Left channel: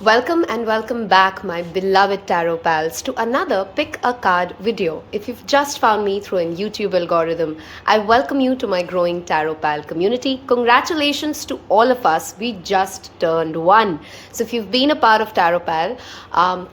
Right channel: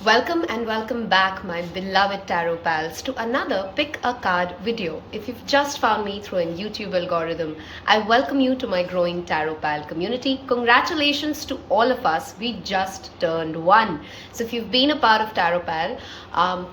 Welcome and welcome back, my beloved tarot pals, to another Pick a Card video. If you've just found me through a YouTube algorithm, I welcome you to my growing tarot pal community. Congratulations to all of us. We just turned 1. So if you've been a part of Tarot Pal,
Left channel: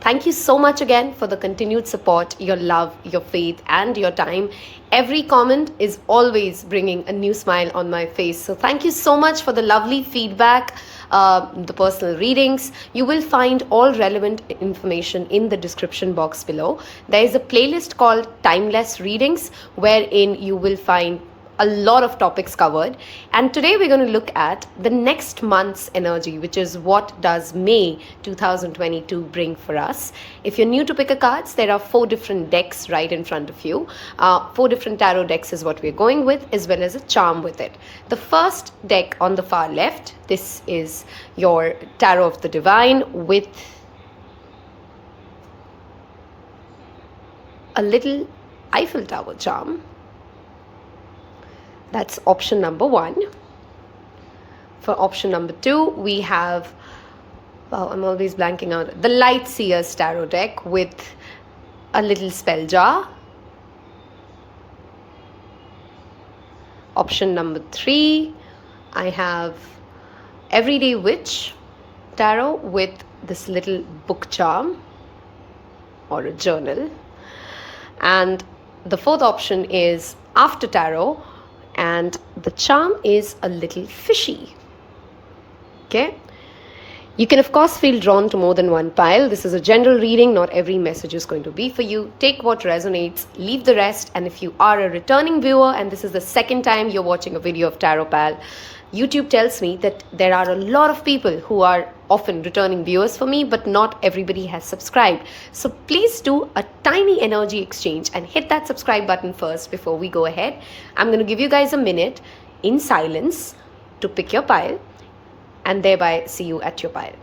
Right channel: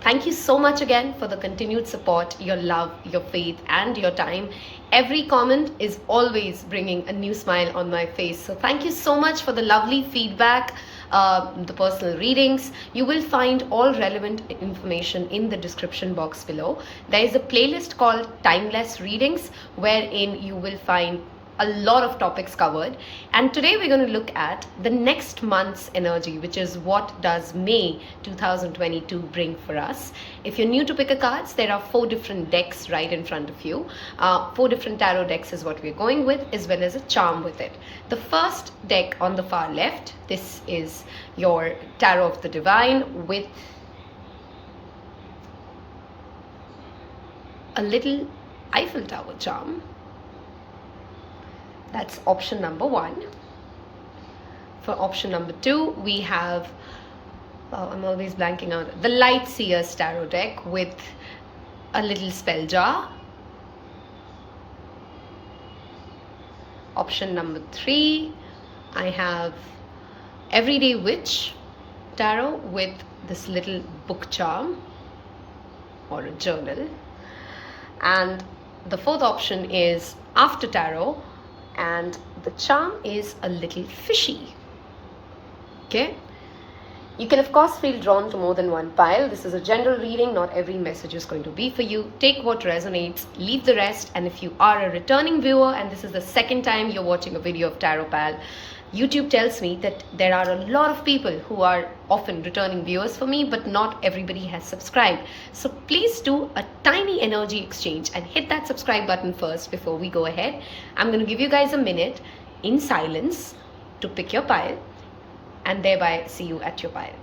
thank you so much again for the continued support, your love, your faith, and your time. Every comment is always bringing a new smile on my face. So thank you so much for the lovely feedback. The personal readings. You will find all relevant information in the description box below. There is a playlist called Timeless Readings, wherein you will find a lot of topics covered, and today we're going to look at the next month's energy, which is what does May 2022 bring for us. If you're new to Pick a Cards, there are 4 different decks right in front of you. 4 different tarot decks is what we're going with, as well as a charm with it. The first deck on the far left, this is your Tarot of the Divine with a little Eiffel Tower charm. That's option number 1. For option number 2, we have, I'm always blanking out, the Light Seers Tarot deck with a little spell jar. Option number 3, I have Everyday Witch Tarot with this little book charm or a journal. And the 4th option is After Tarot, and the charm is a little fishy. Okay, you can of course feel drawn to more than one pile. This is a general reading, not every message is going to be for you. Take what resonates, leave the rest. And if you are a returning viewer and this is the second time you're watching a video of Tarot Pal, YouTube tells me that there are a lot of people who are often returning viewers for me, but not everybody has subscribed. So please do a tiny energy exchange and hit that subscribe button first before we go ahead. I'm going to give you guys a minute in silence to pick your pile and thereby see you at your pile.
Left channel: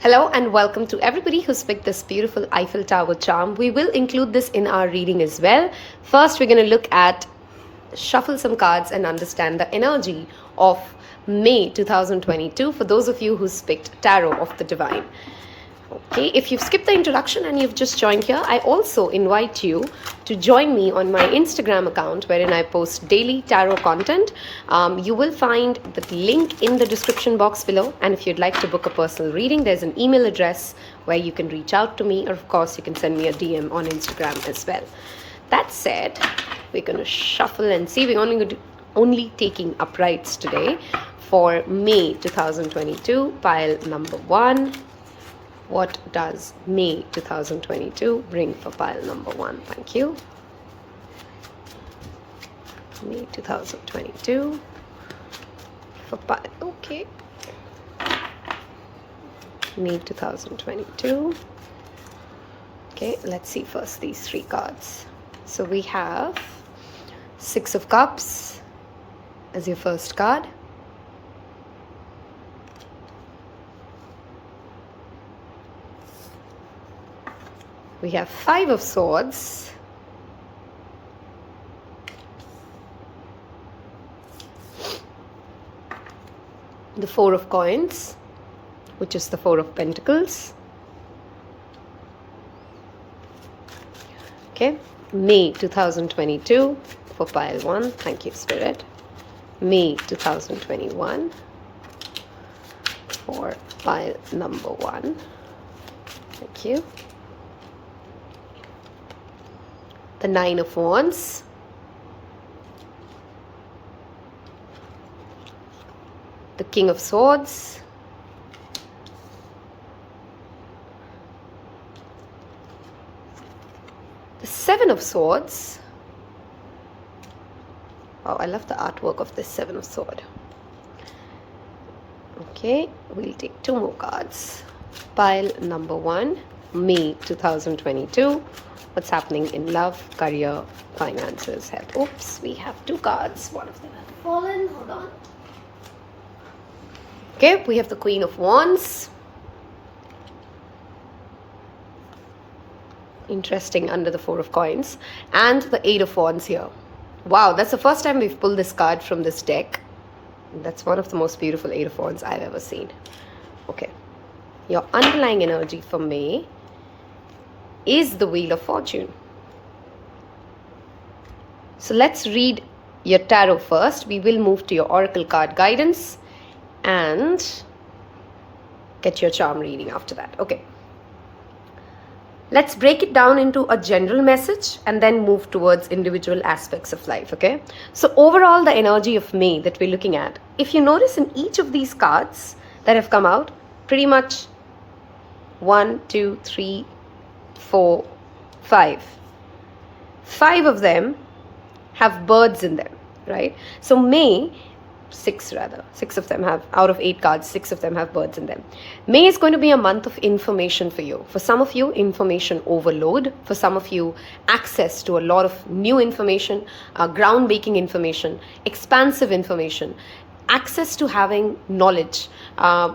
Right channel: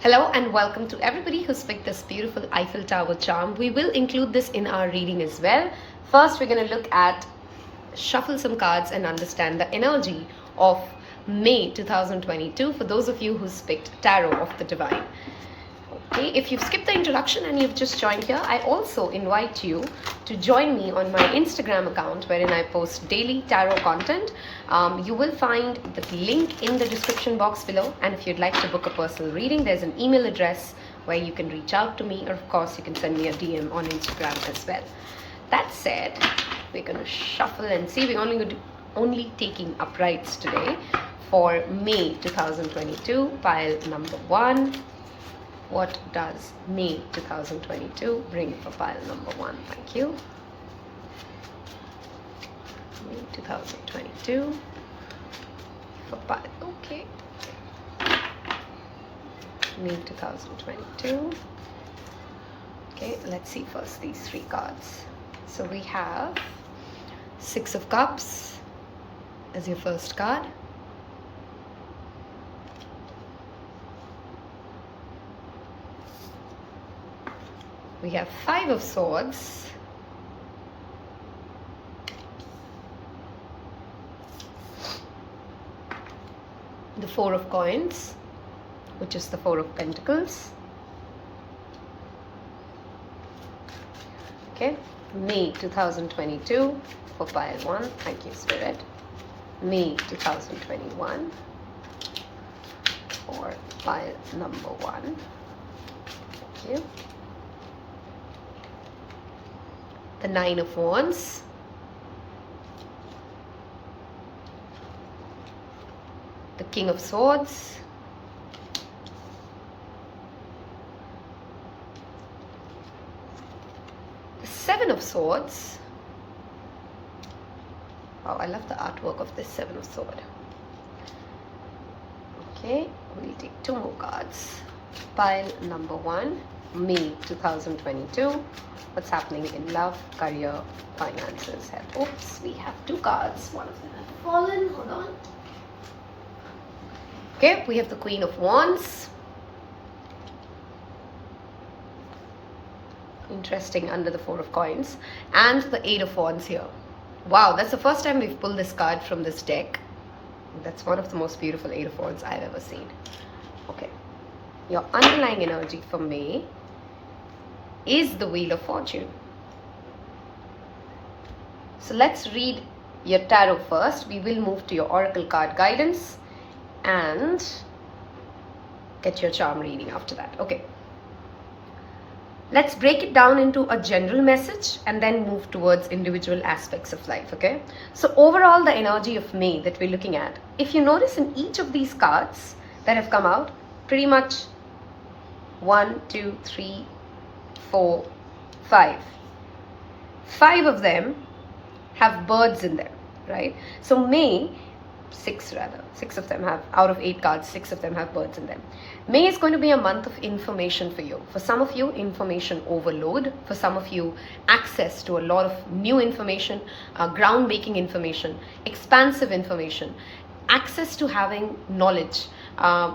Hello and welcome to everybody who's picked this beautiful Eiffel Tower charm. We will include this in our reading as well. First, we're going to look at, shuffle some cards and understand the energy of May 2022 for those of you who's picked Tarot of the Divine. Okay, if you've skipped the introduction and you've just joined here, I also invite you to join me on my Instagram account wherein I post daily tarot content. You will find the link in the description box below, and if you'd like to book a personal reading, there's an email address where you can reach out to me, or of course you can send me a DM on Instagram as well. That said, we're going to shuffle and see. We're only taking uprights today for May 2022, pile number 1. What does May 2022 bring for pile number 1? Thank you. May 2022 for pile, okay. May 2022. Okay, let's see first these 3 cards. So we have 6 of Cups as your first card. We have 5 of Swords, the 4 of Coins, which is the 4 of Pentacles. Okay, May 2022 for pile 1. Thank you, Spirit. May 2021 for pile number 1. Thank you. The 9 of Wands, the King of Swords, the 7 of Swords. Oh, I love the artwork of this 7 of Swords. Okay, we'll take 2 more cards. Pile number 1, May 2022. What's happening in love, career, finances, health. Oops, we have 2 cards. One of them has fallen. Hold on. Okay, we have the Queen of Wands. Interesting, under the 4 of Coins. And the 8 of Wands here. Wow, that's the first time we've pulled this card from this deck. That's one of the most beautiful Eight of Wands I've ever seen. Okay. Your underlying energy for May is the Wheel of Fortune. So let's read your tarot first. We will move to your oracle card guidance and get your charm reading after that. Okay. Let's break it down into a general message and then move towards individual aspects of life, okay? So overall, the energy of May that we're looking at, if you notice in each of these cards that have come out, pretty much 1, 2, 3, 4, 5. 5 of them have birds in them, right? So May, 6 of them have, out of 8 cards, 6 of them have birds in them. May is going to be a month of information for you. For some of you, information overload. For some of you, access to a lot of new information, groundbreaking information, expansive information, access to having knowledge,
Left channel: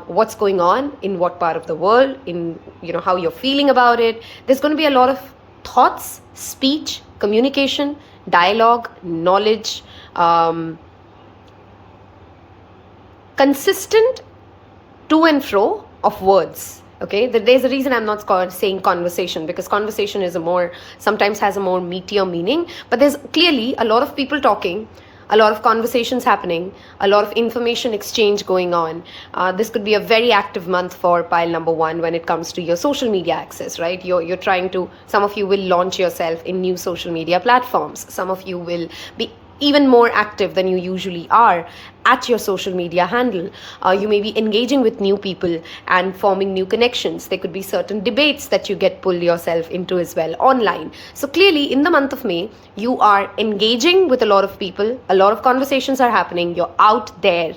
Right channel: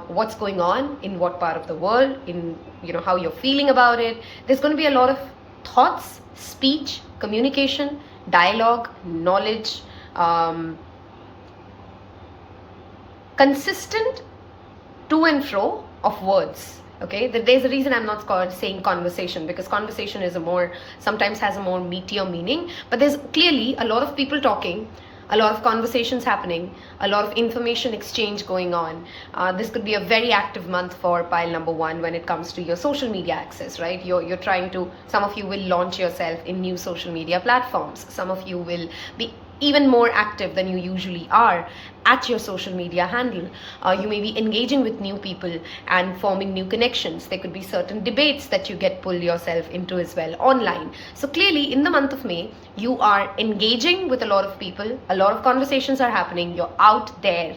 what's going on in what part of the world, in how you're feeling about it. There's going to be a lot of thoughts, speech, communication, dialogue, knowledge, consistent to and fro of words. Okay, there's a reason I'm not saying conversation, because conversation is sometimes has a more meatier meaning, but there's clearly a lot of people talking, a lot of conversations happening, a lot of information exchange going on. This could be a very active month for pile number 1 when it comes to your social media access, right? You're trying to, some of you will launch yourself in new social media platforms. Some of you will be even more active than you usually are at your social media handle. You may be engaging with new people and forming new connections. There could be certain debates that you get pulled yourself into as well online. So clearly in the month of May, you are engaging with a lot of people, a lot of conversations are happening, you're out there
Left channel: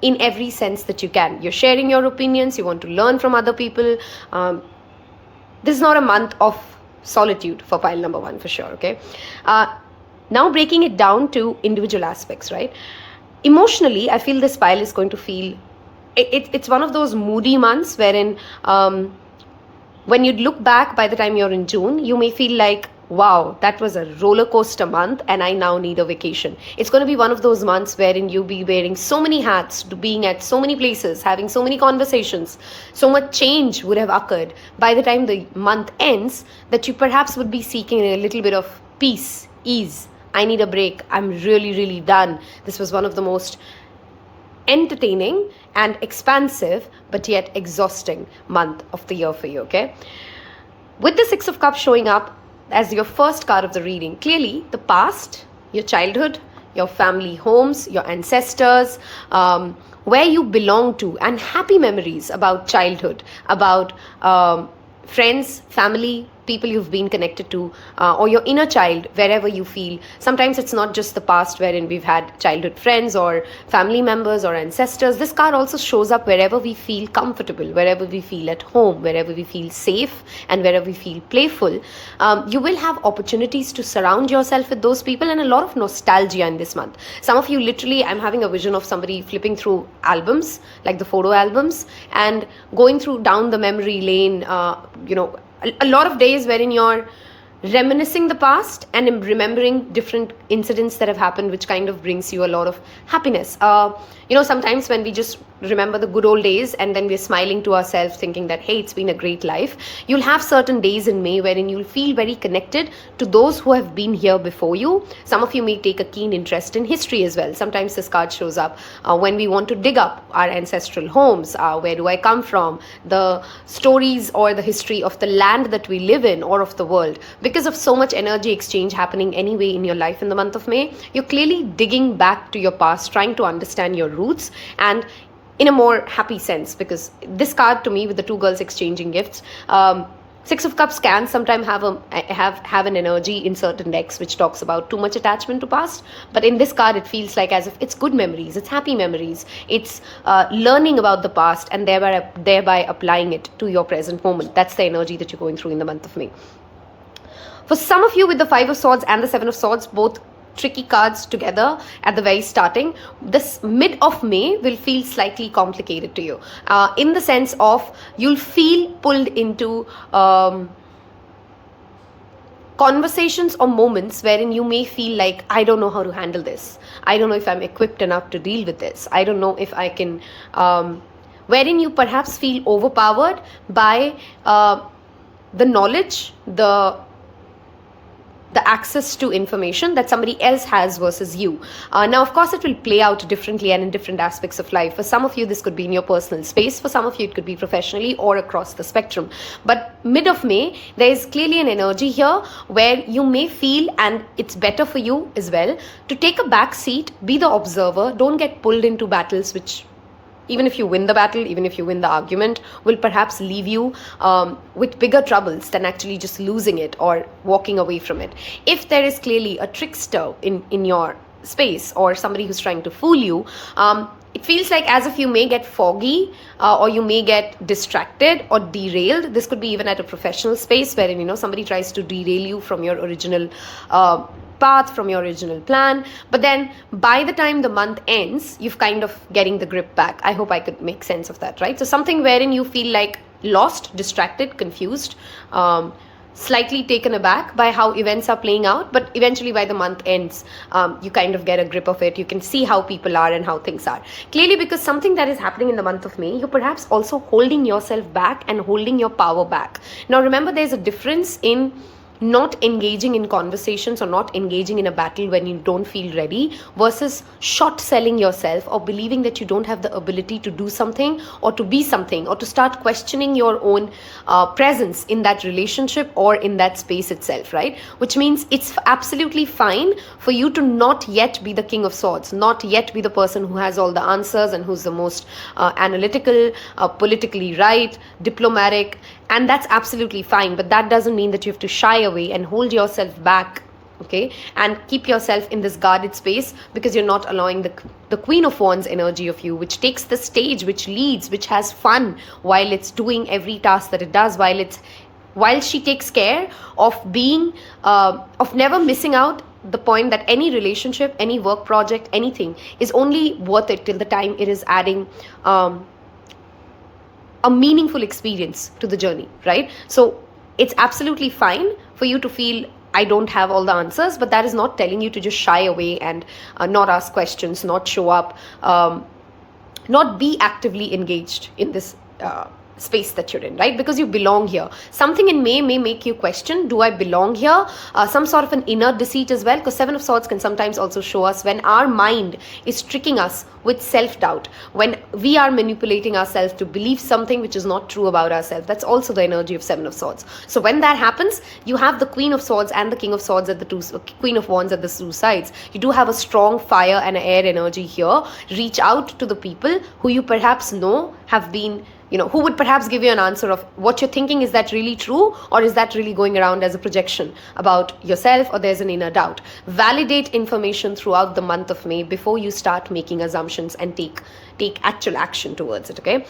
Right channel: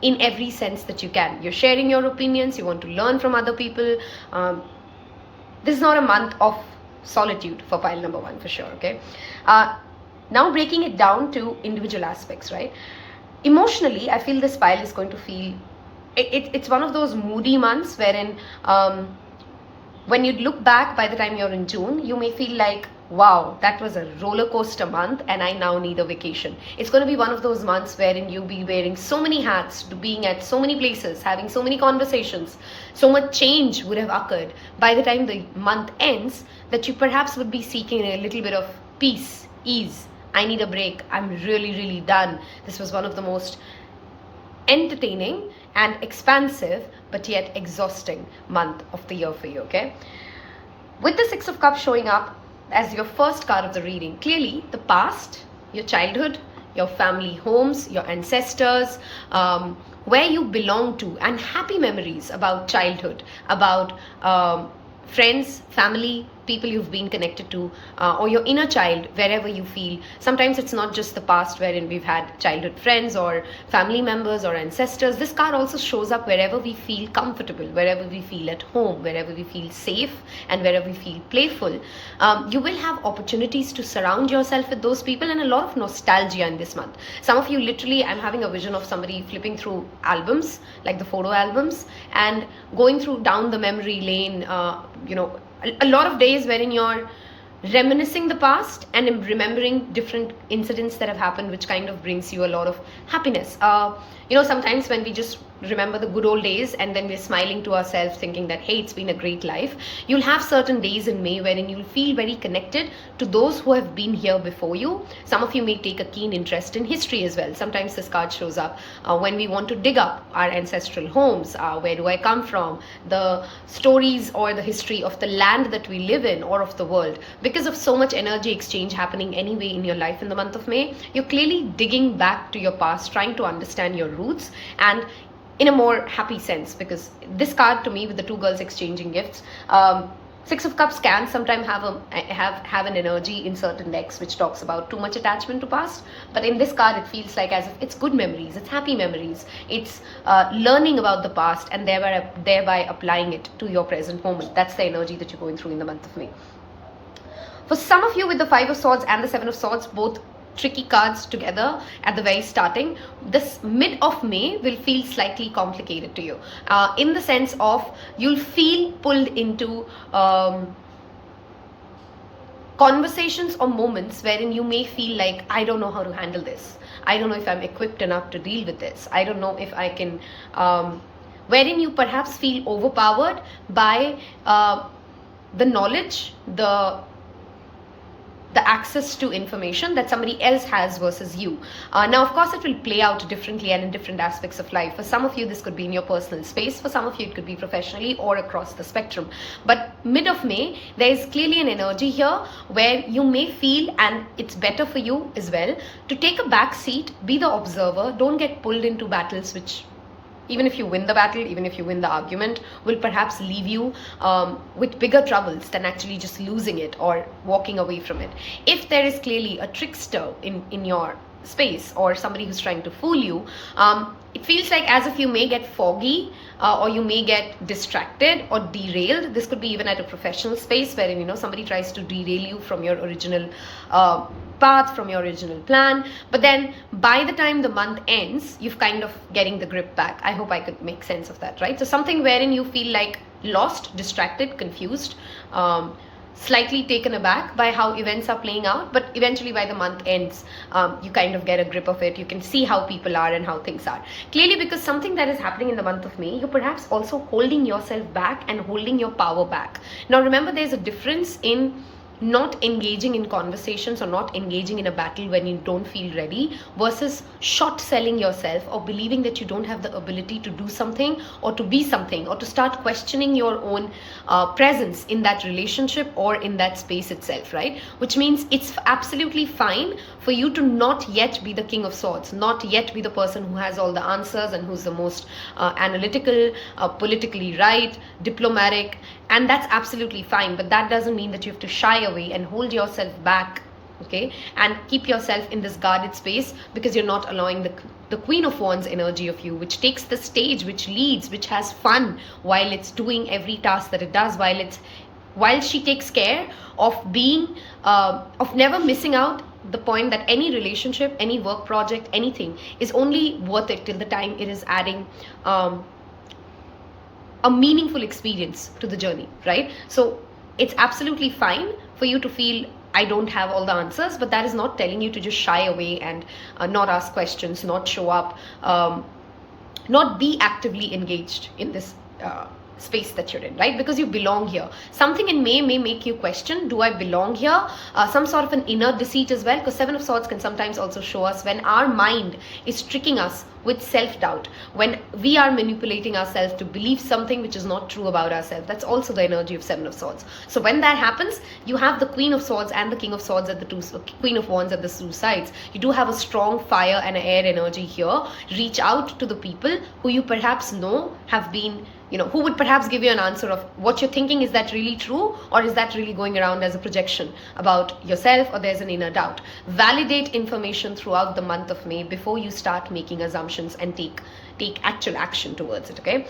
in every sense that you can. You're sharing your opinions, you want to learn from other people. This is not a month of solitude for pile number 1 for sure, okay? Now breaking it down to individual aspects, right? Emotionally, I feel this pile is going to feel, it's one of those moody months wherein when you look back by the time you're in June, you may feel like, wow, that was a roller coaster month and I now need a vacation. It's going to be one of those months wherein you'll be wearing so many hats, being at so many places, having so many conversations, so much change would have occurred by the time the month ends that you perhaps would be seeking a little bit of peace, ease. I need a break. I'm really, really done. This was one of the most entertaining and expansive, but yet exhausting month of the year for you, okay? With the 6 of Cups showing up as your first card of the reading, clearly the past, your childhood, your family homes, your ancestors, where you belong to, and happy memories about childhood, about friends, family, people you've been connected to, or your inner child, wherever you feel. Sometimes it's not just the past wherein we've had childhood friends or family members or ancestors. This card also shows up wherever we feel comfortable, wherever we feel at home, wherever we feel safe, and wherever we feel playful. You will have opportunities to surround yourself with those people, and a lot of nostalgia in this month. Some of you literally, I'm having a vision of somebody flipping through albums, like the photo albums, and going through down the memory lane, a lot of days wherein you're reminiscing the past and remembering different incidents that have happened, which kind of brings you a lot of happiness. Sometimes when we just remember the good old days and then we're smiling to ourselves thinking that, hey, it's been a great life, you'll have certain days in May wherein you'll feel very connected to those who have been here before you. Some of you may take a keen interest in history as well. Sometimes this card shows up when we want to dig up our ancestral homes. Where do I come from? The stories or the history of the land that we live in or of the world. Because of so much energy exchange happening anyway in your life in the month of May, you're clearly digging back to your past, trying to understand your roots, and in a more happy sense, because this card to me with the 2 girls exchanging gifts, 6 of Cups can sometimes have an energy in certain decks which talks about too much attachment to past, but in this card it feels like as if it's good memories, it's happy memories, it's learning about the past and thereby applying it to your present moment. That's the energy that you're going through in the month of May. For some of you with the 5 of Swords and the 7 of Swords, both tricky cards together at the very starting, this mid of May will feel slightly complicated to you, in the sense of you'll feel pulled into conversations or moments wherein you may feel like, I don't know how to handle this. I don't know if I'm equipped enough to deal with this. I don't know if I can, wherein you perhaps feel overpowered by the knowledge, the access to information that somebody else has versus you. Now, of course, it will play out differently and in different aspects of life. For some of you, this could be in your personal space. For some of you, it could be professionally or across the spectrum. But mid of May, there is clearly an energy here where you may feel, and it's better for you as well, to take a back seat, be the observer, don't get pulled into battles which, even if you win the battle, even if you win the argument, will perhaps leave you with bigger troubles than actually just losing it or walking away from it. If there is clearly a trickster in your space or somebody who's trying to fool you, it feels like as if you may get foggy or you may get distracted or derailed. This could be even at a professional space wherein, somebody tries to derail you from your original path, from your original plan. But then by the time the month ends, you've kind of getting the grip back. I hope I could make sense of that, right? So something wherein you feel like lost, distracted, confused, slightly taken aback by how events are playing out, but eventually by the month ends, you kind of get a grip of it. You can see how people are and how things are. Clearly, because something that is happening in the month of May, you're perhaps also holding yourself back and holding your power back. Now, remember, there's a difference in not engaging in conversations or not engaging in a battle when you don't feel ready versus short selling yourself or believing that you don't have the ability to do something or to be something or to start questioning your own presence in that relationship or in that space itself, right? Which means it's absolutely fine for you to not yet be the King of Swords, not yet be the person who has all the answers and who's the most analytical, politically right, diplomatic, and that's absolutely fine. But that doesn't mean that you have to shy away and hold yourself back, okay, and keep yourself in this guarded space because you're not allowing the Queen of Wands energy of you, which takes the stage, which leads, which has fun while it's doing every task that it does, while she takes care of being of never missing out the point that any relationship, any work project, anything is only worth it till the time it is adding a meaningful experience to the journey, right? So it's absolutely fine for you to feel, I don't have all the answers, but that is not telling you to just shy away and not ask questions, not show up, not be actively engaged in this space that you're in, right? Because you belong here. Something in May may make you question, do I belong here? Some sort of an inner deceit as well, because Seven of Swords can sometimes also show us when our mind is tricking us with self-doubt, when we are manipulating ourselves to believe something which is not true about ourselves. That's also the energy of Seven of Swords. So when that happens, you have the Queen of Swords and the King of Swords at the Queen of Wands at the two sides. You do have a strong fire and air energy here. Reach out to the people who you perhaps know have been, who would perhaps give you an answer of what you're thinking. Is that really true, or is that really going around as a projection about yourself, or there's an inner doubt? Validate information throughout the month of May before you start making assumptions and take actual action towards it, okay?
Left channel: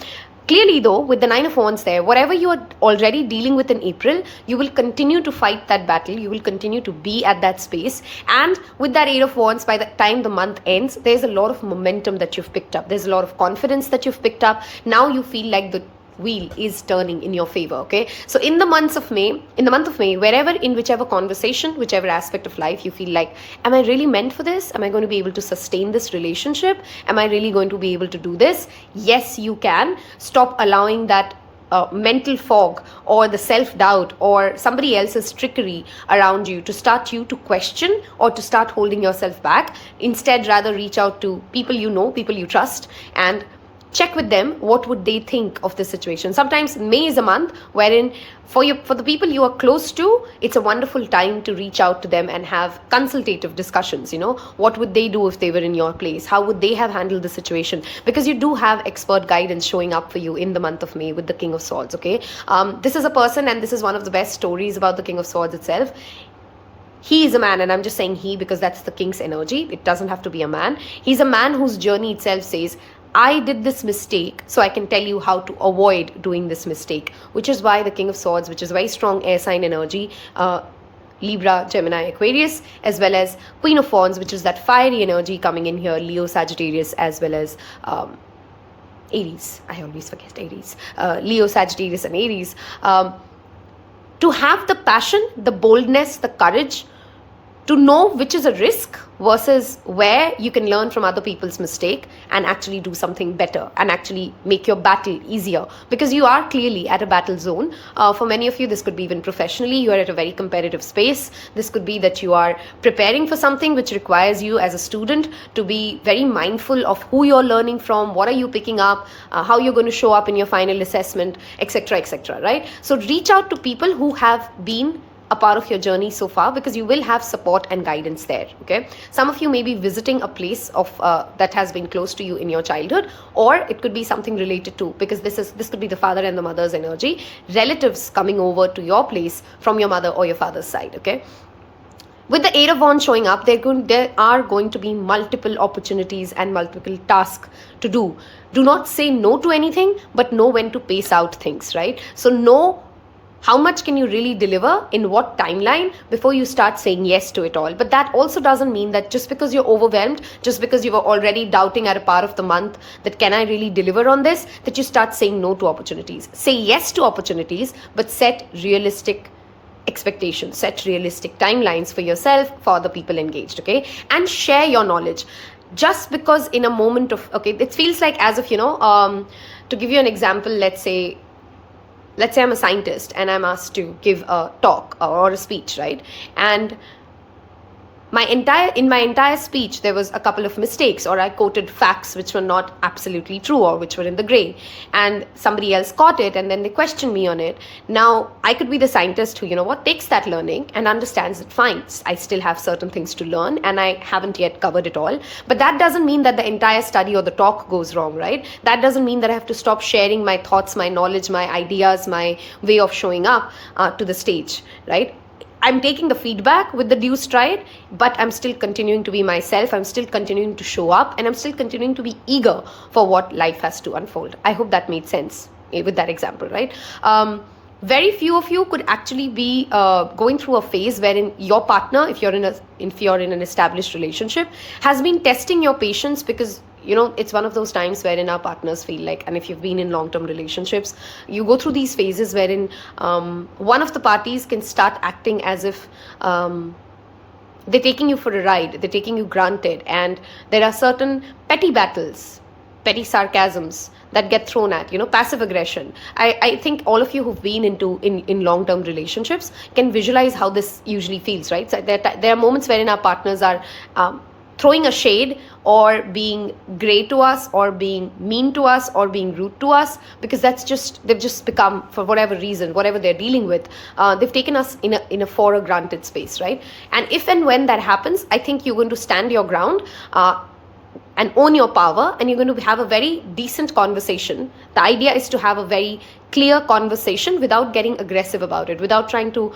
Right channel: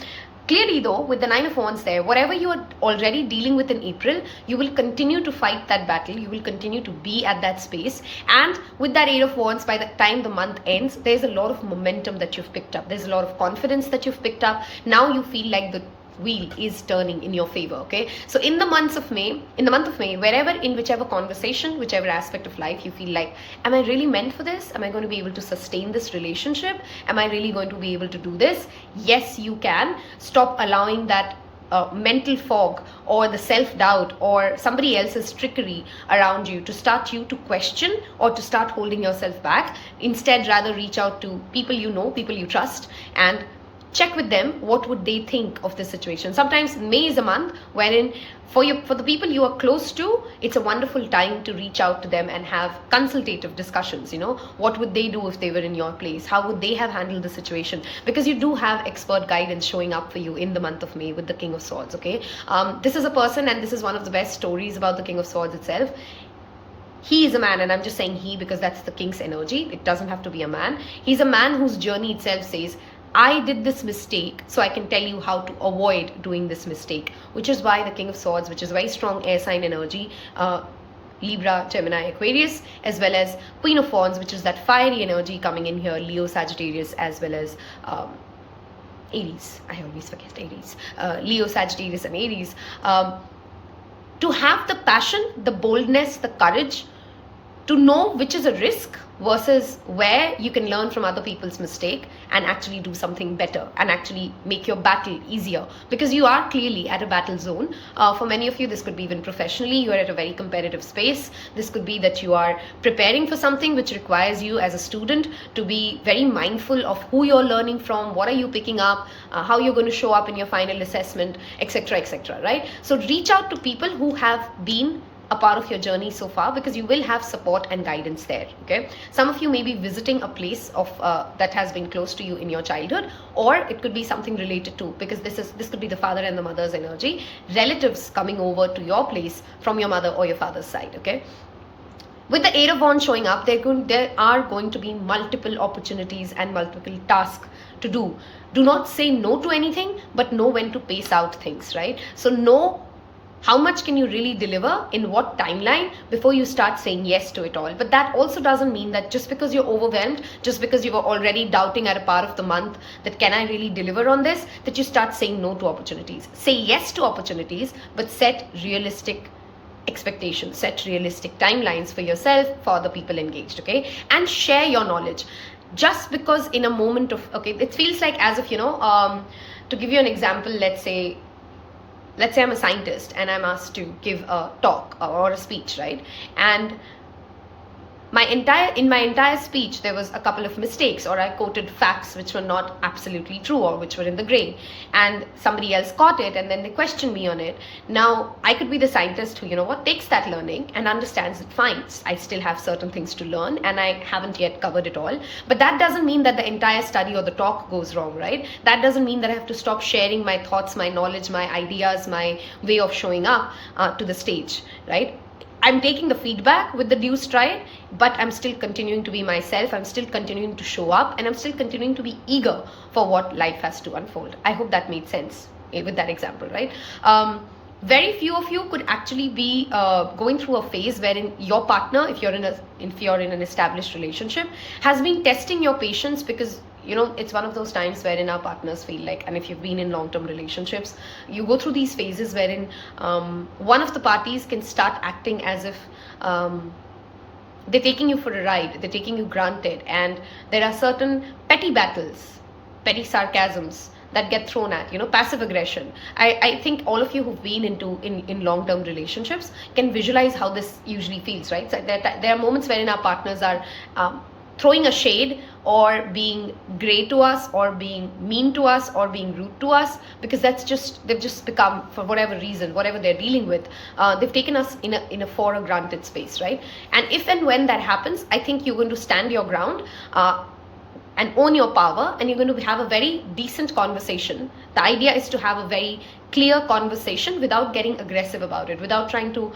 Clearly though, with the Nine of Wands there, whatever you are already dealing with in April, you will continue to fight that battle. You will continue to be at that space. And with that Eight of Wands, by the time the month ends, there's a lot of momentum that you've picked up. There's a lot of confidence that you've picked up. Now you feel like the wheel is turning in your favor, okay? So in the month of May, wherever, in whichever conversation, whichever aspect of life you feel like, am I really meant for this? Am I going to be able to sustain this relationship? Am I really going to be able to do this? Yes, you can. Stop allowing that mental fog or the self-doubt or somebody else's trickery around you to start you to question or to start holding yourself back. Instead, rather reach out to people you know, people you trust, and check with them what would they think of the situation. Sometimes May is a month wherein for the people you are close to, it's a wonderful time to reach out to them and have consultative discussions. What would they do if they were in your place? How would they have handled the situation? Because you do have expert guidance showing up for you in the month of May with the King of Swords, okay? This is a person, and this is one of the best stories about the King of Swords itself. He is a man, and I'm just saying he because that's the king's energy. It doesn't have to be a man. He's a man whose journey itself says, I did this mistake, so I can tell you how to avoid doing this mistake, which is why the King of Swords, which is a very strong air sign energy, Libra, Gemini, Aquarius, as well as Queen of Wands, which is that fiery energy coming in here, Leo, Sagittarius, as well as Aries. I always forget Aries. Leo, Sagittarius, and Aries. to have the passion, the boldness, the courage to know which is a risk versus where you can learn from other people's mistake and actually do something better and actually make your battle easier, because you are clearly at a battle zone. For many of you, this could be even professionally, you are at a very competitive space. This could be that you are preparing for something which requires you as a student to be very mindful of who you're learning from, what are you picking up, how you're going to show up in your final assessment, etc., right? So reach out to people who have been a part of your journey so far, because you will have support and guidance there. Okay, some of you may be visiting a place of that has been close to you in your childhood, or it could be something related to, because this could be the father and the mother's energy, relatives coming over to your place from your mother or your father's side. Okay, with the Eight of Wands showing up, there are going to be multiple opportunities and multiple tasks to do. Do not say no to anything, but know when to pace out things, right? So know how much can you really deliver in what timeline before you start saying yes to it all. But that also doesn't mean that just because you're overwhelmed, just because you were already doubting at a part of the month that can I really deliver on this, that you start saying no to opportunities. Say yes to opportunities, but set realistic expectations, set realistic timelines for yourself, for the people engaged, okay? And share your knowledge. Just because in a moment of, okay, it feels like as if, to give you an example, let's say I'm a scientist and I'm asked to give a talk or a speech, right? And in my entire speech, there was a couple of mistakes, or I quoted facts which were not absolutely true or which were in the gray, and somebody else caught it and then they questioned me on it. Now, I could be the scientist who, takes that learning and understands it fine. I still have certain things to learn and I haven't yet covered it all. But that doesn't mean that the entire study or the talk goes wrong, right? That doesn't mean that I have to stop sharing my thoughts, my knowledge, my ideas, my way of showing up to the stage, right? I'm taking the feedback with the due stride, but I'm still continuing to be myself. I'm still continuing to show up, and I'm still continuing to be eager for what life has to unfold. I hope that made sense with that example, right? Very few of you could actually be going through a phase wherein your partner, if you're in an established relationship, has been testing your patience, because it's one of those times wherein our partners feel like, and if you've been in long-term relationships, you go through these phases wherein one of the parties can start acting as if they're taking you for a ride, they're taking you granted, and there are certain petty battles, petty sarcasms that get thrown at, passive aggression. I think all of you who've been in long-term relationships can visualize how this usually feels, right? So there are moments wherein our partners are throwing a shade, or being grey to us, or being mean to us, or being rude to us, because they've just become, for whatever reason, whatever they're dealing with, they've taken us in a for a granted space, right? And if and when that happens, I think you're going to stand your ground and own your power, and you're going to have a very decent conversation. The idea is to have a very clear conversation without getting aggressive about it, without trying to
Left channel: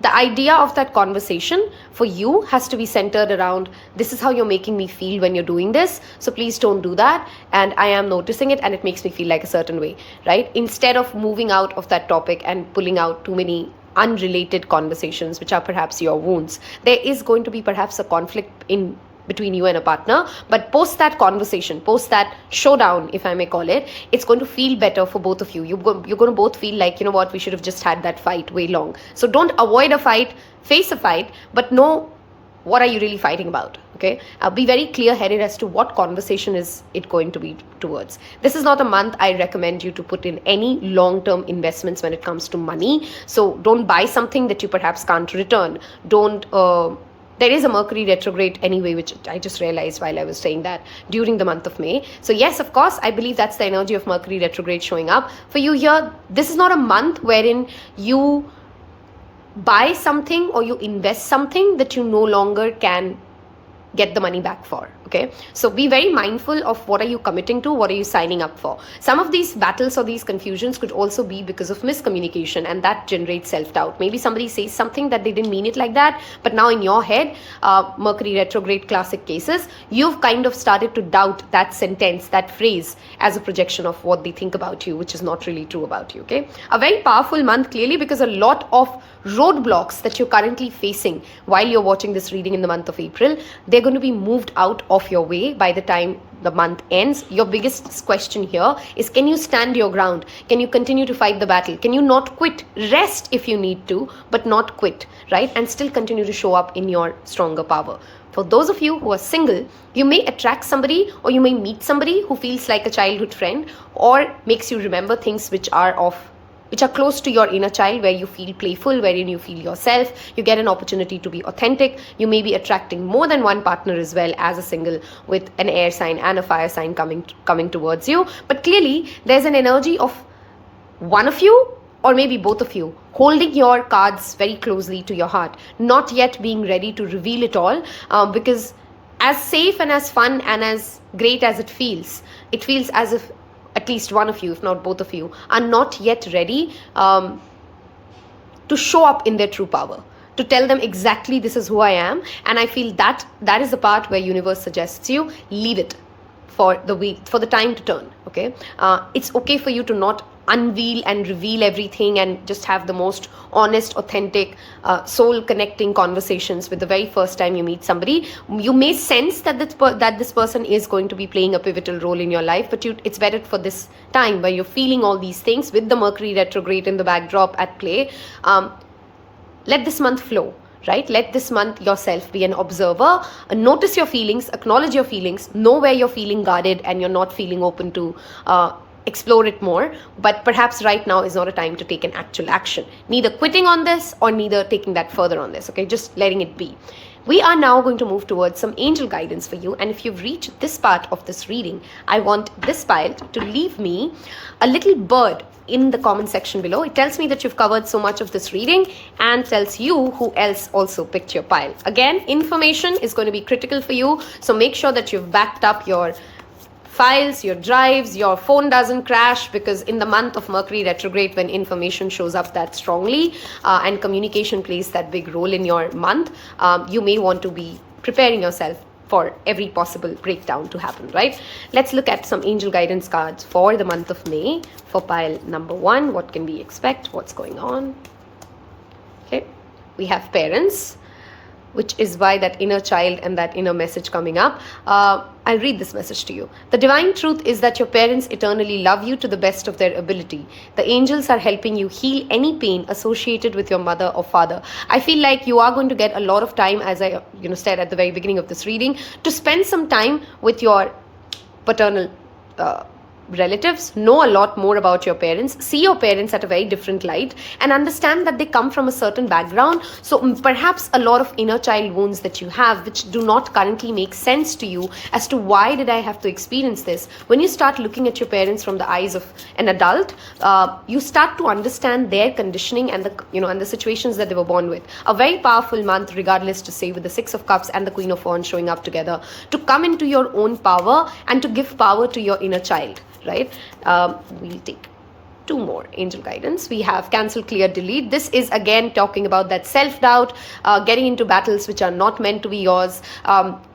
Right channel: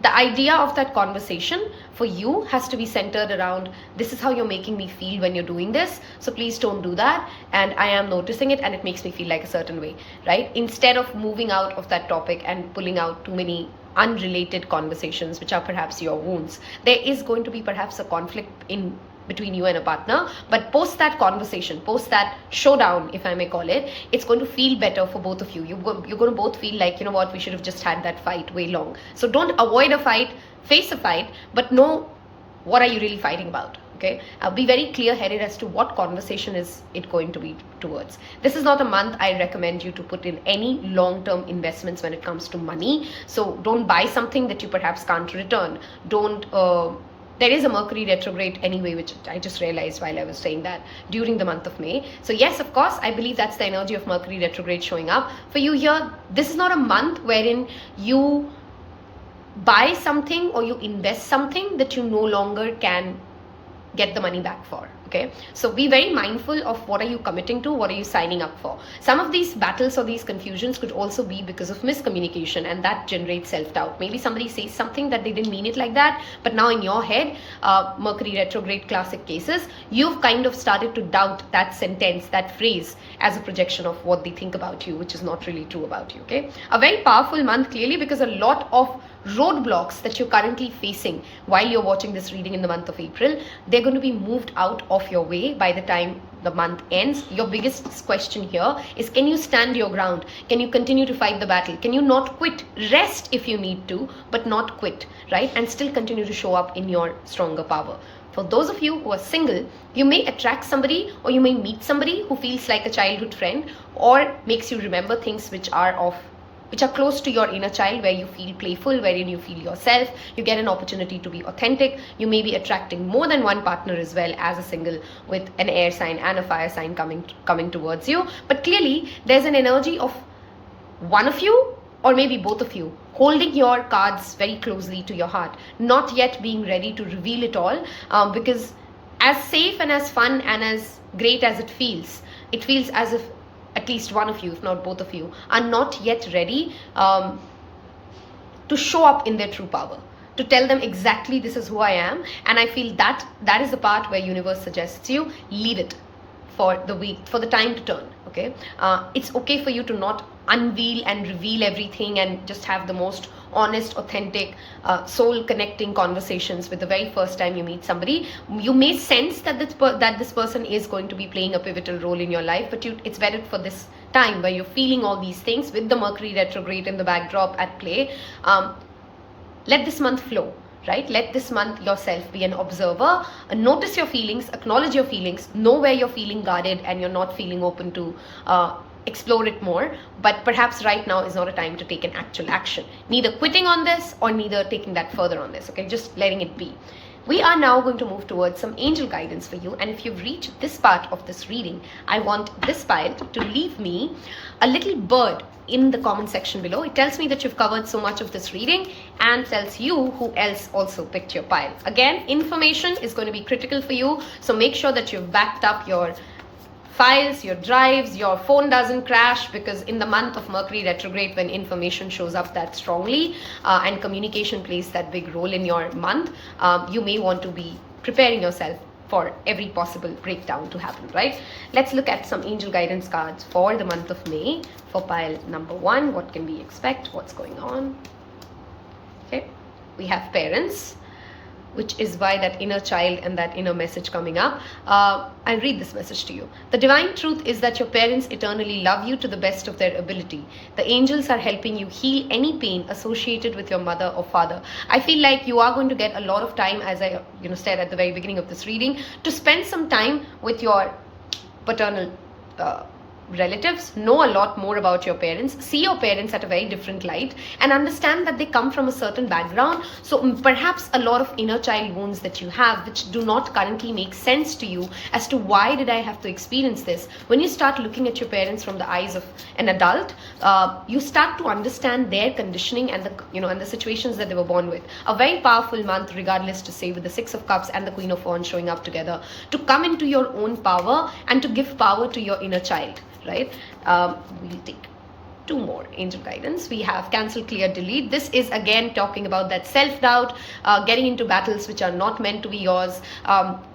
the idea of that conversation for you has to be centered around, this is how you're making me feel when you're doing this, so please don't do that, and I am noticing it and it makes me feel like a certain way, right? Instead of moving out of that topic and pulling out too many unrelated conversations which are perhaps your wounds. There is going to be perhaps a conflict in between you and a partner, but post that conversation, post that showdown, if I may call it, it's going to feel better for both of you. You're going to both feel like, we should have just had that fight way long. So don't avoid a fight, face a fight, but know what are you really fighting about, okay? Be very clear-headed as to what conversation is it going to be towards. This is not a month I recommend you to put in any long-term investments when it comes to money. So don't buy something that you perhaps can't return. There is a Mercury retrograde anyway, which I just realized while I was saying that, during the month of May. So yes, of course, I believe that's the energy of Mercury retrograde showing up. For you here, this is not a month wherein you buy something or you invest something that you no longer can get the money back for, okay? So be very mindful of what are you committing to, what are you signing up for. Some of these battles or these confusions could also be because of miscommunication, and that generates self-doubt. Maybe somebody says something that they didn't mean it like that, but now in your head, Mercury retrograde classic cases, you've kind of started to doubt that sentence, that phrase, as a projection of what they think about you, which is not really true about you, okay? A very powerful month, clearly, because a lot of roadblocks that you're currently facing while you're watching this reading in the month of April, they're going to be moved out of of your way by the time the month ends. Your biggest question here is, can you stand your ground? Can you continue to fight the battle? Can you not quit? Rest if you need to, but not quit, right? And still continue to show up in your stronger power. For those of you who are single, you may attract somebody, or you may meet somebody who feels like a childhood friend, or makes you remember things which are close to your inner child, where you feel playful, wherein you feel yourself. You get an opportunity to be authentic. You may be attracting more than one partner as well as a single, with an air sign and a fire sign coming towards you. But clearly, there's an energy of one of you, or maybe both of you, holding your cards very closely to your heart, not yet being ready to reveal it all, because as safe and as fun and as great as it feels as if at least one of you, if not both of you, are not yet ready to show up in their true power, to tell them exactly this is who I am. And I feel that is the part where universe suggests you leave it for the week, for the time to turn. Okay, it's okay for you to not unveil and reveal everything, and just have the most honest, authentic, soul connecting conversations with the very first time you meet somebody. You may sense that this person is going to be playing a pivotal role in your life, but it's better for this time where you're feeling all these things with the Mercury retrograde in the backdrop at play. Let this month flow. Right? Let this month yourself be an observer, notice your feelings, acknowledge your feelings, know where you're feeling guarded and you're not feeling open to explore it more. But perhaps right now is not a time to take an actual action, neither quitting on this or neither taking that further on this. Okay, just letting it be. We are now going to move towards some angel guidance for you. And if you've reached this part of this reading, I want this pile to leave me a little bird in the comment section below. It tells me that you've covered so much of this reading, and tells you who else also picked your pile. Again, information is going to be critical for you, so make sure that you've backed up your files, your drives, your phone doesn't crash, because in the month of Mercury retrograde, when information shows up that strongly and communication plays that big role in your month, you may want to be preparing yourself for every possible breakdown to happen, right? Let's look at some angel guidance cards for the month of May for pile number 1. What can we expect? What's going on? Okay, we have parents, which is why that inner child and that inner message coming up. I'll read this message to you. The divine truth is that your parents eternally love you to the best of their ability. The angels are helping you heal any pain associated with your mother or father. I feel like you are going to get a lot of time, as I said at the very beginning of this reading, to spend some time with your paternal relatives. Know a lot more about your parents, see your parents at a very different light, and understand that they come from a certain background. So perhaps a lot of inner child wounds that you have, which do not currently make sense to you as to why did I have to experience this. When you start looking at your parents from the eyes of an adult, you start to understand their conditioning and the situations that they were born with. A very powerful month, regardless, to say, with the 6 of Cups and the Queen of Wands showing up together, to come into your own power and to give power to your inner child. Right? We'll take 2 more angel guidance. We have cancel, clear, delete. This is again talking about that self-doubt, getting into battles which are not meant to be yours,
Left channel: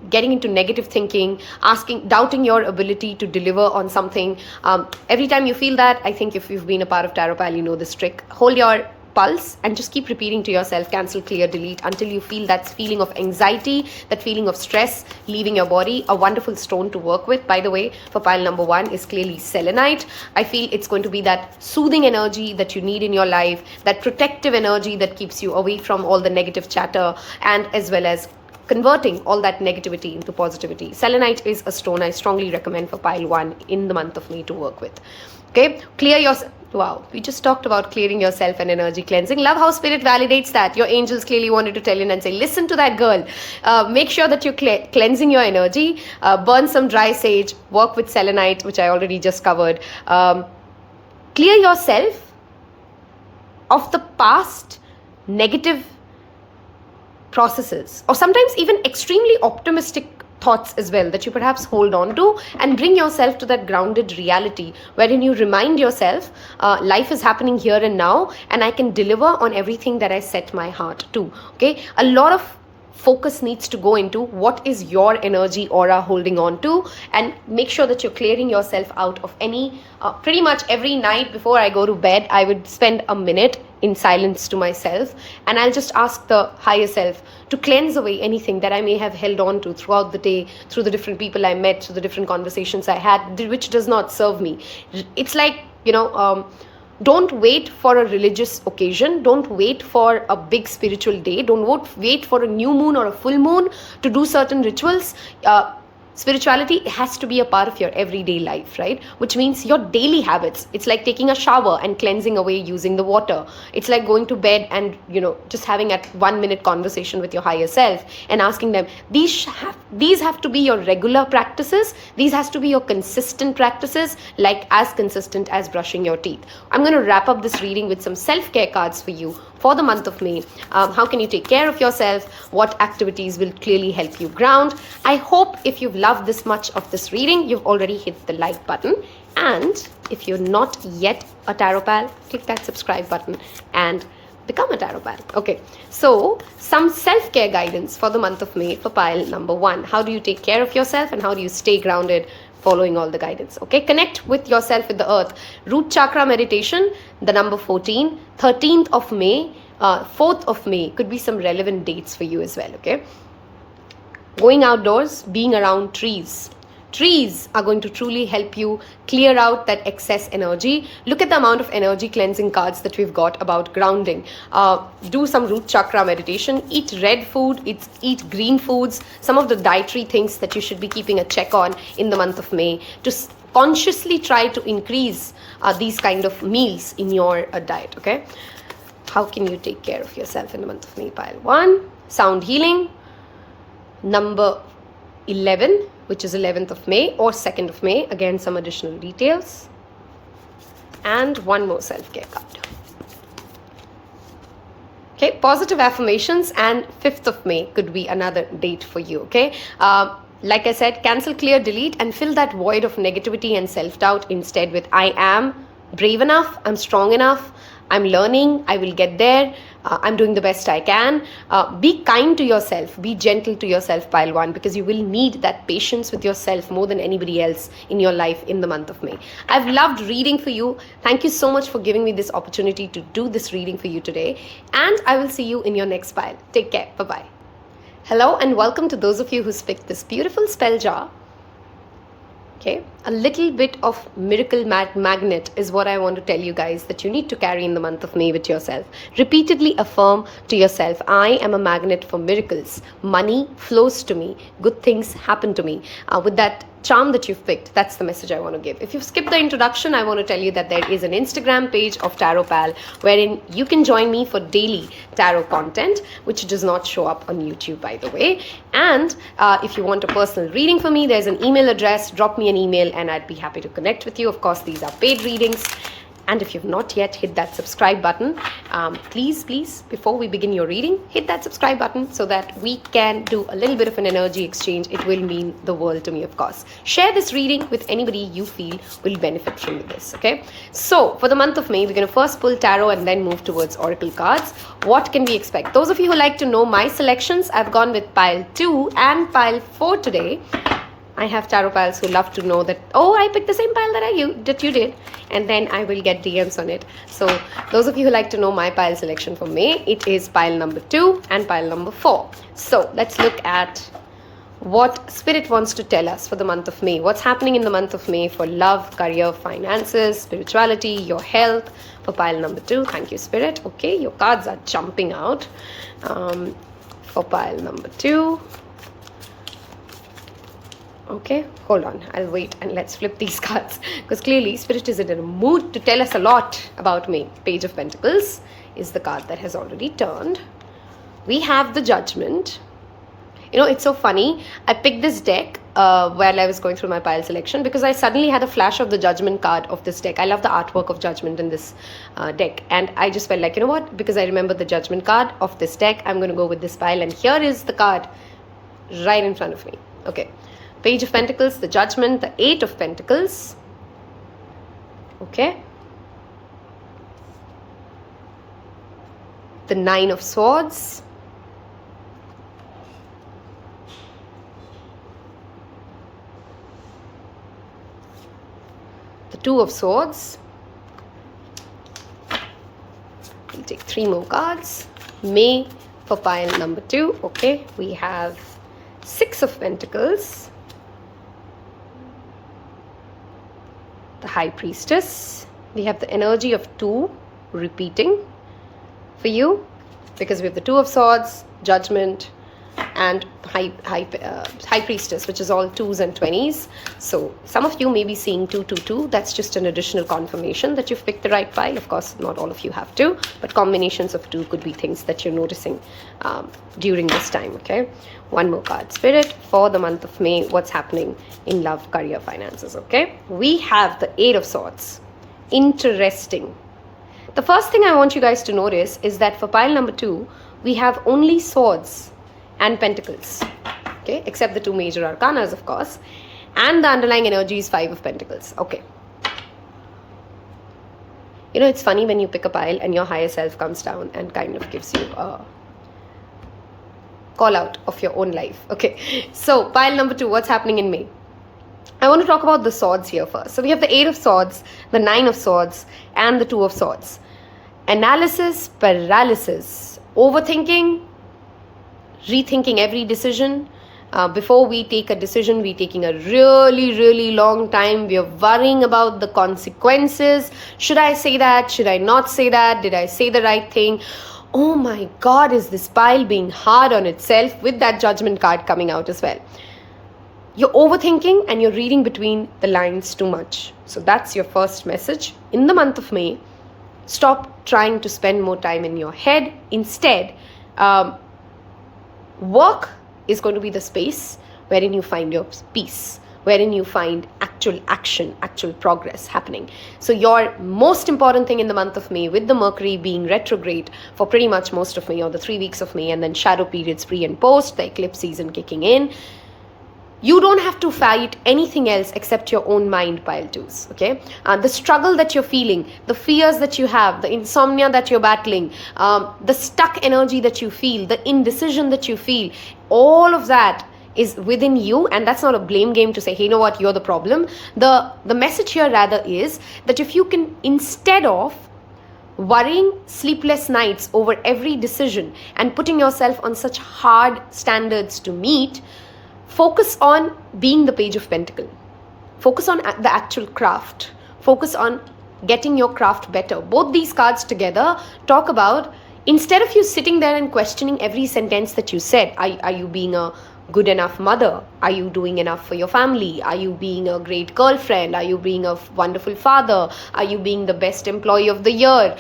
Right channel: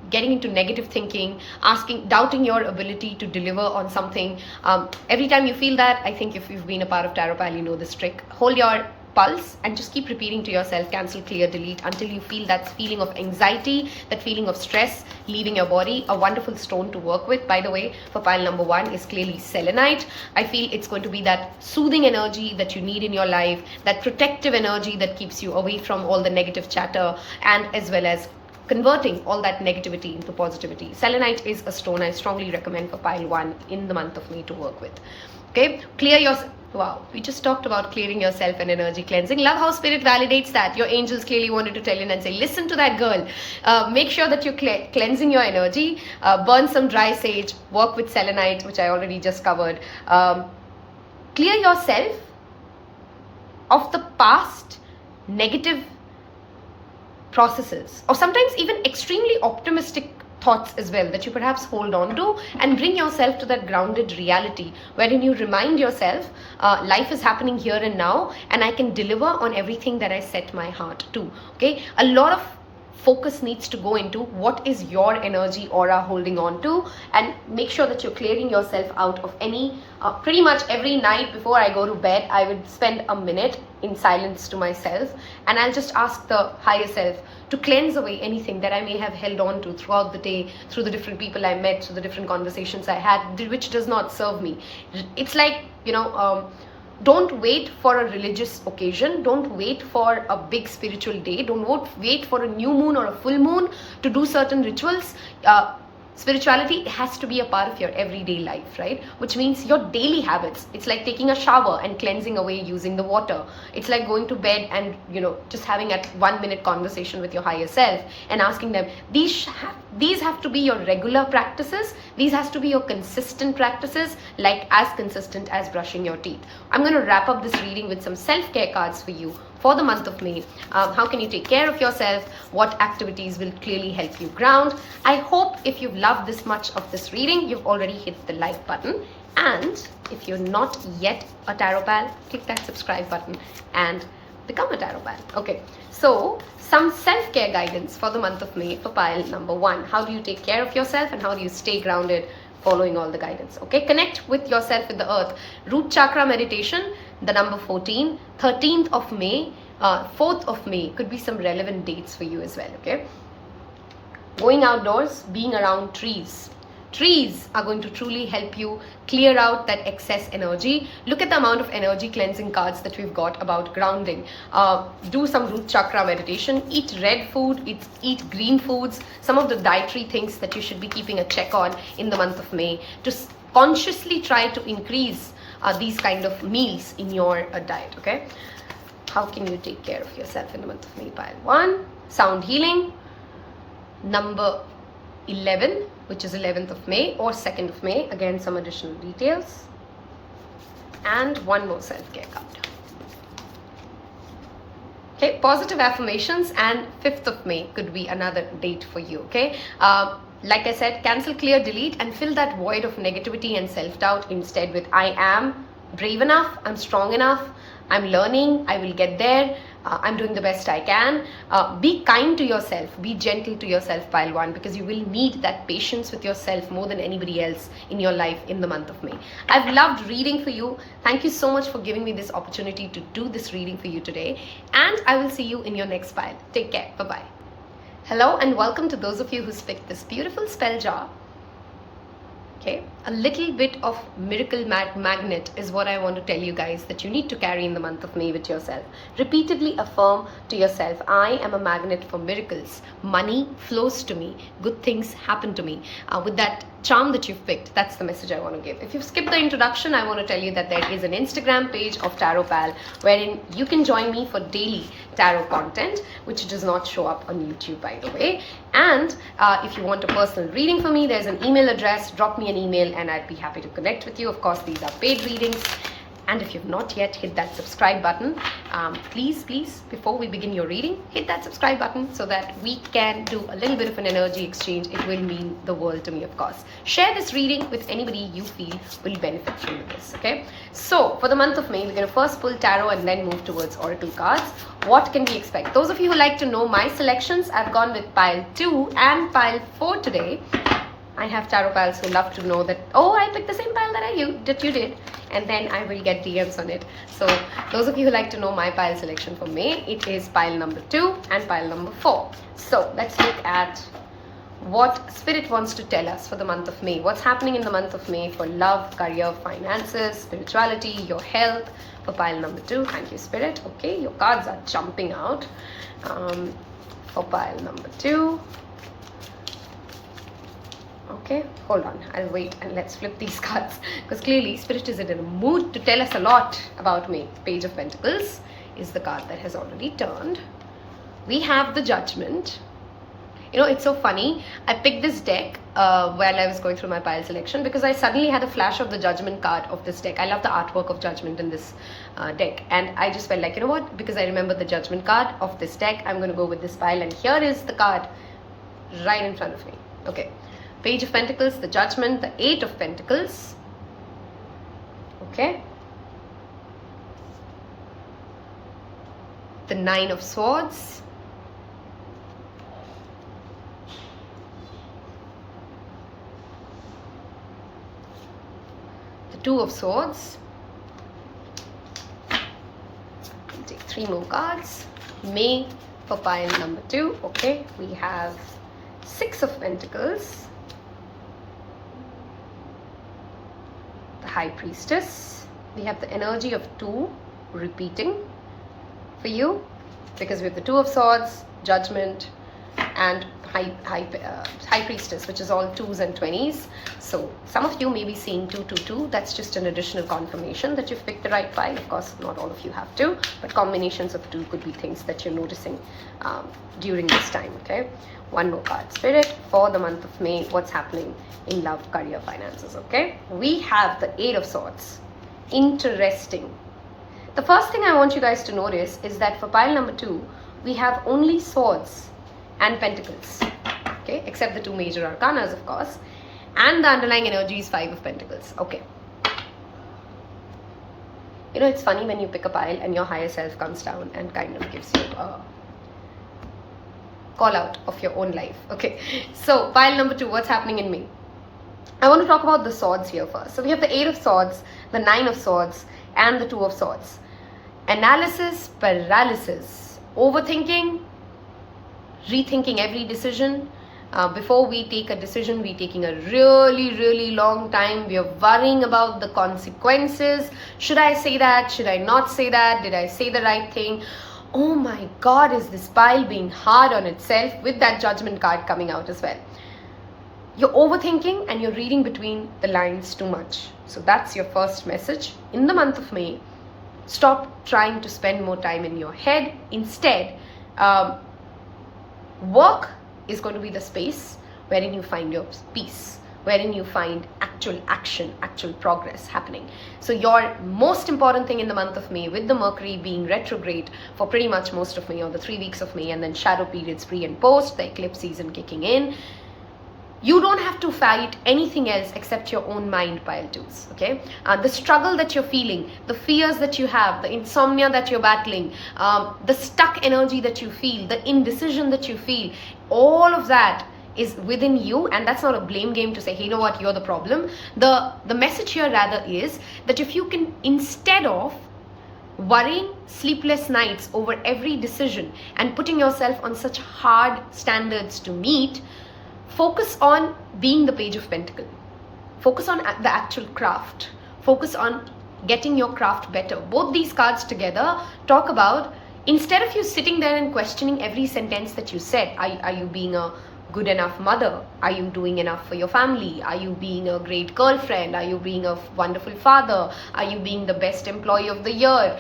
getting into negative thinking, doubting your ability to deliver on something. Every time you feel that, I think if you've been a part of Taropal, you know this trick. Hold your pulse and just keep repeating to yourself, cancel, clear, delete, until you feel that feeling of anxiety, that feeling of stress leaving your body. A wonderful stone to work with, by the way, for pile number 1 is clearly selenite. I feel it's going to be that soothing energy that you need in your life, that protective energy that keeps you away from all the negative chatter, and as well as converting all that negativity into positivity. Selenite is a stone I strongly recommend for pile 1 in the month of May to work with. Okay, clear yourself. Wow, we just talked about clearing yourself and energy cleansing. Love how spirit validates that. Your angels clearly wanted to tell you and say, listen to that girl. Make sure that you're cleansing your energy. Burn some dry sage. Work with selenite, which I already just covered. Clear yourself of the past negative processes, or sometimes even extremely optimistic thoughts as well, that you perhaps hold on to, and bring yourself to that grounded reality wherein you remind yourself, life is happening here and now, and I can deliver on everything that I set my heart to. Okay, a lot of focus needs to go into what is your energy aura holding on to, and make sure that you're clearing yourself out of any, pretty much every night before I go to bed, I would spend a minute in silence to myself, and I'll just ask the higher self to cleanse away anything that I may have held on to throughout the day, through the different people I met, through the different conversations I had, which does not serve me. It's like, don't wait for a religious occasion. Don't wait for a big spiritual day. Don't wait for a new moon or a full moon to do certain rituals. Spirituality has to be a part of your everyday life, right? Which means your daily habits. It's like taking a shower and cleansing away using the water. It's like going to bed and, just having a 1 minute conversation with your higher self and asking them, these have to be your regular practices. These has to be your consistent practices, like as consistent as brushing your teeth. I'm going to wrap up this reading with some self-care cards for you for the month of May. How can you take care of yourself? What activities will clearly help you ground? I hope if you've loved this much of this reading, you've already hit the like button. And if you're not yet a Tarot Pal, click that subscribe button and become a Tarot Pal. Okay, so some self-care guidance for the month of May for pile number 1. How do you take care of yourself and how do you stay grounded following all the guidance? Okay, connect with yourself, with the earth. Root chakra meditation, the number 14, 13th of May, 4th of May, could be some relevant dates for you as well. Okay, going outdoors, being around trees. Trees are going to truly help you clear out that excess energy. Look at the amount of energy cleansing cards that we've got about grounding. Do some root chakra meditation. Eat red food. Eat green foods. Some of the dietary things that you should be keeping a check on in the month of May. To consciously try to increase these kind of meals in your diet. Okay. How can you take care of yourself in the month of May? Pile 1. Sound healing. Number 11, which is 11th of May or 2nd of May. Again, some additional details. And one more self-care card. Okay, positive affirmations, and 5th of May could be another date for you. Okay, like I said, cancel, clear, delete, and fill that void of negativity and self-doubt instead with I am brave enough, I'm strong enough, I'm learning, I will get there, I'm doing the best I can. Be kind to yourself, be gentle to yourself, pile 1, because you will need that patience with yourself more than anybody else in your life in the month of May. I've loved reading for you. Thank you so much for giving me this opportunity to do this reading for you today. And I will see you in your next pile. Take care. Bye-bye. Hello and welcome to those of you who picked this beautiful spell jar. Okay, a little bit of miracle magnet is what I want to tell you guys that you need to carry in the month of May with yourself. Repeatedly affirm to yourself, I am a magnet for miracles. Money flows to me. Good things happen to me. With that charm that you've picked, that's the message I want to give. If you've skipped the introduction, I want to tell you that there is an Instagram page of Tarot Pal wherein you can join me for daily tarot content, which does not show up on YouTube, by the way. And if you want a personal reading for me, there's an email address. Drop me an email and I'd be happy to connect with you. Of course, these are paid readings. And if you've not yet hit that subscribe button, please, before we begin your reading, hit that subscribe button so that we can do a little bit of an energy exchange. It will mean the world to me, of course. Share this reading with anybody you feel will benefit from this, okay? So, for the month of May, we're going to first pull tarot and then move towards oracle cards. What can we expect? Those of you who like to know my selections, I've gone with pile 2 and pile 4 today. I have tarot pals who love to know that, oh, I picked the same pile that you did, and then I will get DMs on it. So those of you who like to know my pile selection for May, it is pile number 2 and pile number 4. So let's look at what Spirit wants to tell us for the month of May. What's happening in the month of May for love, career, finances, spirituality, your health, for pile number 2. Thank you, Spirit. Okay, your cards are jumping out. For pile number 2. Okay, hold on, I'll wait and let's flip these cards, because clearly Spirit is in a mood to tell us a lot about me. Page of Pentacles is the card that has already turned. We have the Judgment. You know, it's so funny. I picked this deck while I was going through my pile selection because I suddenly had a flash of the Judgment card of this deck. I love the artwork of Judgment in this deck, and I just felt like, you know what, because I remember the Judgment card of this deck, I'm going to go with this pile, and here is the card right in front of me. Okay. Page of Pentacles, the Judgment, the 8 of Pentacles. Okay. The 9 of Swords. the Two of Swords. We'll take 3 more cards. May for pile number 2. Okay, we have 6 of Pentacles, the High Priestess. We have the energy of 2 repeating for you, because we have the Two of Swords, Judgment, and High Priestess, which is all 2s and 20s. So some of you may be seeing 2, 2, 2. That's just an additional confirmation that you've picked the right pile. Of course, not all of you have to, but combinations of 2 could be things that you're noticing during this time. Okay, 1 more card. Spirit, for the month of May, what's happening in love, career, finances? Okay, we have the 8 of Swords. Interesting. The first thing I want you guys to notice is that for pile number 2, we have only swords and pentacles, okay, except the 2 major arcanas, of course, and the underlying energy is 5 of Pentacles. Okay, you know, it's funny when you pick a pile and your higher self comes down and kind of gives you a call out of your own life. Okay, so pile number 2, what's happening in May? I want to talk about the swords here first. So we have the 8 of Swords, the 9 of Swords, and the 2 of Swords. Analysis, paralysis, overthinking, rethinking every decision. Before we take a decision, we're taking a really long time. We're worrying about the consequences. Should I say that? Should I not say that? Did I say the right thing? Oh my God, is this pile being hard on itself, with that Judgment card coming out as well? You're overthinking and you're reading between the lines too much. So that's your first message. In the month of May, stop trying to spend more time in your head. Instead, work is going to be the space wherein you find your peace, wherein you find actual action, actual progress happening. So your most important thing in the month of May, with the Mercury being retrograde for pretty much most of May, or the 3 weeks of May, and then shadow periods pre and post, the eclipse season kicking in, you don't have to fight anything else except your own mind, pile 2s, okay? The struggle that you're feeling, the fears that you have, the insomnia that you're battling, the stuck energy that you feel, the indecision that you feel, all of that is within you, and that's not a blame game to say, hey, you know what, you're the problem. The message here rather is that if you can, instead of worrying sleepless nights over every decision and putting yourself on such hard standards to meet, focus on being the Page of Pentacles. Focus on the actual craft. Focus on getting your craft better. Both these cards together talk about, instead of you sitting there and questioning every sentence that you said, are you being a good enough mother? Are you doing enough for your family? Are you being a great girlfriend? Are you being a wonderful father? Are you being the best employee of the year?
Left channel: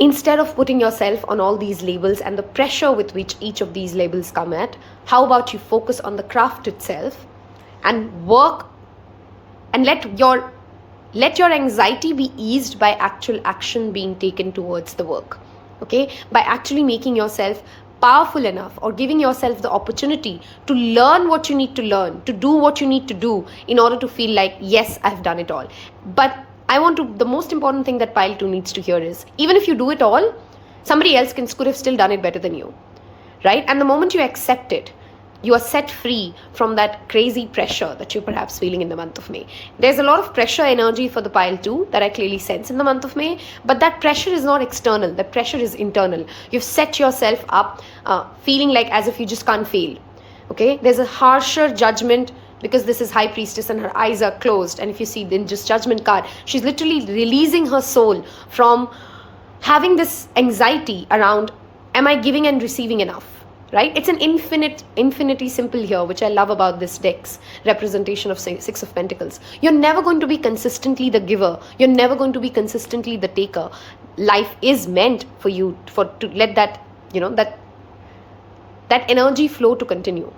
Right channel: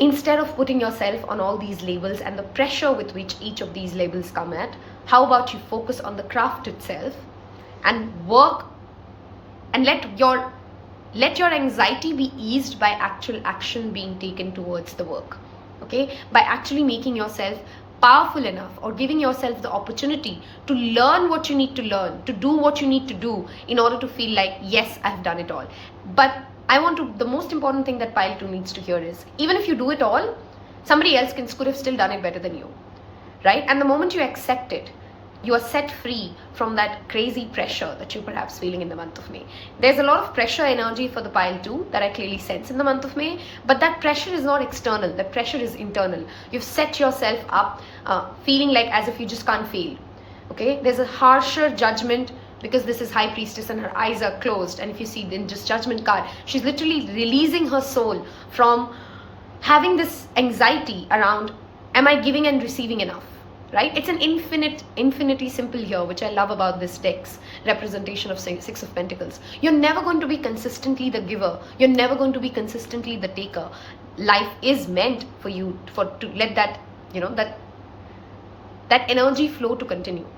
Instead of putting yourself on all these labels and the pressure with which each of these labels come at, how about you focus on the craft itself and work, and let your anxiety be eased by actual action being taken towards the work, okay? By actually making yourself powerful enough, or giving yourself the opportunity to learn what you need to learn, to do what you need to do in order to feel like, yes, I've done it all. But the most important thing that pile 2 needs to hear is, even if you do it all, somebody else could have still done it better than you, right? And the moment you accept it, you are set free from that crazy pressure that you're perhaps feeling in the month of May. There's a lot of pressure energy for the pile 2 that I clearly sense in the month of May, but that pressure is not external, that pressure is internal. You've set yourself up feeling like as if you just can't fail, okay? There's a harsher judgment, because this is High Priestess and her eyes are closed, and if you see in just Judgment card, she's literally releasing her soul from having this anxiety around, am I giving and receiving enough, right? It's an infinity simple here, which I love about this deck's representation of 6 of Pentacles. You're never going to be consistently the giver. You're never going to be consistently the taker. Life is meant for you to let that, that energy flow to continue.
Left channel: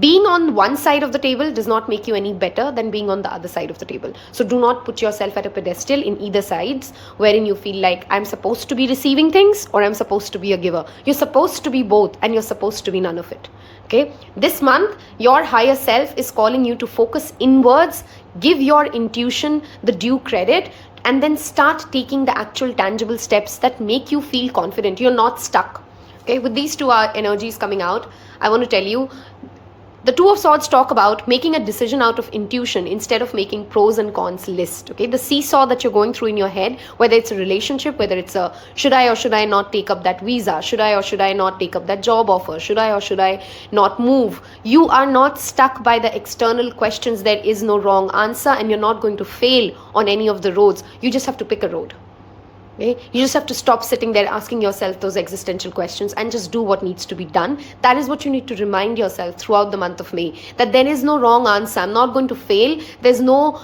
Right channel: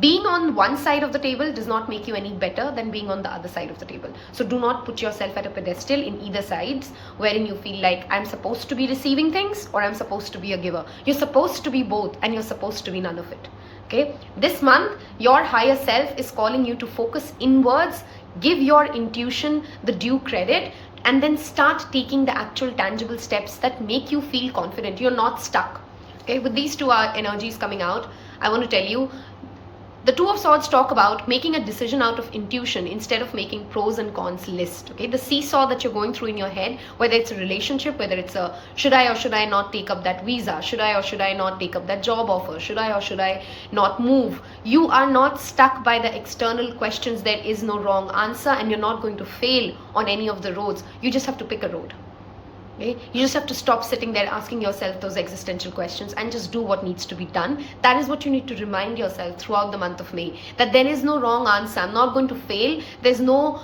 Being on one side of the table does not make you any better than being on the other side of the table. So do not put yourself at a pedestal in either sides, wherein you feel like I'm supposed to be receiving things or I'm supposed to be a giver. You're supposed to be both, and you're supposed to be none of it. Okay? This month, your higher self is calling you to focus inwards, give your intuition the due credit, and then start taking the actual tangible steps that make you feel confident. You're not stuck. Okay? With these 2 energies coming out, I want to tell you, The Two of Swords talk about making a decision out of intuition instead of making pros and cons list. Okay, the seesaw that you're going through in your head, whether it's a relationship, whether it's a should I or should I not take up that visa, should I or should I not take up that job offer, should I or should I not move. You are not stuck by the external questions. There is no wrong answer, and you're not going to fail on any of the roads. You just have to pick a road. Okay? You just have to stop sitting there asking yourself those existential questions and just do what needs to be done. That is what you need to remind yourself throughout the month of May, that there is no wrong answer. I'm not going to fail. There's no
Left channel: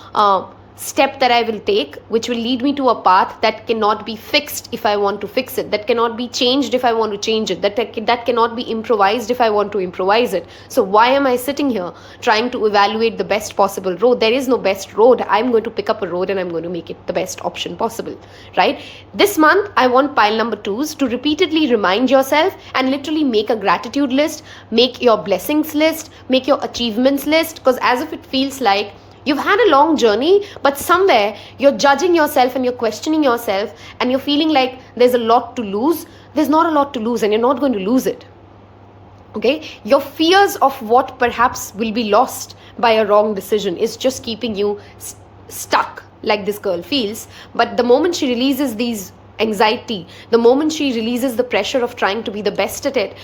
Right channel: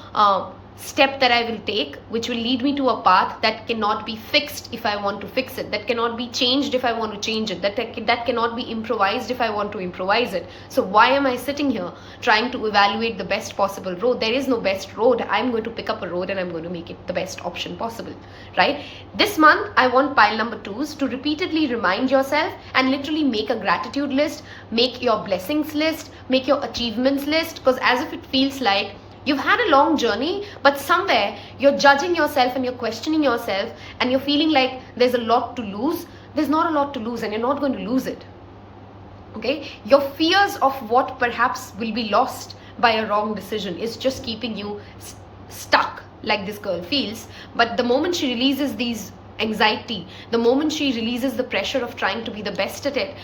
step that I will take which will lead me to a path that cannot be fixed if I want to fix it, that cannot be changed if I want to change it, that cannot be improvised if I want to improvise it. So why am I sitting here trying to evaluate the best possible road? There is no best road. I'm going to pick up a road and I'm going to make it the best option possible, right? This month, I want pile number 2s to repeatedly remind yourself and literally make a gratitude list, make your blessings list, make your achievements list, because as if it feels like you've had a long journey, but somewhere you're judging yourself and you're questioning yourself and you're feeling like there's a lot to lose. There's not a lot to lose, and you're not going to lose it. Okay? Your fears of what perhaps will be lost by a wrong decision is just keeping you stuck, like this girl feels. But the moment she releases these anxiety, the moment she releases the pressure of trying to be the best at it,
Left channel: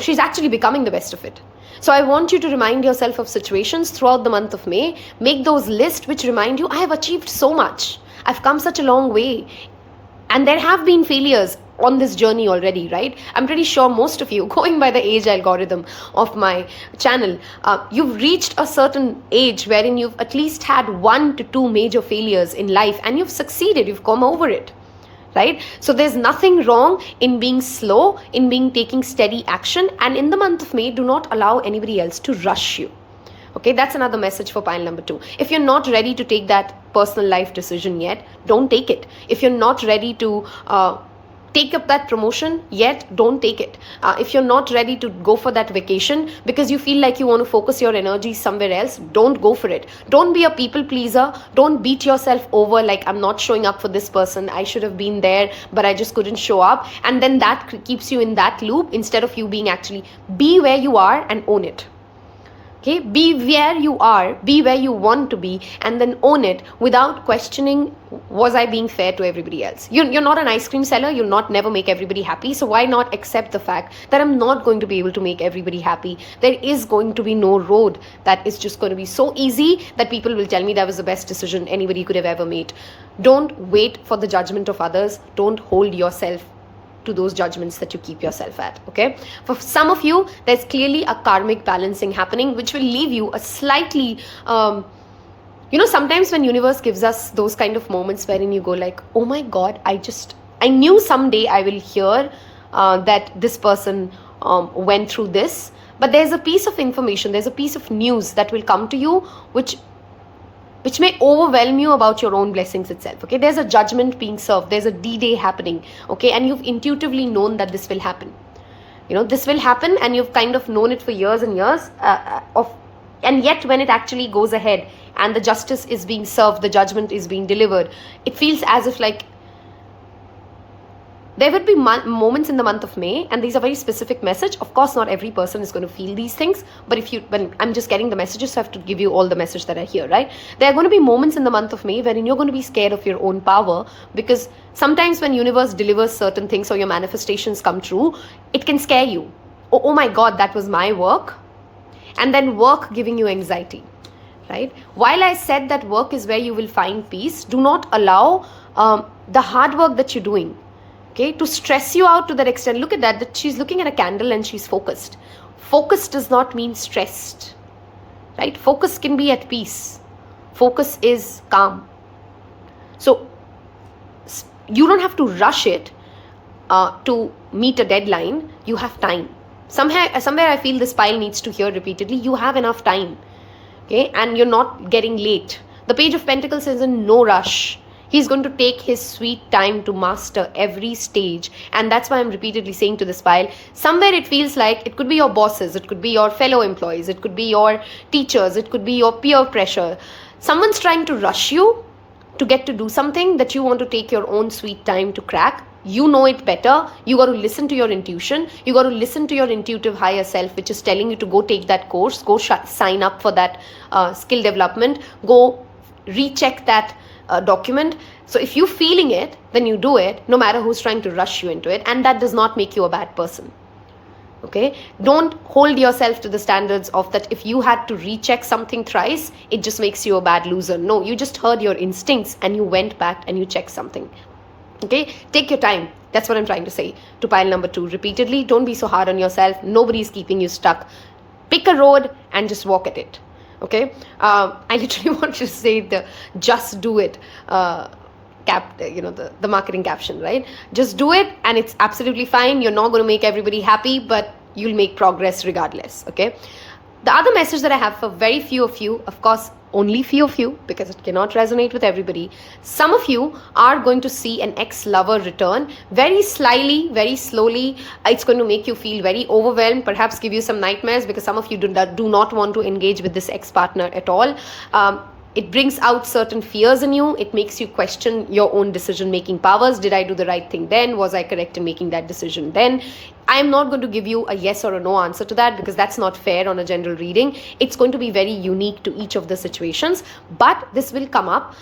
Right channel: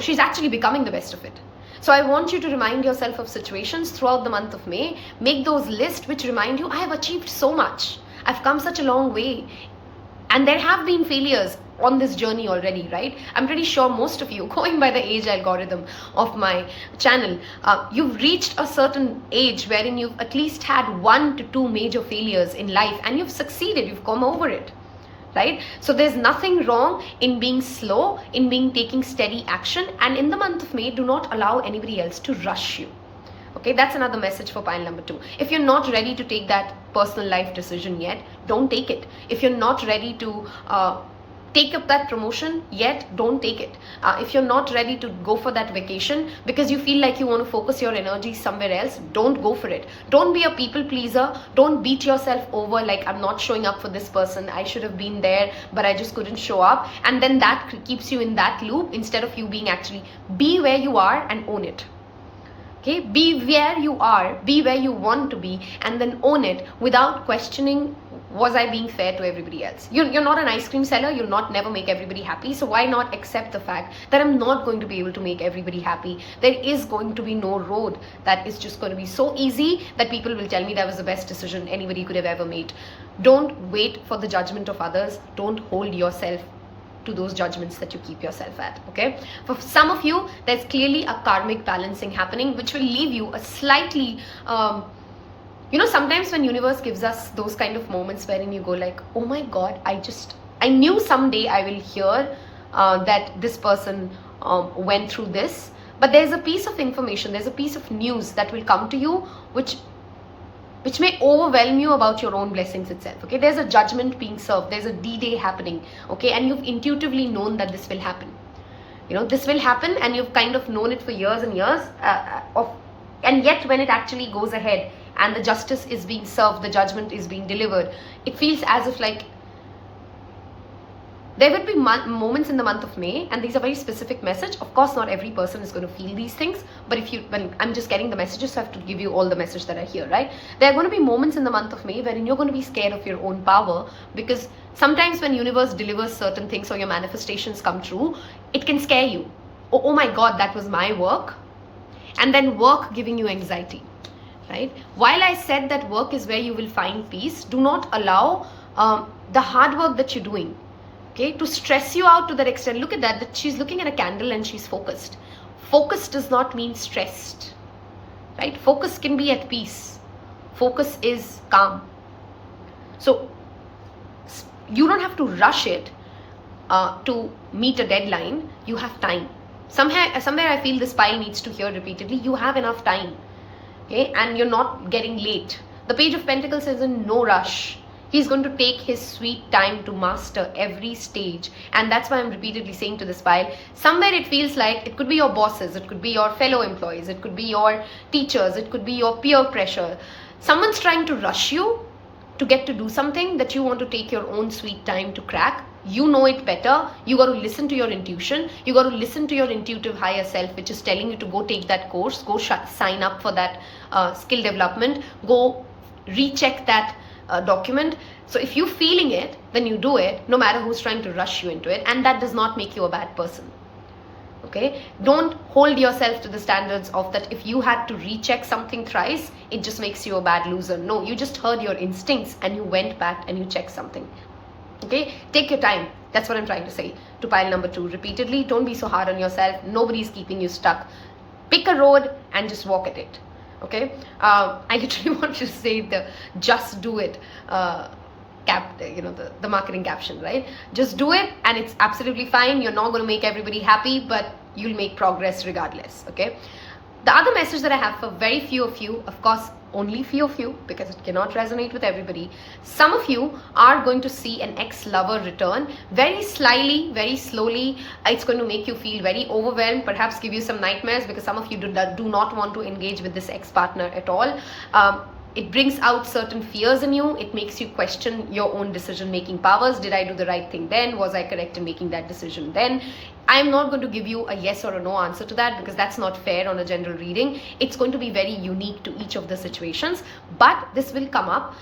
she's actually becoming the best of it. So I want you to remind yourself of situations throughout the month of May. Make those lists which remind you, I have achieved so much. I've come such a long way. And there have been failures on this journey already, right? I'm pretty sure most of you, going by the age algorithm of my channel, you've reached a certain age wherein you've at least had 1 to 2 major failures in life and you've succeeded, you've come over it. Right? So there's nothing wrong in being slow, in taking steady action. And in the month of May, do not allow anybody else to rush you. Okay, that's another message for pile number 2. If you're not ready to take that personal life decision yet, don't take it. If you're not ready to take up that promotion yet, don't take it. If you're not ready to go for that vacation because you feel like you want to focus your energy somewhere else, don't go for it. Don't be a people pleaser. Don't beat yourself over like, I'm not showing up for this person. I should have been there, but I just couldn't show up. And then that keeps you in that loop instead of you being actually, be where you are and own it. Okay, be where you are, be where you want to be, and then own it without questioning, was I being fair to everybody else? You're not an ice cream seller, you'll not never make everybody happy, so why not accept the fact that I'm not going to be able to make everybody happy? There is going to be no road that is just going to be so easy that people will tell me that was the best decision anybody could have ever made. Don't wait for the judgment of others, don't hold yourself to those judgments that you keep yourself at. Okay, for some of you there's clearly a karmic balancing happening which will leave you a slightly sometimes when universe gives us those kind of moments wherein you go like, oh my god, I knew someday I will hear that this person went through this, but there's a piece of information, there's a piece of news that will come to you which may overwhelm you about your own blessings itself. Okay, there's a judgment being served, there's a D-Day happening, okay, and you've intuitively known that this will happen. This will happen, and you've kind of known it for years and years, and yet when it actually goes ahead and the justice is being served, the judgment is being delivered, it feels as if like there would be moments in the month of May, and these are very specific message. Of course, not every person is going to feel these things, but I'm just getting the messages, so I have to give you all the message that I hear, right? There are going to be moments in the month of May wherein you're going to be scared of your own power, because sometimes when universe delivers certain things or your manifestations come true, it can scare you. Oh my God, that was my work. And then work giving you anxiety, right? While I said that work is where you will find peace, do not allow the hard work that you're doing, okay, to stress you out to that extent. Look at that she's looking at a candle and she's focused. Focused does not mean stressed, right? Focus can be at peace. Focus is calm. So you don't have to rush it to meet a deadline. You have time. Somewhere I feel this pile needs to hear repeatedly, you have enough time, okay, and you're not getting late. The Page of Pentacles is in no rush. He's going to take his sweet time to master every stage. And that's why I'm repeatedly saying to this pile, somewhere it feels like it could be your bosses, it could be your fellow employees, it could be your teachers, it could be your peer pressure. Someone's trying to rush you to get to do something that you want to take your own sweet time to crack. You know it better. You got to listen to your intuition. You got to listen to your intuitive higher self, which is telling you to go take that course, go sign up for that skill development, go recheck that document. So if you're feeling it, then you do it, no matter who's trying to rush you into it. And that does not make you a bad person. Okay, don't hold yourself to the standards of that if you had to recheck something thrice, it just makes you a bad loser. No, you just heard your instincts and you went back and you checked something. Okay, take your time. That's what I'm trying to say to pile number 2 repeatedly. Don't be so hard on yourself. Nobody's keeping you stuck. Pick a road and just walk at it. Okay, I literally want to say the just do it the marketing caption, right? Just do it and it's absolutely fine. You're not going to make everybody happy, but you'll make progress regardless. Okay, the other message that I have for very few of you, of course only few of you, because it cannot resonate with everybody. Some of you are going to see an ex-lover return very slyly, very slowly. It's going to make you feel very overwhelmed, perhaps give you some nightmares, because some of you do not want to engage with this ex-partner at all. It brings out certain fears in you. It makes you question your own decision-making powers. Did I do the right thing then? Was I correct in making that decision then? I'm not going to give you a yes or a no answer to that, because that's not fair on a general reading. It's going to be very unique to each of the situations, but this will come up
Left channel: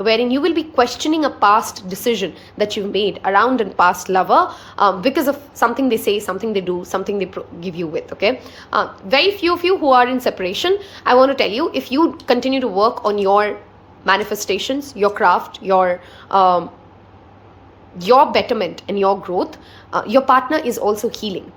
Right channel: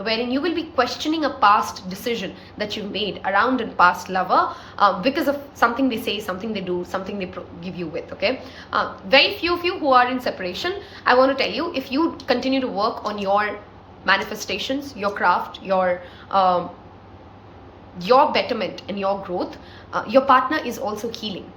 wherein you will be questioning a past decision that you've made around a past lover because of something they say, something they do, something they give you with. Okay, very few of you who are in separation, I want to tell you, if you continue to work on your manifestations, your craft, your betterment and your growth, your partner is also healing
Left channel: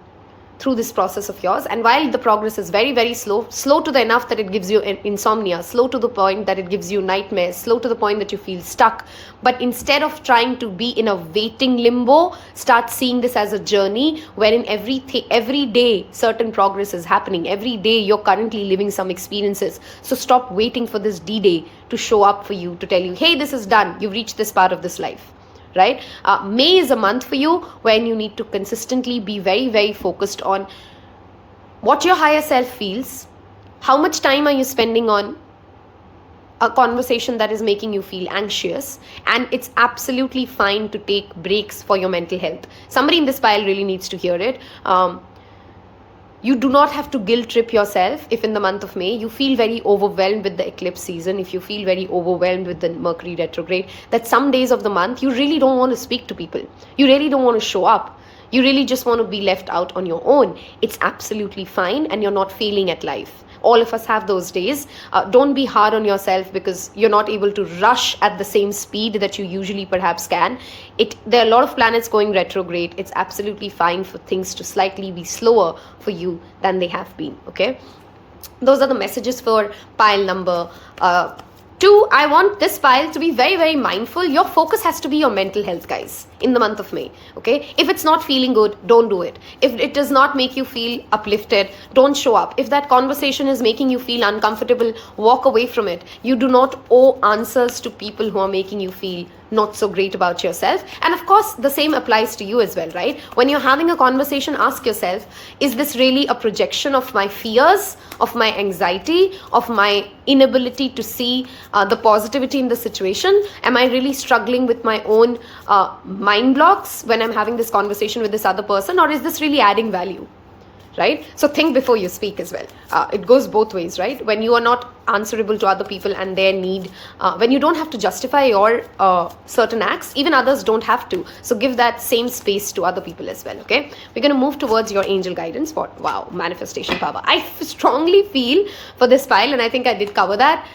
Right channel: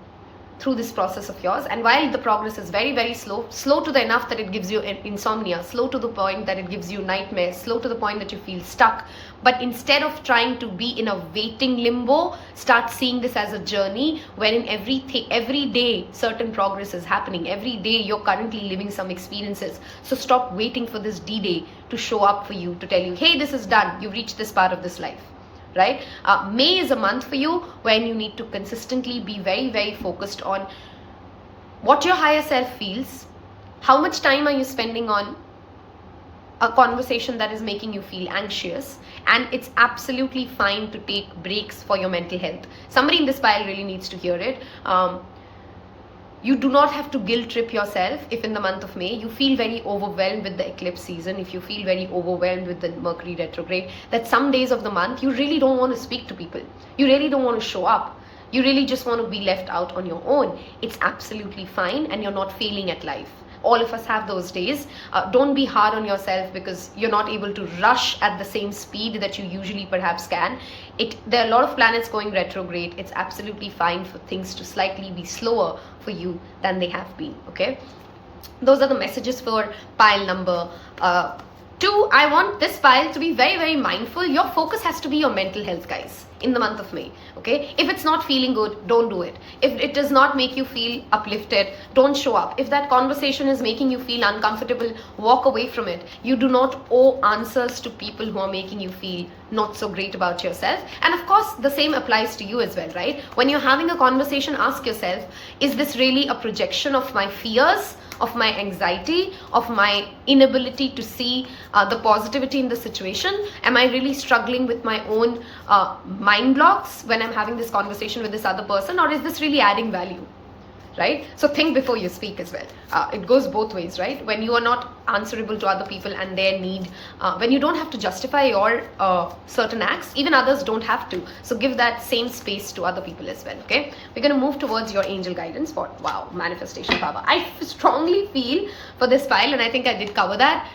through this process of yours. And while the progress is very, very slow to the enough that it gives you insomnia, slow to the point that it gives you nightmares, slow to the point that you feel stuck, but instead of trying to be in a waiting limbo, start seeing this as a journey wherein every day certain progress is happening. Every day you're currently living some experiences. So stop waiting for this D-Day to show up for you, to tell you, hey, this is done, you've reached this part of this life. Right? May is a month for you when you need to consistently be very, very focused on what your higher self feels. How much time are you spending on a conversation that is making you feel anxious? And it's absolutely fine to take breaks for your mental health. Somebody in this pile really needs to hear it. You do not have to guilt trip yourself if in the month of May you feel very overwhelmed with the eclipse season, if you feel very overwhelmed with the Mercury retrograde, that some days of the month you really don't want to speak to people. You really don't want to show up. You really just want to be left out on your own. It's absolutely fine and you're not failing at life. All of us have those days. Don't be hard on yourself because you're not able to rush at the same speed that you usually perhaps can. There are a lot of planets going retrograde. It's absolutely fine for things to slightly be slower for you than they have been. Okay, those are the messages for pile number 2. I want this pile to be very, very mindful. Your focus has to be your mental health, guys, in the month of May. Okay, if it's not feeling good, don't do it. If it does not make you feel uplifted, don't show up. If that conversation is making you feel uncomfortable, walk away from it. You do not owe answers to people who are making you feel not so great about yourself. And of course, the same applies to you as well, right? When you're having a conversation, ask yourself, is this really a projection of my fears, of my anxiety, of my inability to see the positivity in the situation? Am I really struggling with my own mind blocks when I'm having this conversation with this other person, or is this really adding value? Right? So think before you speak as well. It goes both ways, right? When you are not answerable to other people and their need, when you don't have to justify your certain acts, even others don't have to. So give that same space to other people as well, okay? We're going to move towards your angel guidance for, wow, manifestation power. I strongly feel for this pile, and I think I did cover that.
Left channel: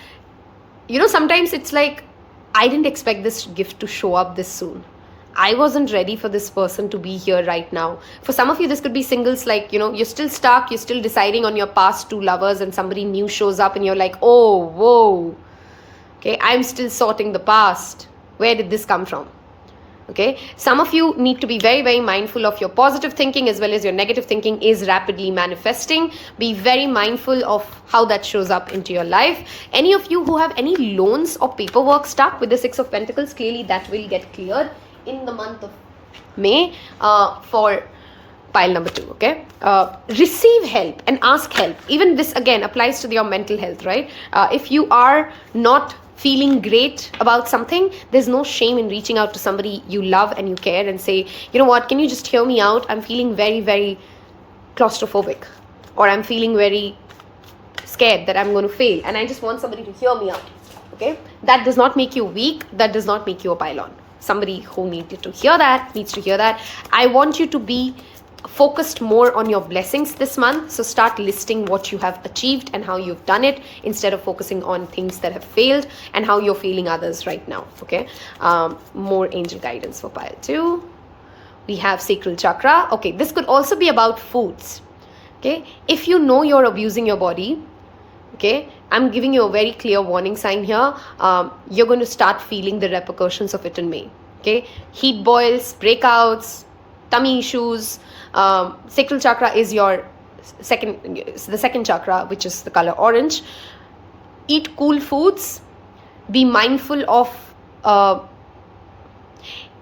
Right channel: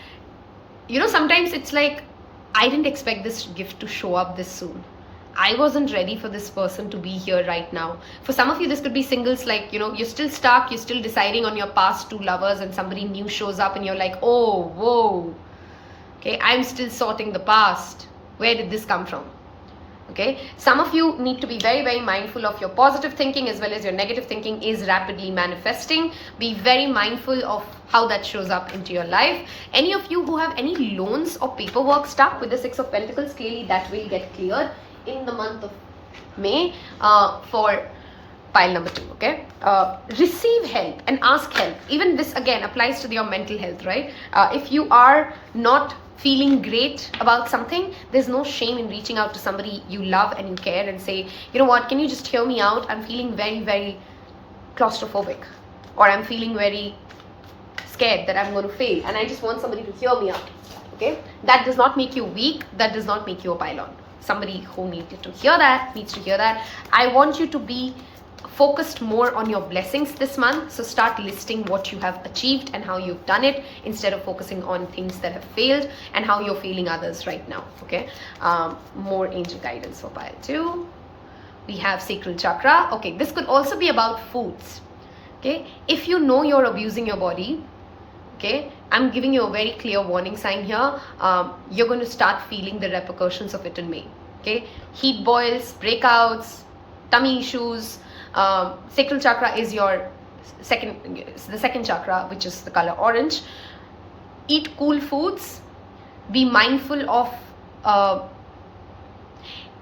You know, sometimes it's like, I didn't expect this gift to show up this soon. I wasn't ready for this person to be here right now. For some of you, this could be singles, like, you know, you're still stuck, you're still deciding on your past 2 lovers and somebody new shows up and you're like, oh, whoa, okay, I'm still sorting the past. Where did this come from? Okay, some of you need to be very, very mindful of your positive thinking as well as your negative thinking is rapidly manifesting. Be very mindful of how that shows up into your life. Any of you who have any loans or paperwork stuck with the 6 of Pentacles, clearly that will get cleared in the month of May for pile number 2, okay? Receive help and ask help. Even this again applies to your mental health, right? If you are not feeling great about something, there's no shame in reaching out to somebody you love and you care and say, you know what, can you just hear me out? I'm feeling very, very claustrophobic, or I'm feeling very scared that I'm going to fail, and I just want somebody to hear me out. Okay, that does not make you weak. That does not make you a pylon. Somebody who needs to hear that. I want you to be focused more on your blessings this month. So start listing what you have achieved and how you've done it, instead of focusing on things that have failed and how you're failing others right now. Okay, more angel guidance for pile 2. We have sacral chakra. Okay, this could also be about foods. Okay, if you know you're abusing your body, okay, I'm giving you a very clear warning sign here. You're going to start feeling the repercussions of it in May. Okay, heat boils, breakouts, tummy issues. Sacral chakra is the second chakra, which is the color orange. Eat cool foods. Be mindful of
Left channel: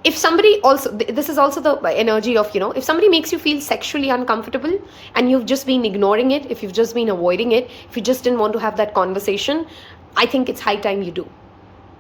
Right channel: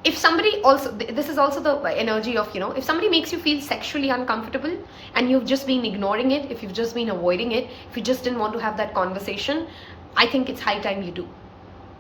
if somebody also, this is also the energy of, if somebody makes you feel sexually uncomfortable and you've just been ignoring it, if you've just been avoiding it, if you just didn't want to have that conversation, I think it's high time you do.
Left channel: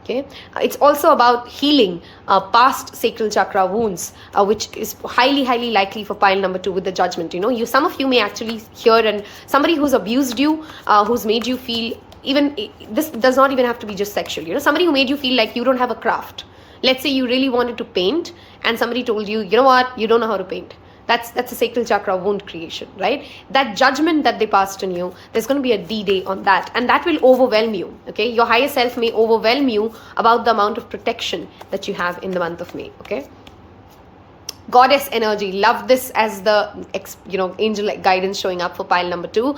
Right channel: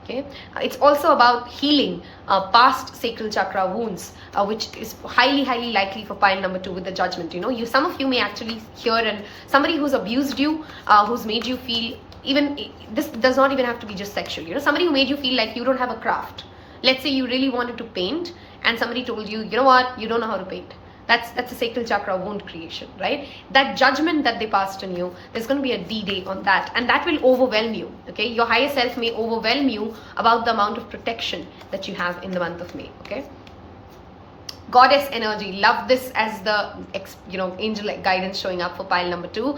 Okay, it's also about healing past sacral chakra wounds, which is highly, highly likely for pile number 2 with the judgment. Some of you may actually hear, and somebody who's abused you, who's made you feel, even this does not even have to be just sexual. Somebody who made you feel like you don't have a craft. Let's say you really wanted to paint and somebody told you, you know what, you don't know how to paint. That's a sacral chakra wound creation, right? That judgment that they passed on you, there's going to be a D-Day on that, and that will overwhelm you, okay? Your higher self may overwhelm you about the amount of protection that you have in the month of May, okay? Goddess energy, love this as the, angel guidance showing up for pile number 2.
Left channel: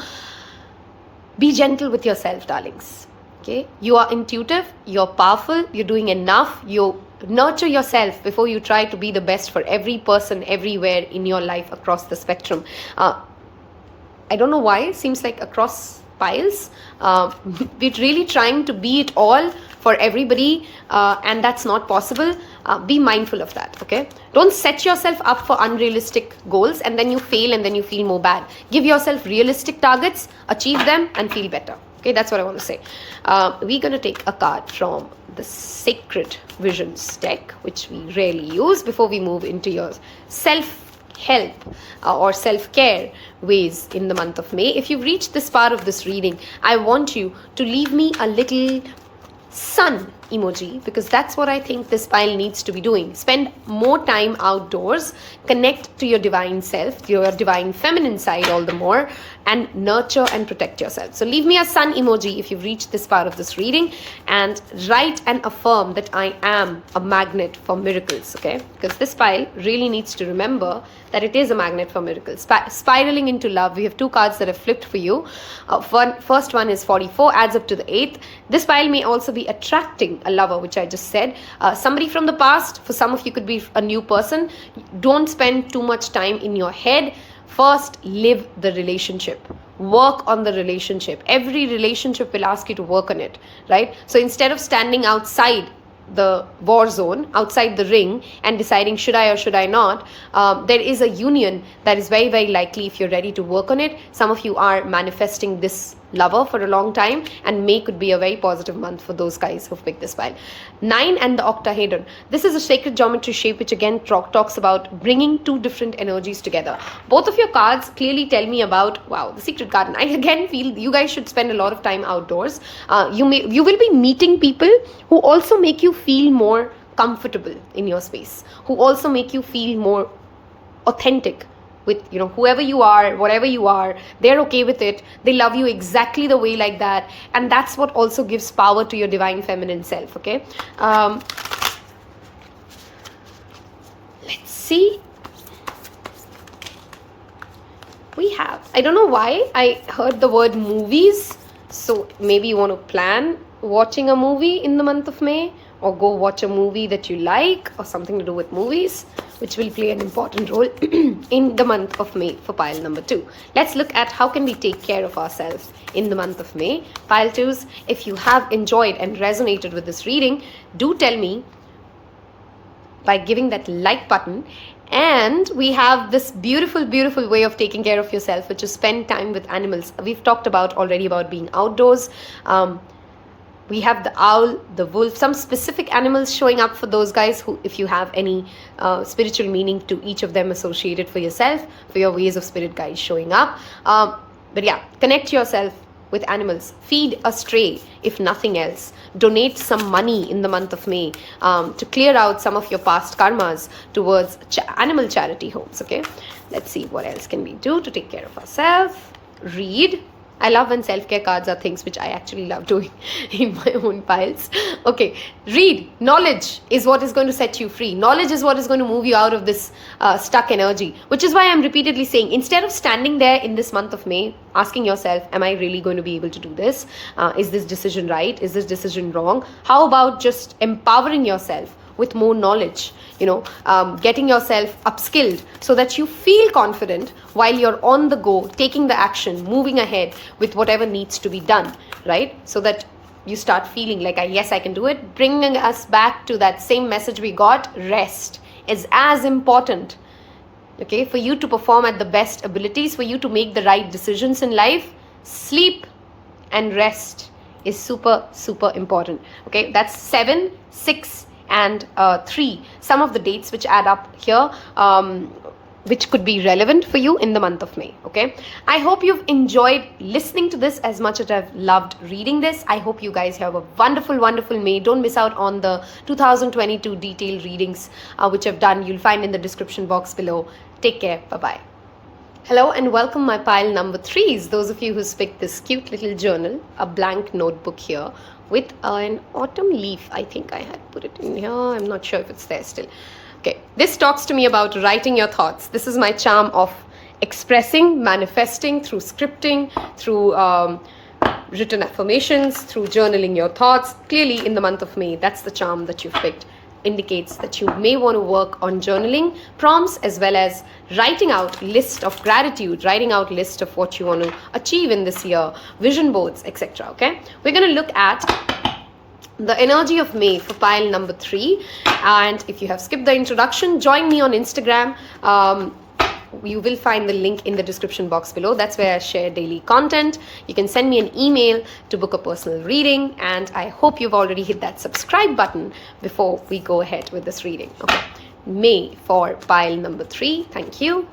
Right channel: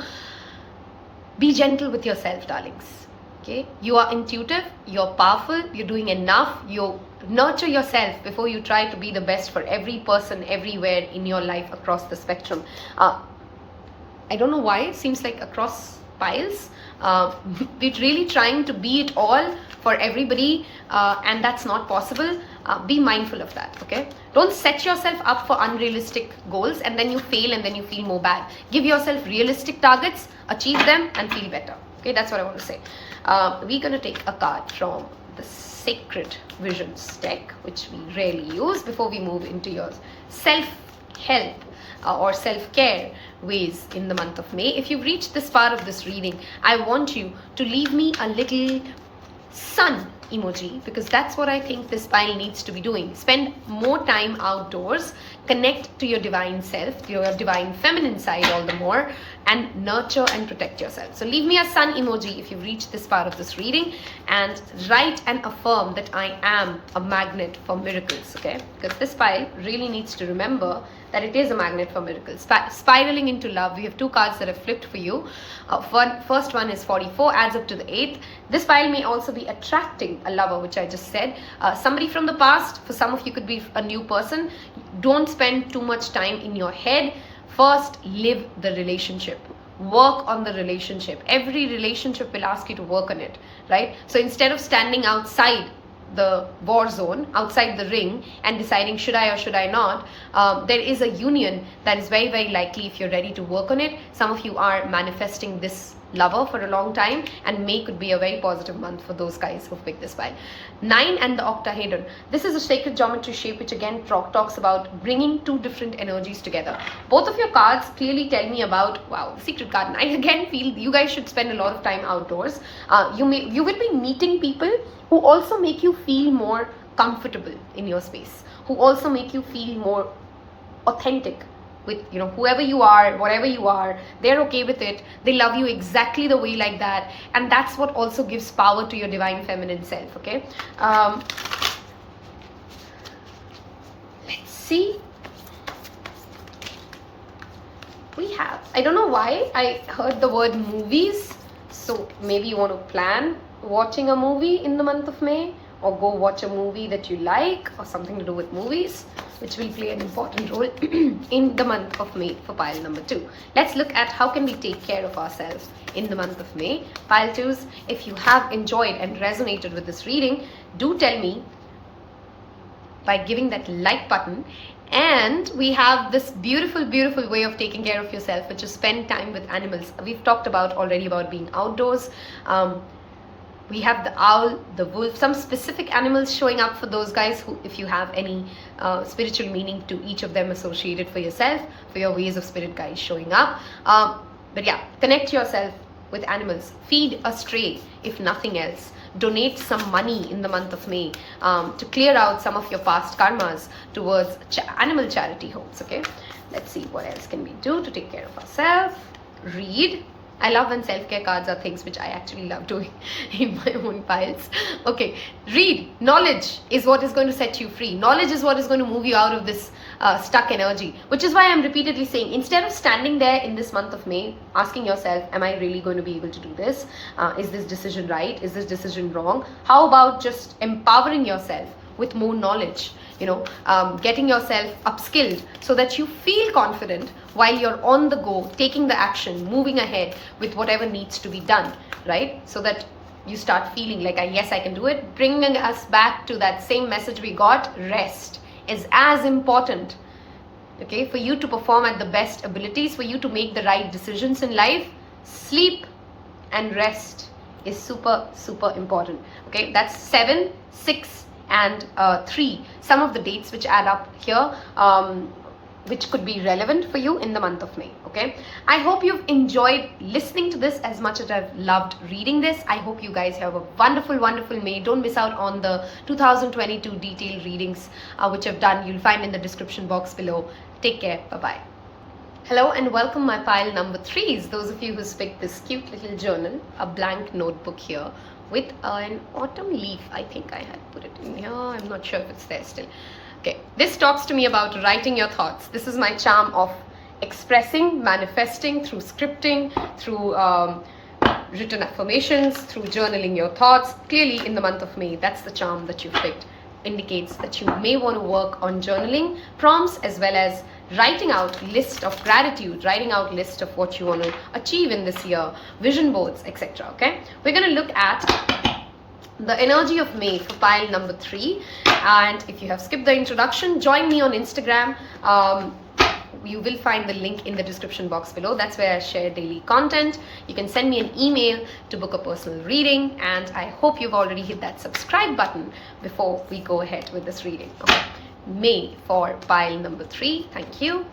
Be gentle with yourself, darlings. Okay, you are intuitive, you're powerful, you're doing enough, you nurture yourself before you try to be the best for every person everywhere in your life across the spectrum. I don't know why, it seems like across piles, we're really trying to be it all for everybody, and that's not possible. Be mindful of that, okay? Don't set yourself up for unrealistic goals and then you fail and then you feel more bad. Give yourself realistic targets, achieve them, and feel better. Okay, that's what I want to say. We're going to take a card from the Sacred Visions deck, which we rarely use, before we move into your self-help or self-care ways in the month of May. If you've reached this part of this reading, I want you to leave me a little sun emoji, because that's what I think this pile needs to be doing. Spend more time outdoors, connect to your divine self, your divine feminine side all the more, and nurture and protect yourself. So leave me a sun emoji if you've reached this part of this reading, and write and affirm that I am a magnet for miracles, okay? Because this pile really needs to remember that it is a magnet for miracles. Spiraling into love, we have 2 cards that have flipped for you. First one is 44, adds up to the 8th. This pile may also be attracting a lover, which I just said. Somebody from the past, for some of you could be a new person. Don't spend too much time in your head. First, live the relationship. Work on the relationship. Every relationship will ask you to work on it, right? So instead of standing outside the war zone, outside the ring, and deciding should I or should I not, there is a union that is very, very likely if you're ready to work on it. Some of you are manifesting this lover for a long time, and May could be a very positive month for those guys who've picked this pile. 9 and the octahedron. This is a sacred geometry shape which again talks about bringing 2 different energies together. Both of your cards clearly tell me about, wow, the secret garden. I again feel you guys should spend a lot of time outdoors. You will be meeting people who also make you feel more comfortable in your space, who also make you feel more authentic with, whoever you are, whatever you are. They're okay with it. They love you exactly the way like that, and that's what also gives power to your divine feminine self, okay? Let's see. We have, I don't know why I heard the word movies, so maybe you want to plan watching a movie in the month of May, or go watch a movie that you like, or something to do with movies, which will play an important role in the month of May for pile number 2. Let's look at how can we take care of ourselves in the month of May. Pile 2s, if you have enjoyed and resonated with this reading, do tell me by giving that like button. And we have this beautiful, beautiful way of taking care of yourself, which is spend time with animals. We've talked about already about being outdoors. We have the owl, the wolf, some specific animals showing up for those guys who, if you have any spiritual meaning to each of them associated for yourself, for your ways of spirit guides showing up. But yeah, connect yourself with animals. Feed a stray, if nothing else. Donate some money in the month of May to clear out some of your past karmas towards animal charity homes, okay? Let's see what else can we do to take care of ourselves. Read. I love when self-care cards are things which I actually love doing in my own piles. Okay, read. Knowledge is what is going to set you free. Knowledge is what is going to move you out of this stuck energy, which is why I'm repeatedly saying, instead of standing there in this month of May, asking yourself, am I really going to be able to do this? Is this decision right? Is this decision wrong? How about just empowering yourself with more knowledge, getting yourself upskilled so that you feel confident while you're on the go, taking the action, moving ahead with whatever needs to be done, right? So that you start feeling like, yes, I can do it. Bringing us back to that same message we got, rest is as important, okay? For you to perform at the best abilities, for you to make the right decisions in life, sleep and rest is super, super important, okay? That's 7, 6, and 3, some of the dates which add up here, which could be relevant for you in the month of May, okay? I hope you've enjoyed listening to this as much as I've loved reading this. I hope you guys have a wonderful, wonderful May. Don't miss out on the 2022 detailed readings, which I've done. You'll find in the description box below. Take care. Bye-bye. Hello and welcome my pile number 3s. Those of you who picked this cute little journal, a blank notebook here, with an autumn leaf. I think I had put it in here. I'm not sure if it's there still. Okay, this talks to me about writing your thoughts. This is my charm of expressing, manifesting through scripting, through written affirmations, through journaling your thoughts. Clearly in the month of May, that's the charm that you've picked. Indicates that you may want to work on journaling prompts as well as writing out list of gratitude, writing out list of what you want to achieve in this year, vision boards, etc. Okay, we're going to look at the energy of May for pile number 3. And if you have skipped the introduction, join me on Instagram. You will find the link in the description box below. That's where I share daily content. You can send me an email to book a personal reading, and I hope you've already hit that subscribe button before we go ahead with this reading. Okay. May for pile number 3. Thank you.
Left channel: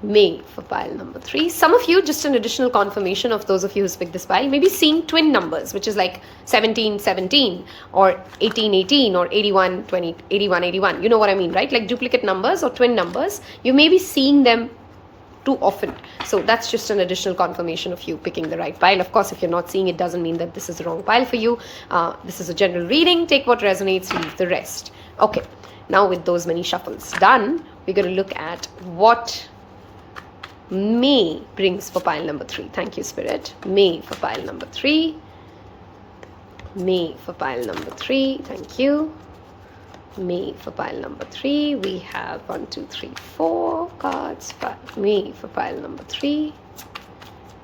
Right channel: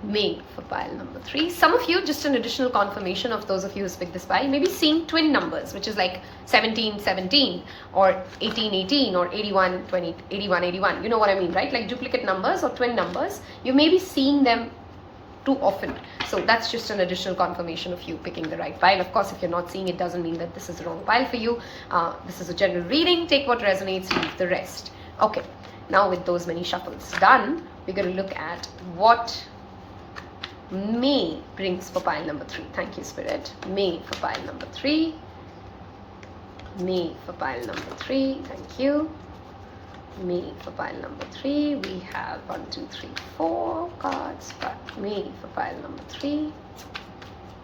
May for pile number 3. Some of you, just an additional confirmation of those of you who picked this pile, may be seeing twin numbers, which is like 17, 17 or 18, 18 or 81, 20, 81, 81. You know what I mean, right? Like duplicate numbers or twin numbers. You may be seeing them too often. So that's just an additional confirmation of you picking the right pile. Of course, if you're not seeing it, doesn't mean that this is the wrong pile for you. This is a general reading. Take what resonates, leave the rest. Okay. Now with those many shuffles done, we're going to look at what May brings for pile number 3. Thank you, Spirit. May for pile number 3. May for pile number 3. Thank you. May for pile number 3. We have 1, 2, 3, 4 cards. But May for pile number 3.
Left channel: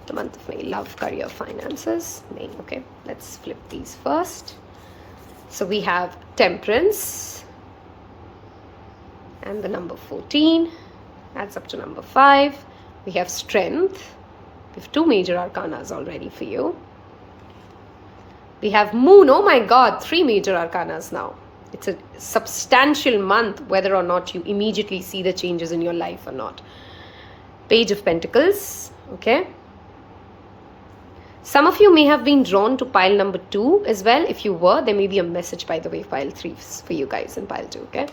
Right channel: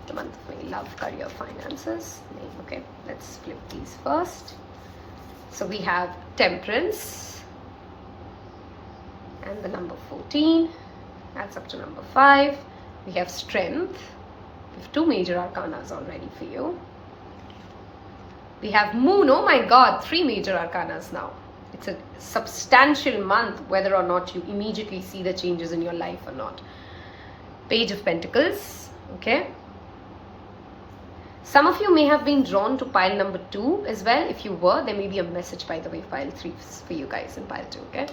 The month of May. Love, career, finances. May. Okay, let's flip these first. So we have Temperance. And the number 14. Adds up to number 5. We have Strength. We have 2 major arcanas already for you. We have Moon. Oh my God, 3 major arcanas now. It's a substantial month, whether or not you immediately see the changes in your life or not. Page of Pentacles. Okay. Some of you may have been drawn to pile number 2 as well. If you were, there may be a message, by the way, pile 3 for you guys in pile 2. Okay.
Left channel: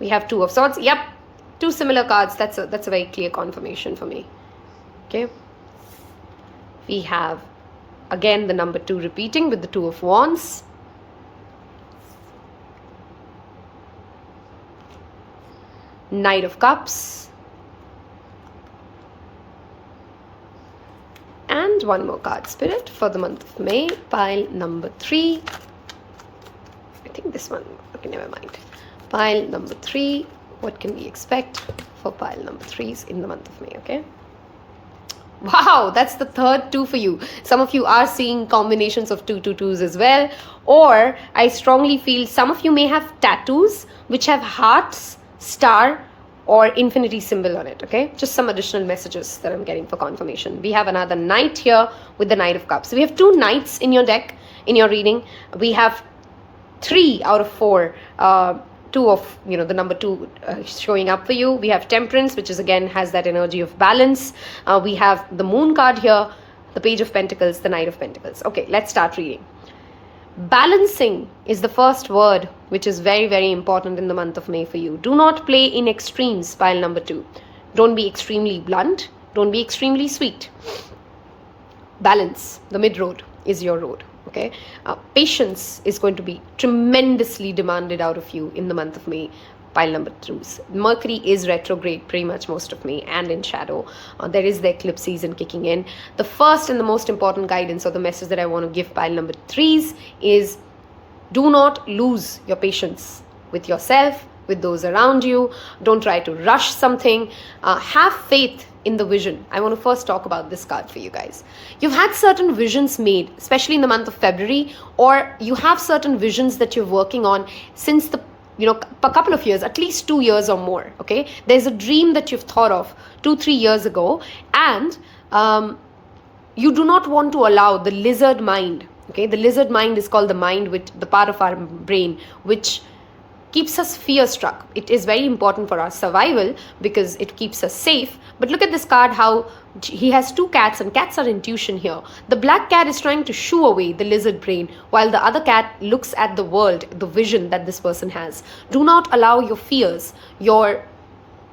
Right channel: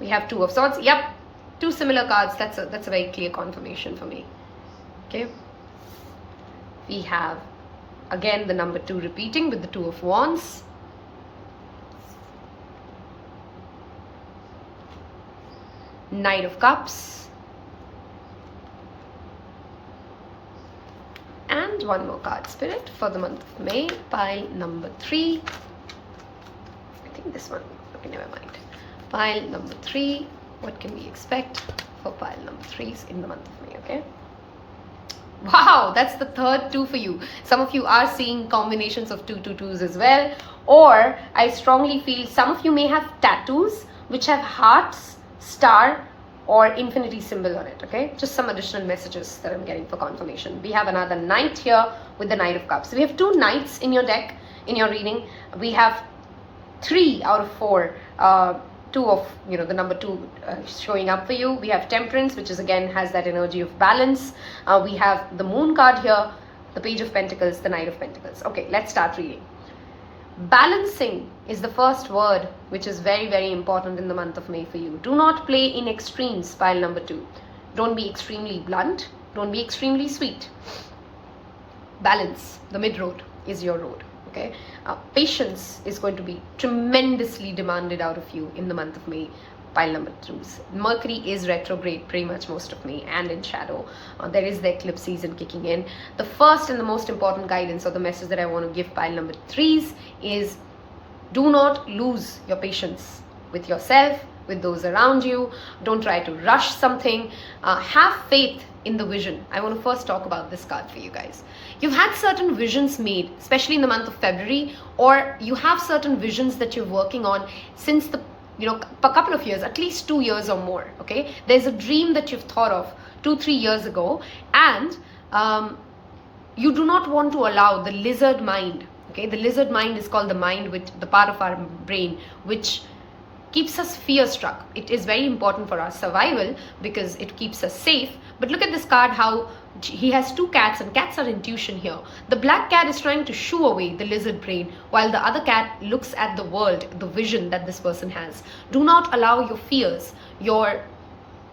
We have 2 of Swords. Yep. 2 similar cards. That's a very clear confirmation for me. Okay. We have again the number 2 repeating with the 2 of Wands. Knight of Cups. And one more card, Spirit, for the month of May. Pile number 3. I think this one. Okay, never mind. Pile number 3. What can we expect for pile number 3s in the month of May, okay? Wow, that's the third 2 for you. Some of you are seeing combinations of 2 2s as well. Or I strongly feel some of you may have tattoos which have hearts, star or infinity symbol on it, okay? Just some additional messages that I'm getting for confirmation. We have another Knight here with the Knight of Cups. So we have 2 Knights in your deck in your reading. We have 3 out of 4, 2 of, the number 2 showing up for you. We have Temperance, which is again has that energy of balance. We have the Moon card here, the Page of Pentacles, the Knight of Pentacles. Okay, let's start reading. Balancing is the first word, which is very, very important in the month of May for you. Do not play in extremes, pile number 2. Don't be extremely blunt. Don't be extremely sweet. Balance, the mid road, is your road. Okay, patience is going to be tremendously demanded out of you in the month of May. Pile number 2. Mercury is retrograde pretty much most of May and in shadow. There is the eclipse season kicking in. The first and the most important guidance or the message that I want to give pile number 3s is do not lose your patience with yourself, with those around you. Don't try to rush something. Have faith in the vision. I want to first talk about this card for you guys. You've had certain visions made, especially in the month of February, or you have certain visions that you're working on since the a couple of years, at least 2 years or more. Okay, there's a dream that you've thought of 2-3 years ago, and you do not want to allow the lizard mind. Okay, the lizard mind is called the mind, which the part of our brain which keeps us fear struck. It is very important for our survival because it keeps us safe. But look at this card, how he has 2 cats, and cats are intuition here. The black cat is trying to shoo away the lizard brain, while the other cat looks at the world, the vision that this person has. Do not allow your fears, your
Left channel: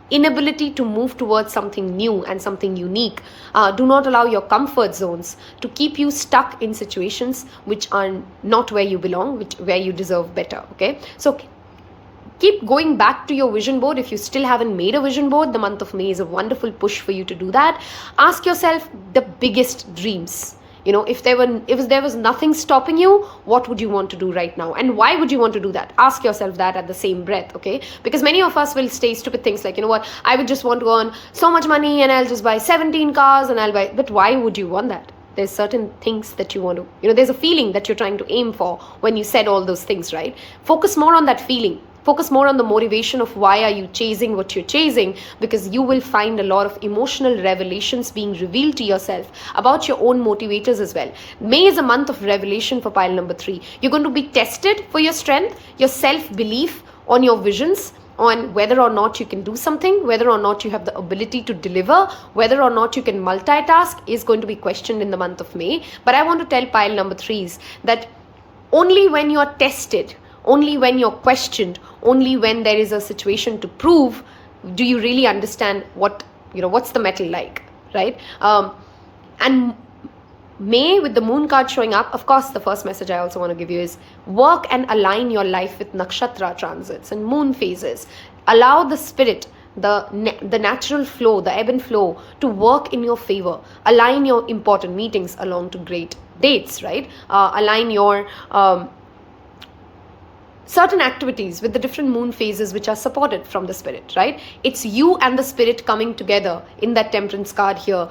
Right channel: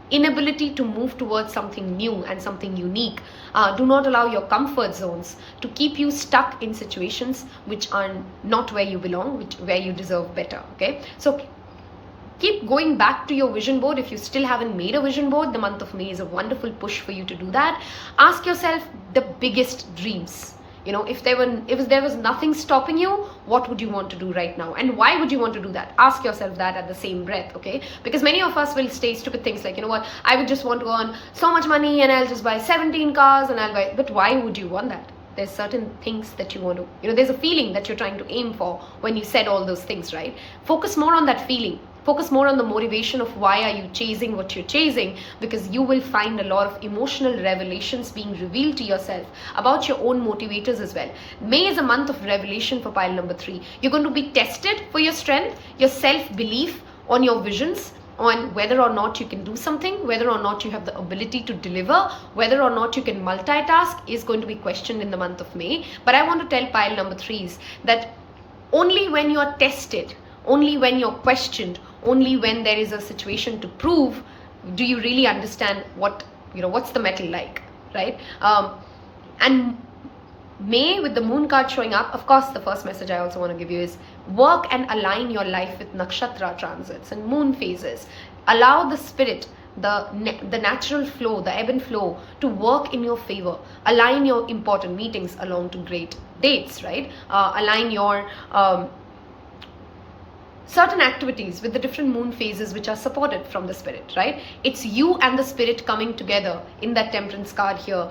inability to move towards something new and something unique. Do not allow your comfort zones to keep you stuck in situations which are not where you belong, where you deserve better. Okay, so keep going back to your vision board. If you still haven't made a vision board, the month of May is a wonderful push for you to do that. Ask yourself the biggest dreams. If there was nothing stopping you, what would you want to do right now? And why would you want to do that? Ask yourself that at the same breath, okay? Because many of us will say stupid things like, I would just want to earn so much money and I'll just buy 17 cars and I'll buy, but why would you want that? There's certain things that you want to, there's a feeling that you're trying to aim for when you said all those things, right? Focus more on that feeling. Focus more on the motivation of why are you chasing what you're chasing, because you will find a lot of emotional revelations being revealed to yourself about your own motivators as well. May is a month of revelation for pile number 3. You're going to be tested for your strength, your self-belief on your visions, on whether or not you can do something, whether or not you have the ability to deliver, whether or not you can multitask is going to be questioned in the month of May. But I want to tell pile number 3s that only when you are tested, only when you're questioned, only when there is a situation to prove, do you really understand what's the metal like, right? And May, with the Moon card showing up, of course, the first message I also want to give you is work and align your life with nakshatra transits and moon phases. Allow the spirit, the natural flow, the ebb and flow to work in your favor. Align your important meetings along to great dates, right? Align your certain activities with the different moon phases which are supported from the spirit, right? It's you and the spirit coming together in that Temperance card here,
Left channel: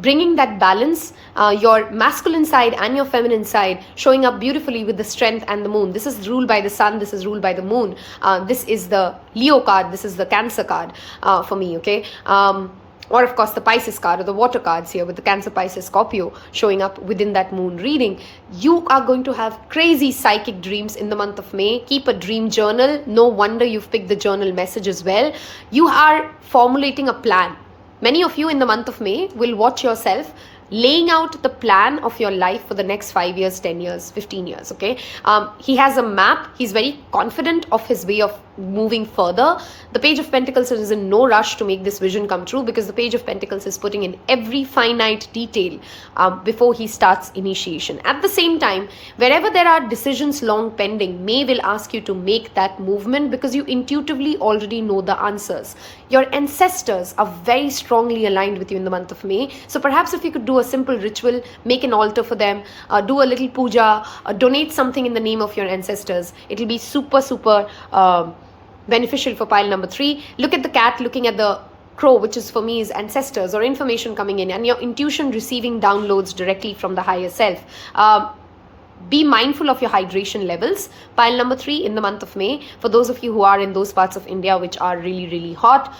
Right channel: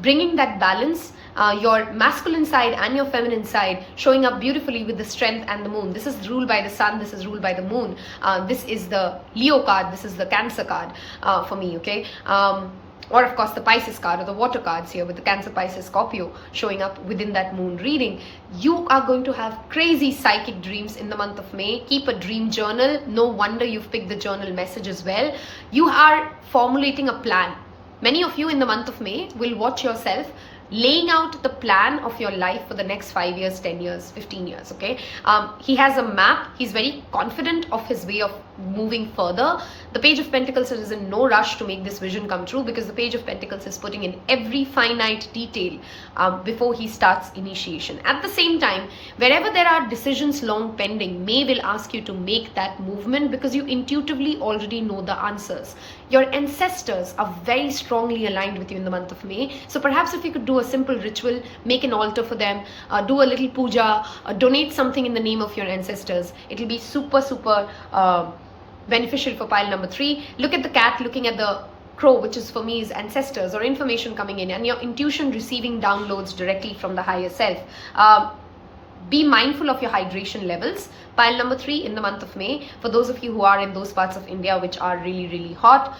bringing that balance, your masculine side and your feminine side showing up beautifully with the strength and the moon. This is ruled by the sun, this is ruled by the moon. This is the Leo card, this is the Cancer card for me, okay? Or of course the Pisces card or the water cards here with the Cancer, Pisces, Scorpio showing up within that moon reading. You are going to have crazy psychic dreams in the month of May. Keep a dream journal. No wonder you've picked the journal message as well. You are formulating a plan. Many of you in the month of May will watch yourself laying out the plan of your life for the next 5 years, 10 years, 15 years, okay? He has a map. He's very confident of his way of moving further. The Page of Pentacles is in no rush to make this vision come true, because the Page of Pentacles is putting in every finite detail before he starts initiation. At the same time, wherever there are decisions long pending, May will ask you to make that movement because you intuitively already know the answers. Your ancestors are very strongly aligned with you in the month of May. So perhaps if you could do a simple ritual, make an altar for them, do a little puja, donate something in the name of your ancestors. It'll be super, super beneficial for pile number 3. Look at the cat looking at the crow, which is for me is ancestors or information coming in, and your intuition receiving downloads directly from the higher self. Be mindful of your hydration levels. Pile number 3 in the month of May. For those of you who are in those parts of India which are really, really hot,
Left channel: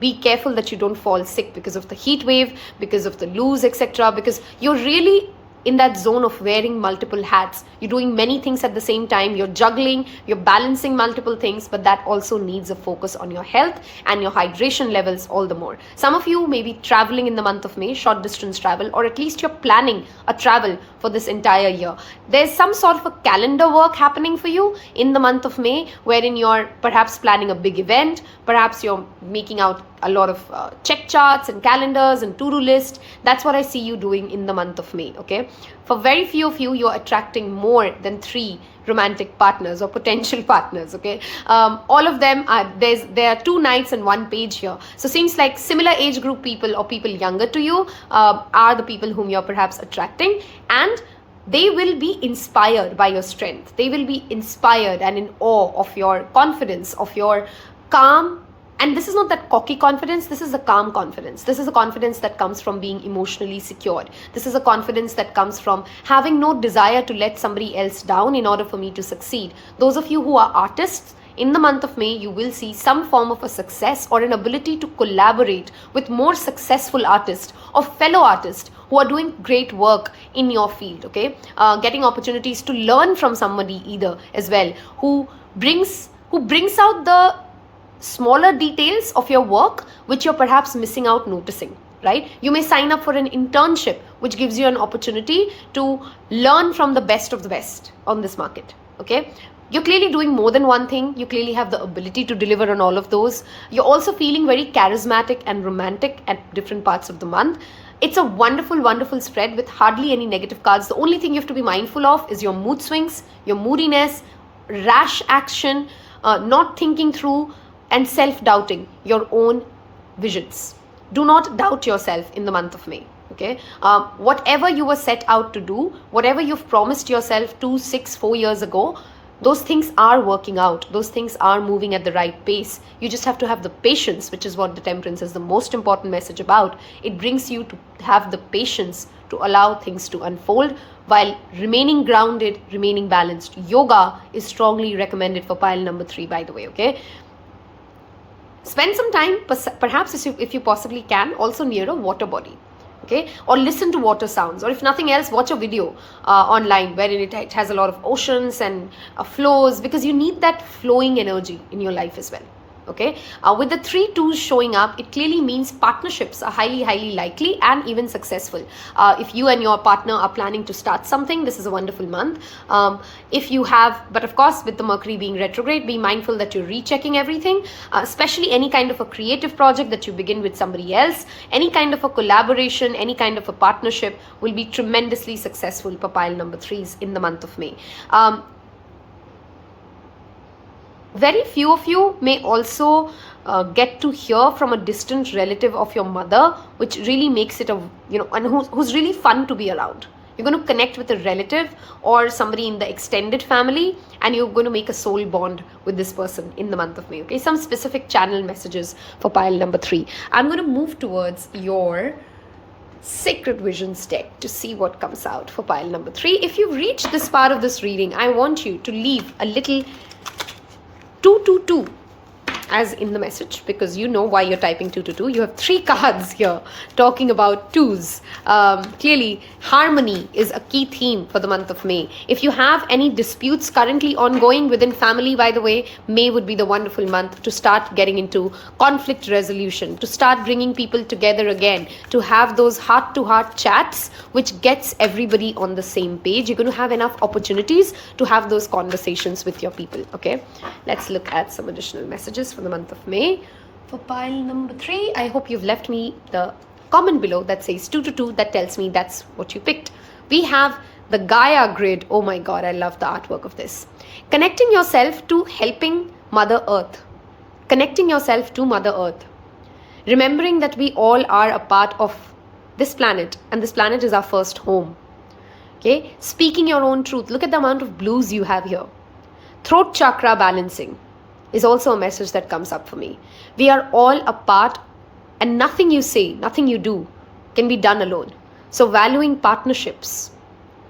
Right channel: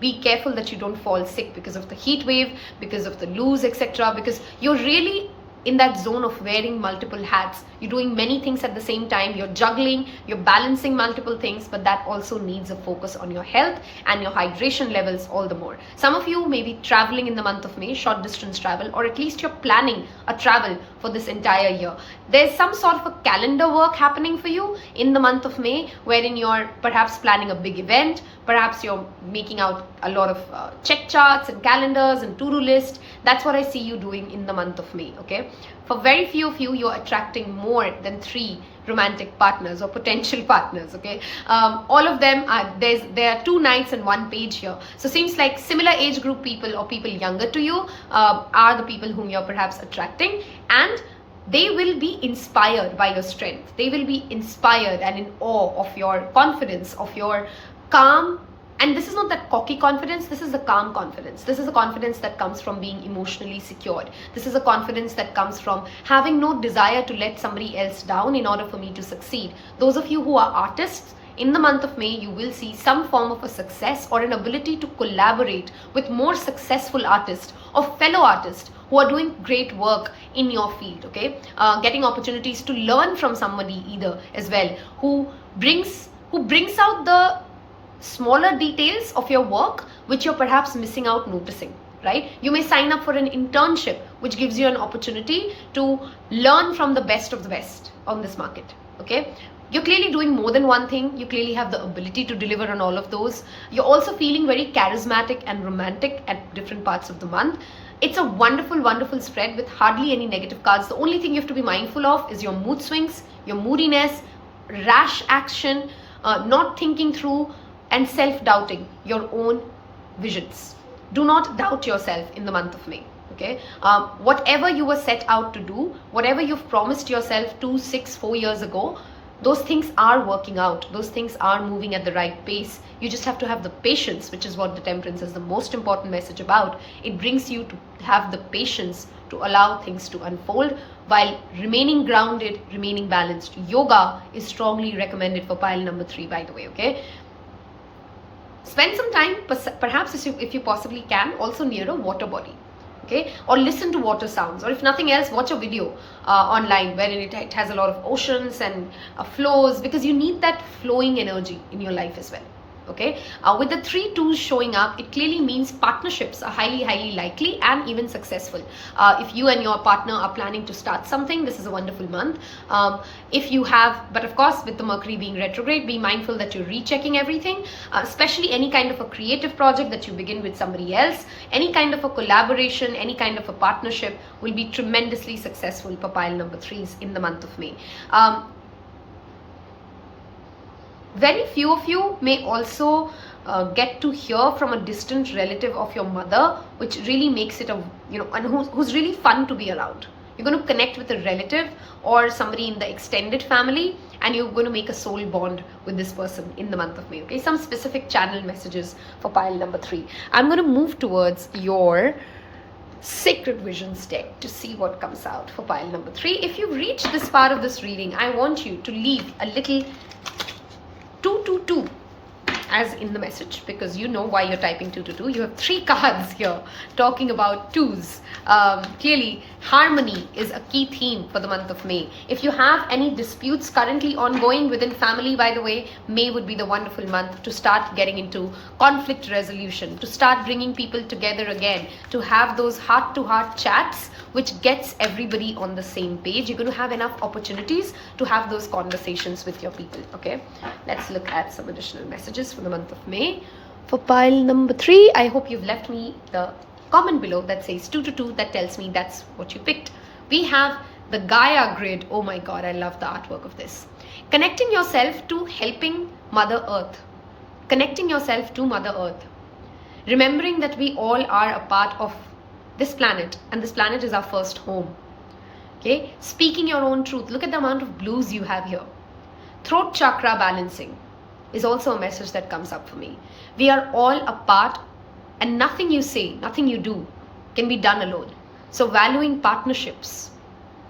be careful that you don't fall sick because of the heat wave, because of the loos, etc. Because you're really in that zone of wearing multiple hats. You're doing many things at the same time. You're juggling, you're balancing multiple things, but that also needs a focus on your health and your hydration levels all the more. Some of you may be traveling in the month of May, short distance travel, or at least you're planning a travel for this entire year. There's some sort of a calendar work happening for you in the month of May, wherein you're perhaps planning a big event, perhaps you're making out a lot of check charts and calendars and to-do list. That's what I see you doing in the month of May, okay? For very few of you, you're attracting more than 3 romantic partners or potential partners, okay? All of them are, there are 2 knights and 1 page here. So seems like similar age group people or people younger to you are the people whom you're perhaps attracting, and they will be inspired by your strength. They will be inspired and in awe of your confidence, of your calm. And this is not that cocky confidence, this is a calm confidence. This is a confidence that comes from being emotionally secured. This is a confidence that comes from having no desire to let somebody else down in order for me to succeed. Those of you who are artists, in the month of May, you will see some form of a success or an ability to collaborate with more successful artists or fellow artists who are doing great work in your field, okay? Getting opportunities to learn from somebody either as well, who brings out the smaller details of your work which you're perhaps missing out noticing, right? You may sign up for an internship which gives you an opportunity to learn from the best of the best on this market, okay? You're clearly doing more than one thing. You clearly have the ability to deliver on all of those. You're also feeling very charismatic and romantic at different parts of the month. It's a wonderful, wonderful spread with hardly any negative cards. The only thing you have to be mindful of is your mood swings, your moodiness, rash action, not thinking through, and self-doubting your own visions. Do not doubt yourself in the month of May, okay? Whatever you were set out to do, whatever you've promised yourself 2, 6, 4 years ago, those things are working out. Those things are moving at the right pace. You just have to have the patience, which is what the Temperance is the most important message about. It brings you to have the patience to allow things to unfold while remaining grounded, remaining balanced. Yoga is strongly recommended for pile number 3, by the way, okay? Spend some time, perhaps if you possibly can, also near a water body, okay? Or listen to water sounds, or if nothing else, watch a video online wherein it has a lot of oceans and flows, because you need that flowing energy in your life as well, okay? With the 3 twos showing up, it clearly means partnerships are highly, highly likely and even successful. If you and your partner are planning to start something, this is a wonderful month. If you have, but of course with the Mercury being retrograde, be mindful that you're rechecking everything, especially any kind of a creative project that you begin with somebody else, any kind of a collaboration, any kind of a partnership will be tremendously successful for pile number 3s in the month of May. Very few of you may also get to hear from a distant relative of your mother, which really makes it and who's really fun to be around. You're going to connect with a relative or somebody in the extended family, and you're going to make a soul bond with this person in the month of May, okay? Some specific channel messages for pile number 3. I'm going to move towards your Sacred Visions deck to see what comes out for pile number 3. If you've reached this part of this reading, I want you to leave a little 222 as in the message, because you know why you're typing 222. You have 3 cards here talking about 2s. Clearly, harmony is a key theme for the month of May. If you have any disputes currently ongoing within family, by the way, May would be the wonderful month to start getting into conflict resolution, to start bringing people together again, to have those heart-to-heart chats, which gets everybody on the same page. You're going to have enough opportunities to have those conversations with your people, okay? Let's look at some additional messages for the month of May. For pile number 3, I hope you've left me the comment below that says 222. That tells me that's what you picked. We have the Gaia grid. Oh my God, I love the artwork of this. Connecting yourself to helping Mother Earth. Connecting yourself to Mother Earth. Remembering that we all are a part of this planet, and this planet is our first home. Okay? Speaking your own truth. Look at the amount of blues you have here. Throat chakra balancing is also a message that comes up for me. We are all a part, and nothing you say, nothing you do can be done alone. So valuing partnerships,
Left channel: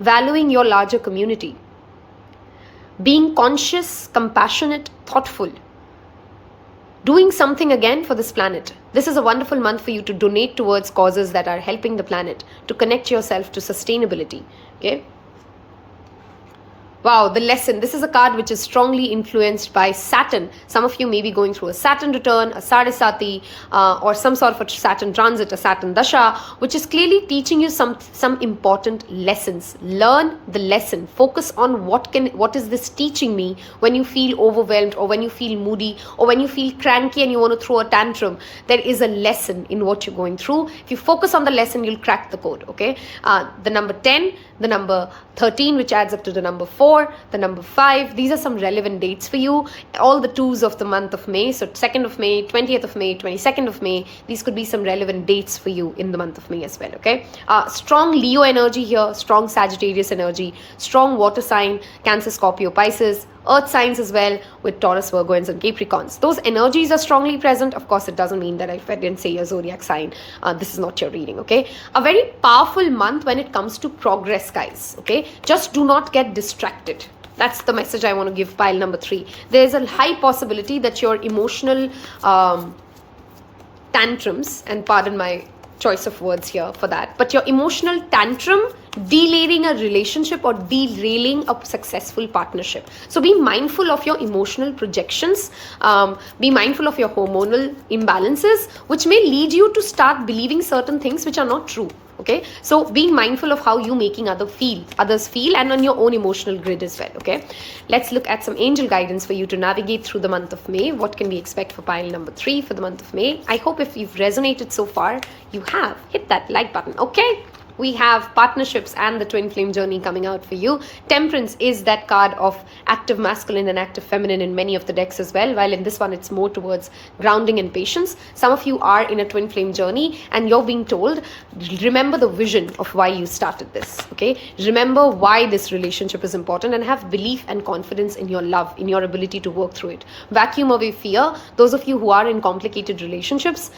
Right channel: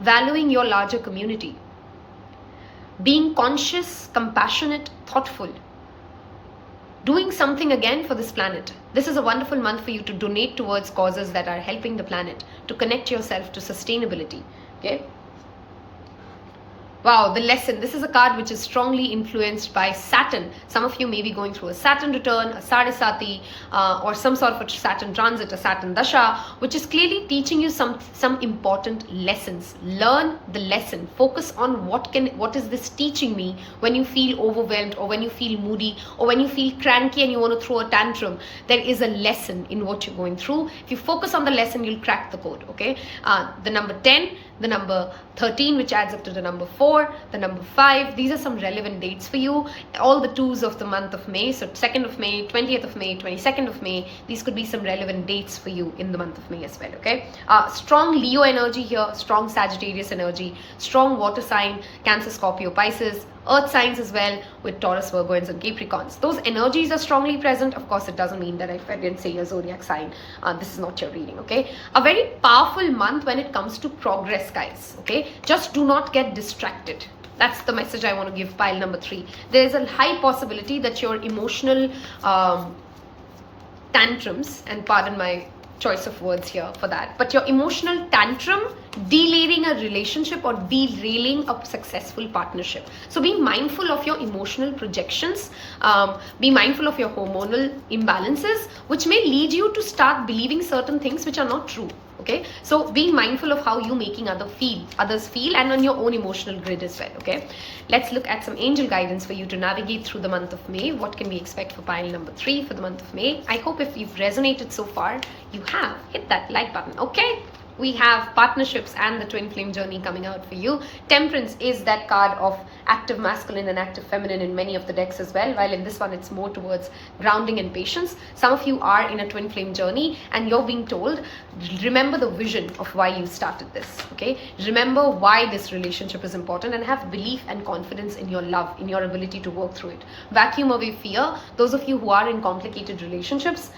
valuing your larger community, being conscious, compassionate, thoughtful, doing something again for this planet. This is a wonderful month for you to donate towards causes that are helping the planet, to connect yourself to sustainability. Okay. Wow, the lesson. This is a card which is strongly influenced by Saturn. Some of you may be going through a Saturn return, a Sadisati, or some sort of a Saturn transit, a Saturn Dasha, which is clearly teaching you some important lessons. Learn the lesson. Focus on what is this teaching me when you feel overwhelmed, or when you feel moody, or when you feel cranky and you want to throw a tantrum. There is a lesson in what you're going through. If you focus on the lesson, you'll crack the code. Okay. The number 10, the number 13, which adds up to the number 4, the number 5. These are some relevant dates for you. All the 2s of the month of May. So 2nd of May, 20th of May, 22nd of May. These could be some relevant dates for you in the month of May as well. Okay. Strong Leo energy here, strong Sagittarius energy, strong water sign, Cancer, Scorpio, Pisces, earth signs as well, with Taurus, Virgo, and some Capricorns. Those energies are strongly present. Of course, it doesn't mean that if I didn't say your zodiac sign, this is not your reading. Okay. A very powerful month when it comes to progress, guys. Okay. Just do not get distracted. That's the message I want to give pile number 3. There's a high possibility that your emotional tantrums, and pardon my choice of words here for that, but your emotional tantrum derailing a relationship or derailing a successful partnership. So be mindful of your emotional projections, be mindful of your hormonal imbalances, which may lead you to start believing certain things which are not true. Okay, so being mindful of how you making others feel, and on your own emotional grid as well. Okay, let's look at some angel guidance for you to navigate through the month of May. What can we expect for pile number 3 for the month of May? I hope if you've resonated so far, you have hit that like button. Okay, we have partnerships and the twin flame journey coming out for you. Temperance is that card of active masculine and active feminine in many of the decks as well, while in this one it's more towards grounding and patience. Some of you are in a twin flame journey and you're being told, remember the vision of why you started this. Okay, remember why this relationship is important, and have belief and confidence in your love, in your ability to work through it. Vacuum away fear. Those of you who are in complicated relationships,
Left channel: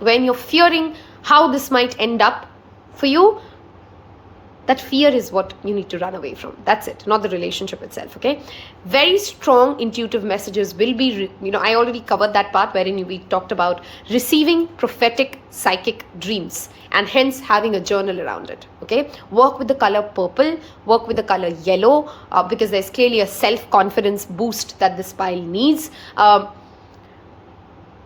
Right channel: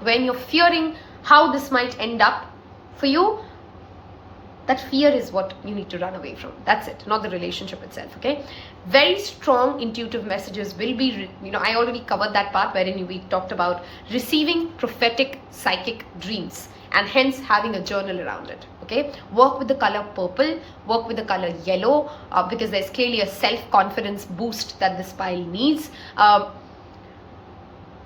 when you're fearing how this might end up for you, that fear is what you need to run away from. That's it, not the relationship itself. Okay, very strong intuitive messages will be, I already covered that part wherein we talked about receiving prophetic psychic dreams, and hence having a journal around it. Okay, work with the color purple, work with the color yellow, because there's clearly a self-confidence boost that this pile needs.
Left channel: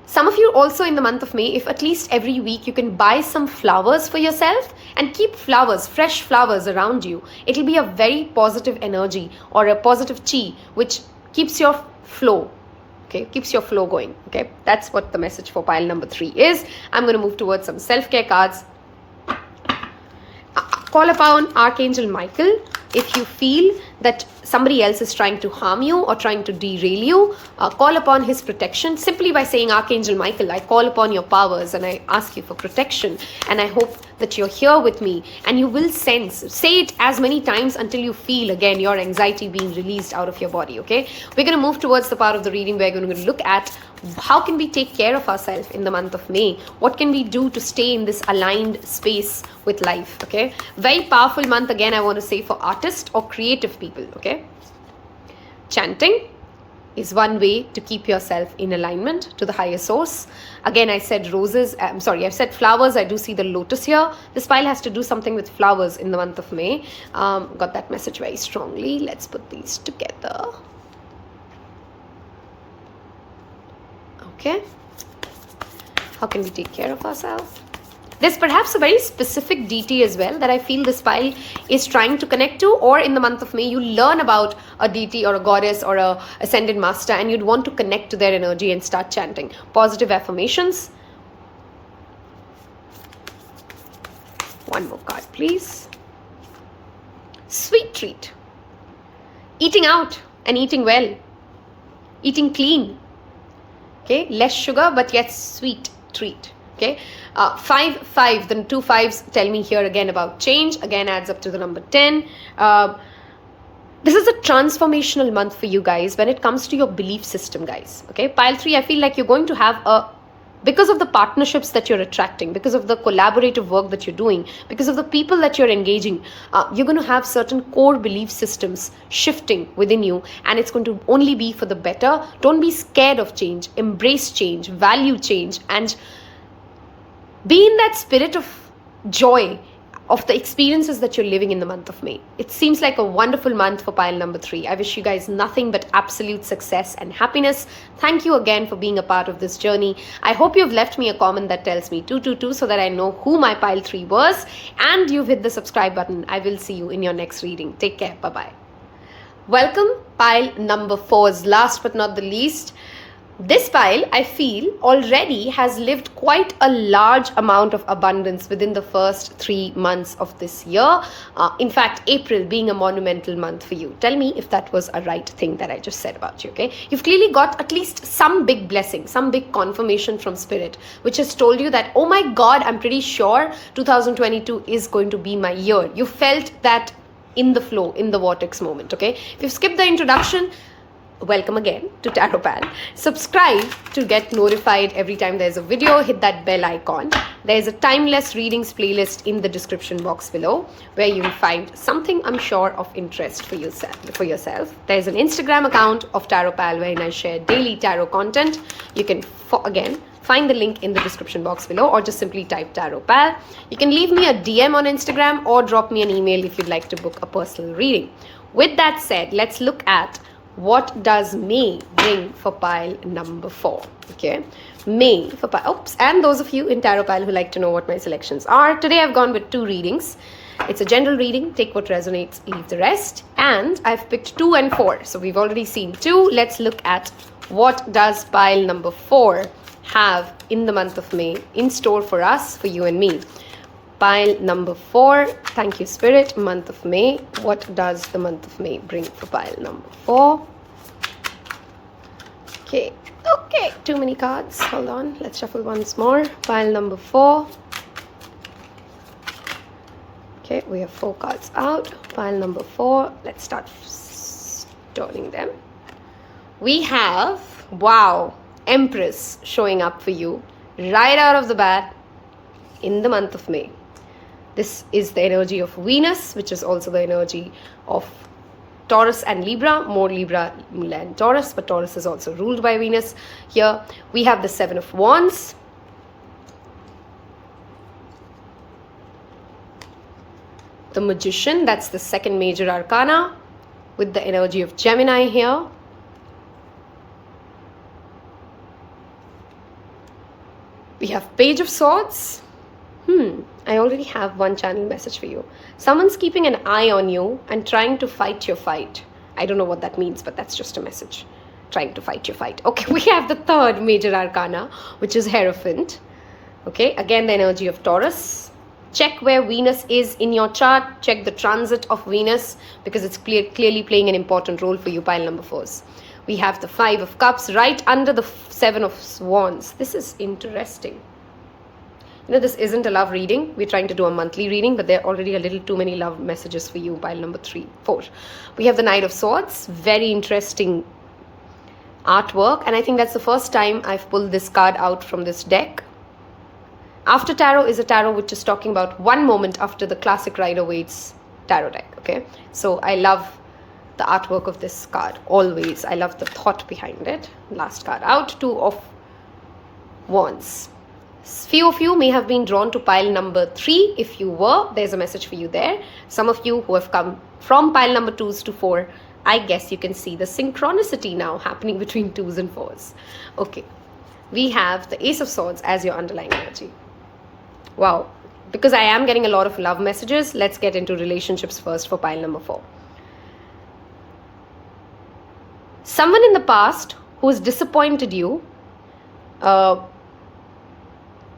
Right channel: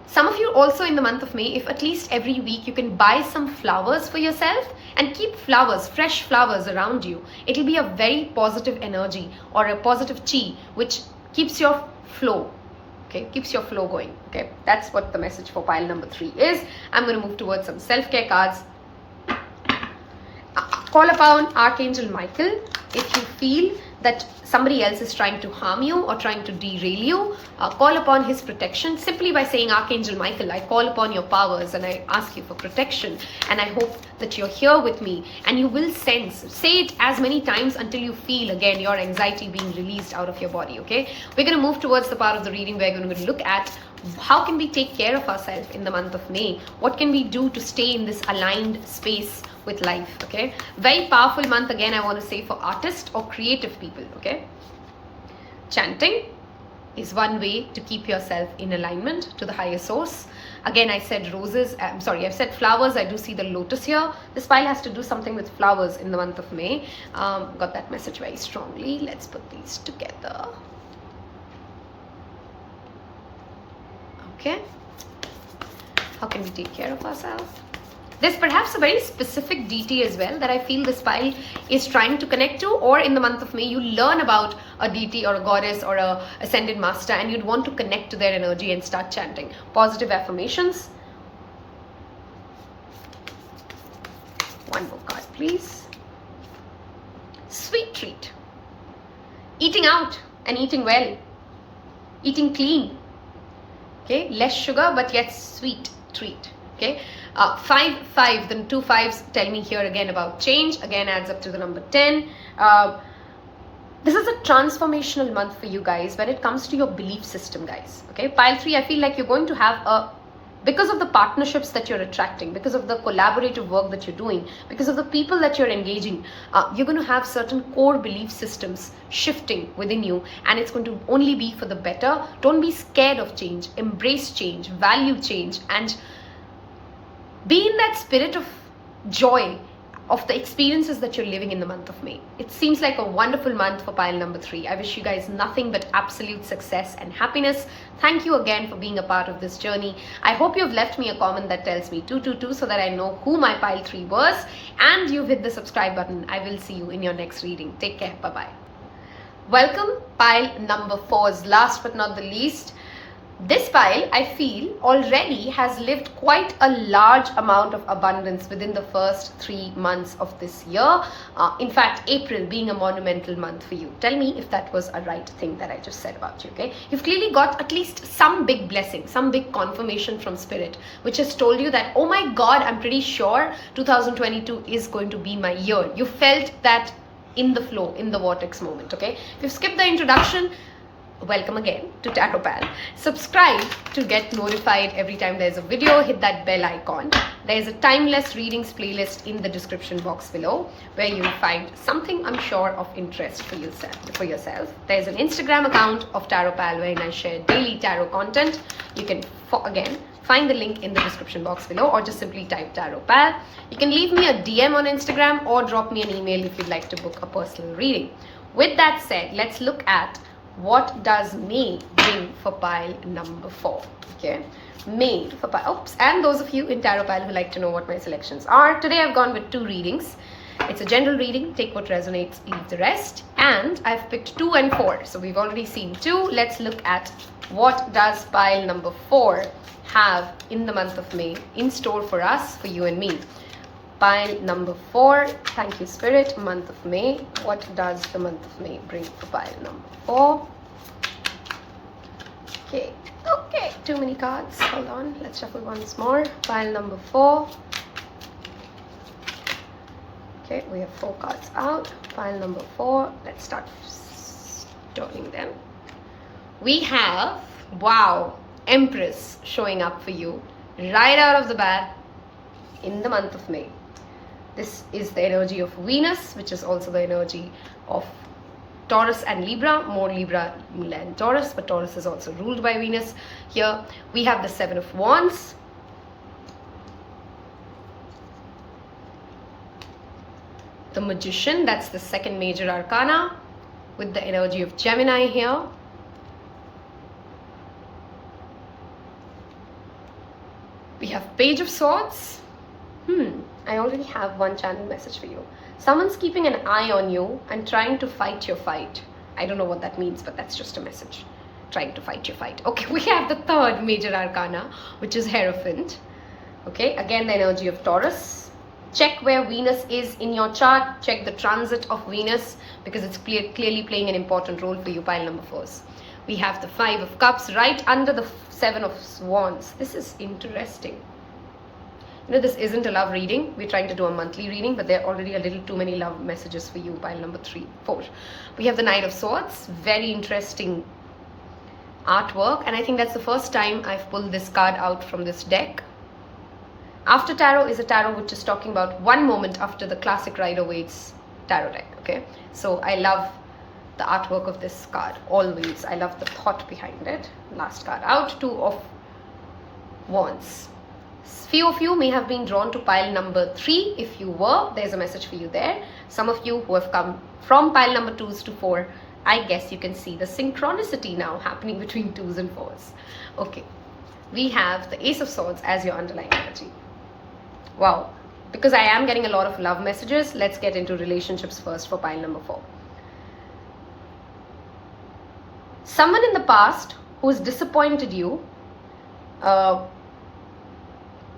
Some of you also in the month of May, if at least every week you can buy some flowers for yourself and keep flowers, fresh flowers around you, it'll be a very positive energy or a positive chi which keeps your flow. Okay, keeps your flow going. Okay, that's what the message for pile number 3 is. I'm going to move towards some self-care cards. Call upon Archangel Michael if you feel that somebody else is trying to harm you or trying to derail you. Call upon his protection simply by saying, Archangel Michael, I call upon your powers and I ask you for protection, and I hope that you're here with me. And you will sense, say it as many times until you feel again your anxiety being released out of your body. Okay, we're going to move towards the part of the reading where we're going to look at how can we take care of ourselves in the month of May. What can we do to stay in this aligned space with life? Okay, very powerful month again, I want to say, for artists or creative people. Okay, chanting is one way to keep yourself in alignment to the higher source. Again, I said roses, I said flowers. I do see the lotus here. This pile has to do something with flowers in the month of May. Got that message very strongly. Let's put these together. Okay, how can we take care of ourselves? There's perhaps a very specific deity as well that I feel this pile is trying to connect to, or in the month of May you learn about a deity or a goddess or a ascended master and you'd want to connect to their energy and start chanting positive affirmations. One more card, please. Sweet treat. Eating out and eating well. Eating clean. Okay, less sugar but yet sweet treat. Okay, 5, the 2 5s tell me here again about change. Again, adds up to the number 10. This is a transformational month for you guys when it comes to your belief system, guys. Okay, pile 3, I feel like you're going to have because of the partnerships that you're attracting, because of the collaborative work that you're doing, because of the people that you're engaging, you're going to have certain core belief systems shifting within you, and it's going to only be for the better. Don't be scared of change. Embrace change, value change, and Be in that spirit of joy of the experiences that you're living in the month of May. It seems like a wonderful month for pile number 3. I wish you guys nothing but absolute success and happiness. Thank you again for being a part of this journey. I hope you've left me a comment that tells me 222 so that I know who my pile 3 was, and you've hit the subscribe button. I will see you in your next reading. Take care. Bye-bye. Welcome, pile number 4's last but not the least. This pile, I feel, already has lived quite a large amount of abundance within the first 3 months of this year. In fact, April being a monumental month for you. Tell me if that was a right thing that I just said about you, okay? You've clearly got at least some big blessing, some big confirmation from Spirit, which has told you that, oh my God, I'm pretty sure 2022 is going to be my year. You felt that in the flow, in the vortex moment, okay? If you've skipped the introduction, welcome again to Taropal. Subscribe to get notified every time there's a video. Hit that bell icon. There's a timeless readings playlist in the description box below where you'll find something I'm sure of interest for yourself. There's an Instagram account of Taropal wherein I share daily tarot content. You can again find the link in the description box below, or just simply type Taropal. You can leave me a DM on Instagram or drop me an email if you'd like to book a personal reading. With that said, let's look at what does May bring for pile number 4, okay? May for pile, and those of you in Taropal who like to know what my selections are, today I've gone with 2 readings. It's a general reading, take what resonates, leave the rest, and I've picked 2 and 4. So we've already seen 2. Let's look at what does pile number 4 have in the month of May in store for us, for you and me. Pile number 4, thank you Spirit, month of May. What does the month of May bring for pile number 4? Okay, too many cards. Hold on, let's shuffle once more. Pile number 4. Okay, we have 4 cards out. Pile number 4, let's start turning them. We have, wow, Empress showing up for you right out of the bat in the month of May. This is the energy of Venus, which is also the energy of Taurus and Libra, more Libra than Taurus, but Taurus is also ruled by Venus. Here we have the 7 of Wands. The Magician, that's the second major arcana, with the energy of Gemini here. We have Page of Swords. I already have one channeling message for you. Someone's keeping an eye on you and trying to fight your fight. I don't know what that means, but that's just a message. Trying to fight your fight. Okay, we have the third major arcana, which is Hierophant. Okay, again the energy of Taurus. Check where Venus is in your chart. Check the transit of Venus, because it's clearly playing an important role for you, pile number 4s. We have the 5 of Cups right under the 7 of Wands. This is interesting. You know, this isn't a love reading. We're trying to do a monthly reading, but there are already a little too many love messages for you, pile number 4. We have the Knight of Swords. Very interesting artwork, and I think that's the first time I've pulled this card out from this deck. After Tarot is a tarot which is talking about one moment after the classic Rider-Waite's tarot deck, okay? So I love the artwork of this card, always. I love the thought behind it. Last card out, 2 of Wands. Few of you may have been drawn to pile number 3. If you were, there's a message for you there. Some of you who have come from pile number 2s to 4, I guess you can see the synchronicity now happening between 2s and 4s. Okay, we have the Ace of Swords as your underlying energy. Wow, because I am getting a lot of love messages, let's get into relationships first for pile number 4. Someone in the past who has disappointed you,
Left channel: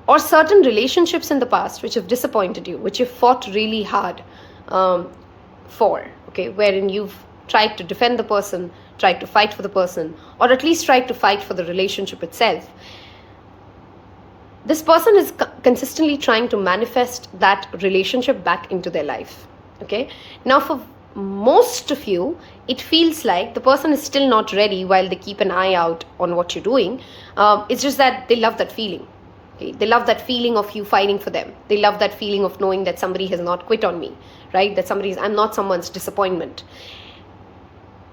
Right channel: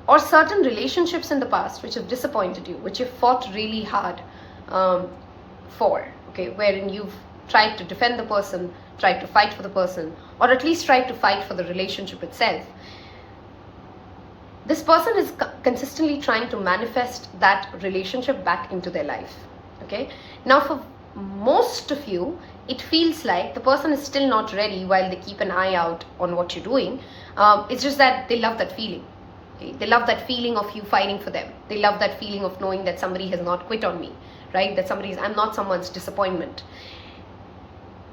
or certain relationships in the past which have disappointed you, which you've fought really hard for, okay, wherein you've tried to defend the person, tried to fight for the person, or at least tried to fight for the relationship itself. This person is consistently trying to manifest that relationship back into their life, okay? Now, for most of you, it feels like the person is still not ready while they keep an eye out on what you're doing. It's just that they love that feeling. They love that feeling of you fighting for them. They love that feeling of knowing that somebody has not quit on me, right? That I'm not someone's disappointment.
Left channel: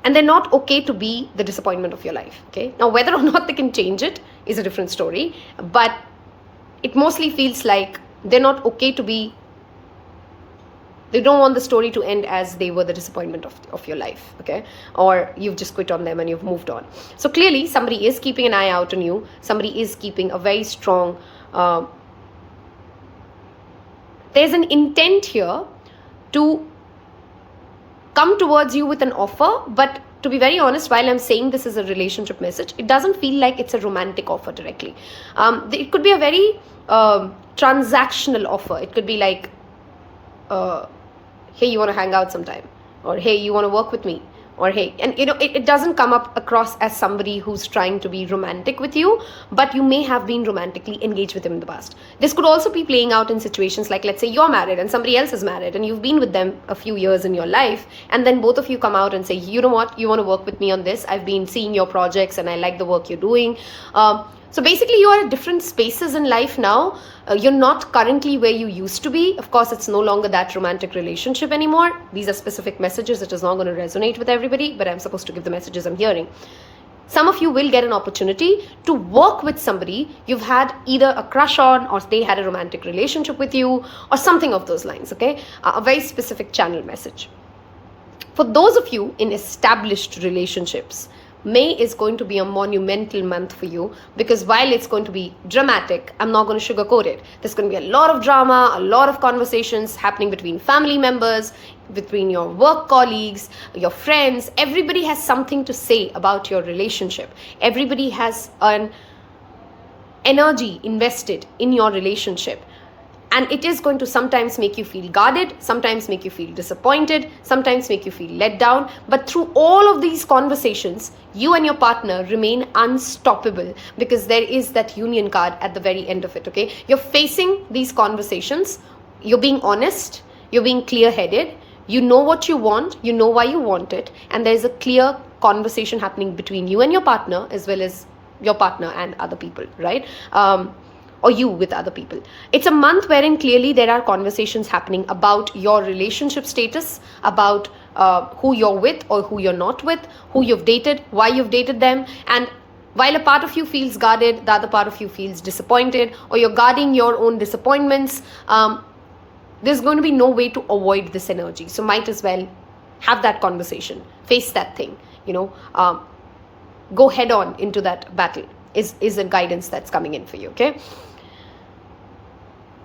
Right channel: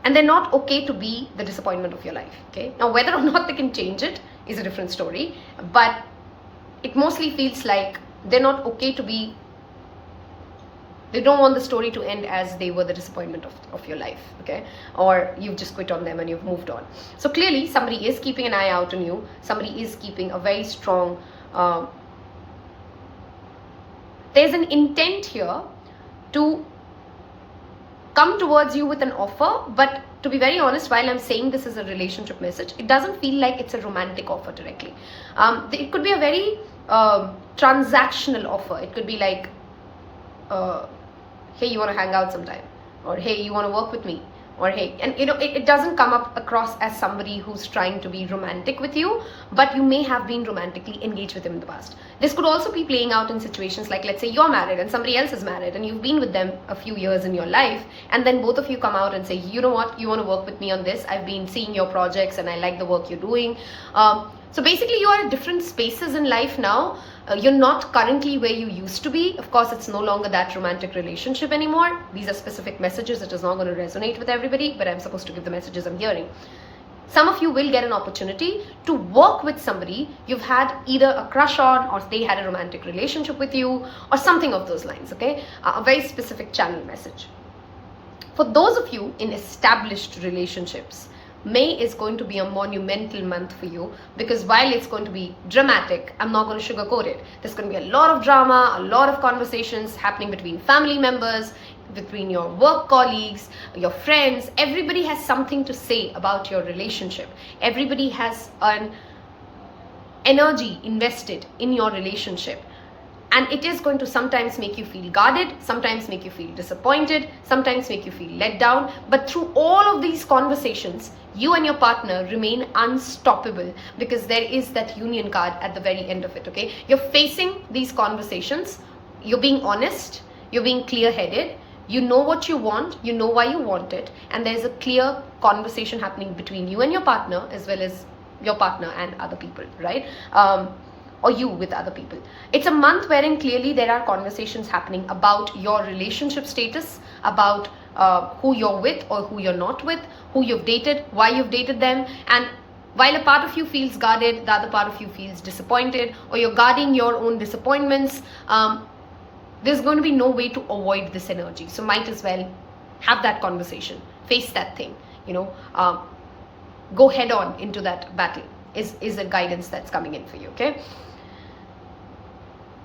And they're not okay to be the disappointment of your life, okay? Now, whether or not they can change it is a different story. But it mostly feels like they're not okay to be, they don't want the story to end as they were the disappointment of your life, okay? Or you've just quit on them and you've moved on. So clearly somebody is keeping an eye out on you. Somebody is keeping a very strong, there's an intent here to come towards you with an offer, but to be very honest, while I'm saying this is a relationship message, it doesn't feel like it's a romantic offer directly. It could be a very transactional offer. It could be like, hey, you want to hang out sometime, or hey, you want to work with me, or hey, and you know, it doesn't come up across as somebody who's trying to be romantic with you, but you may have been romantically engaged with them in the past. This could also be playing out in situations like, let's say you're married and somebody else is married and you've been with them a few years in your life, and then both of you come out and say, you know what, you want to work with me on this, I've been seeing your projects and I like the work you're doing. So basically you are at different spaces in life now. You're not currently where you used to be. Of course, it's no longer that romantic relationship anymore. These are specific messages. It is not going to resonate with everybody, but I'm supposed to give the messages I'm hearing. Some of you will get an opportunity to work with somebody you've had either a crush on, or they had a romantic relationship with you, or something of those lines, okay? A very specific channel message. For those of you in established relationships, May is going to be a monumental month for you, because while it's going to be dramatic, I'm not going to sugarcoat it. There's going to be a lot of drama, a lot of conversations happening between family members, between your work colleagues, your friends. Everybody has something to say about your relationship. Everybody has an energy invested in your relationship. And it is going to sometimes make you feel guarded, sometimes make you feel disappointed, sometimes make you feel let down. But through all of these conversations, you and your partner remain unstoppable, because there is that union card at the very end of it, okay? You're facing these conversations, you're being honest, you're being clear-headed, you know what you want, you know why you want it, and there's a clear conversation happening between you and your partner, as well as your partner and other people, right? Or you with other people. It's a month wherein clearly there are conversations happening about your relationship status, about who you're with or who you're not with, who you've dated, why you've dated them. And while a part of you feels guarded, the other part of you feels disappointed, or you're guarding your own disappointments, there's going to be no way to avoid this energy. So might as well have that conversation, face that thing, you know, go head on into that battle is a guidance that's coming in for you, okay?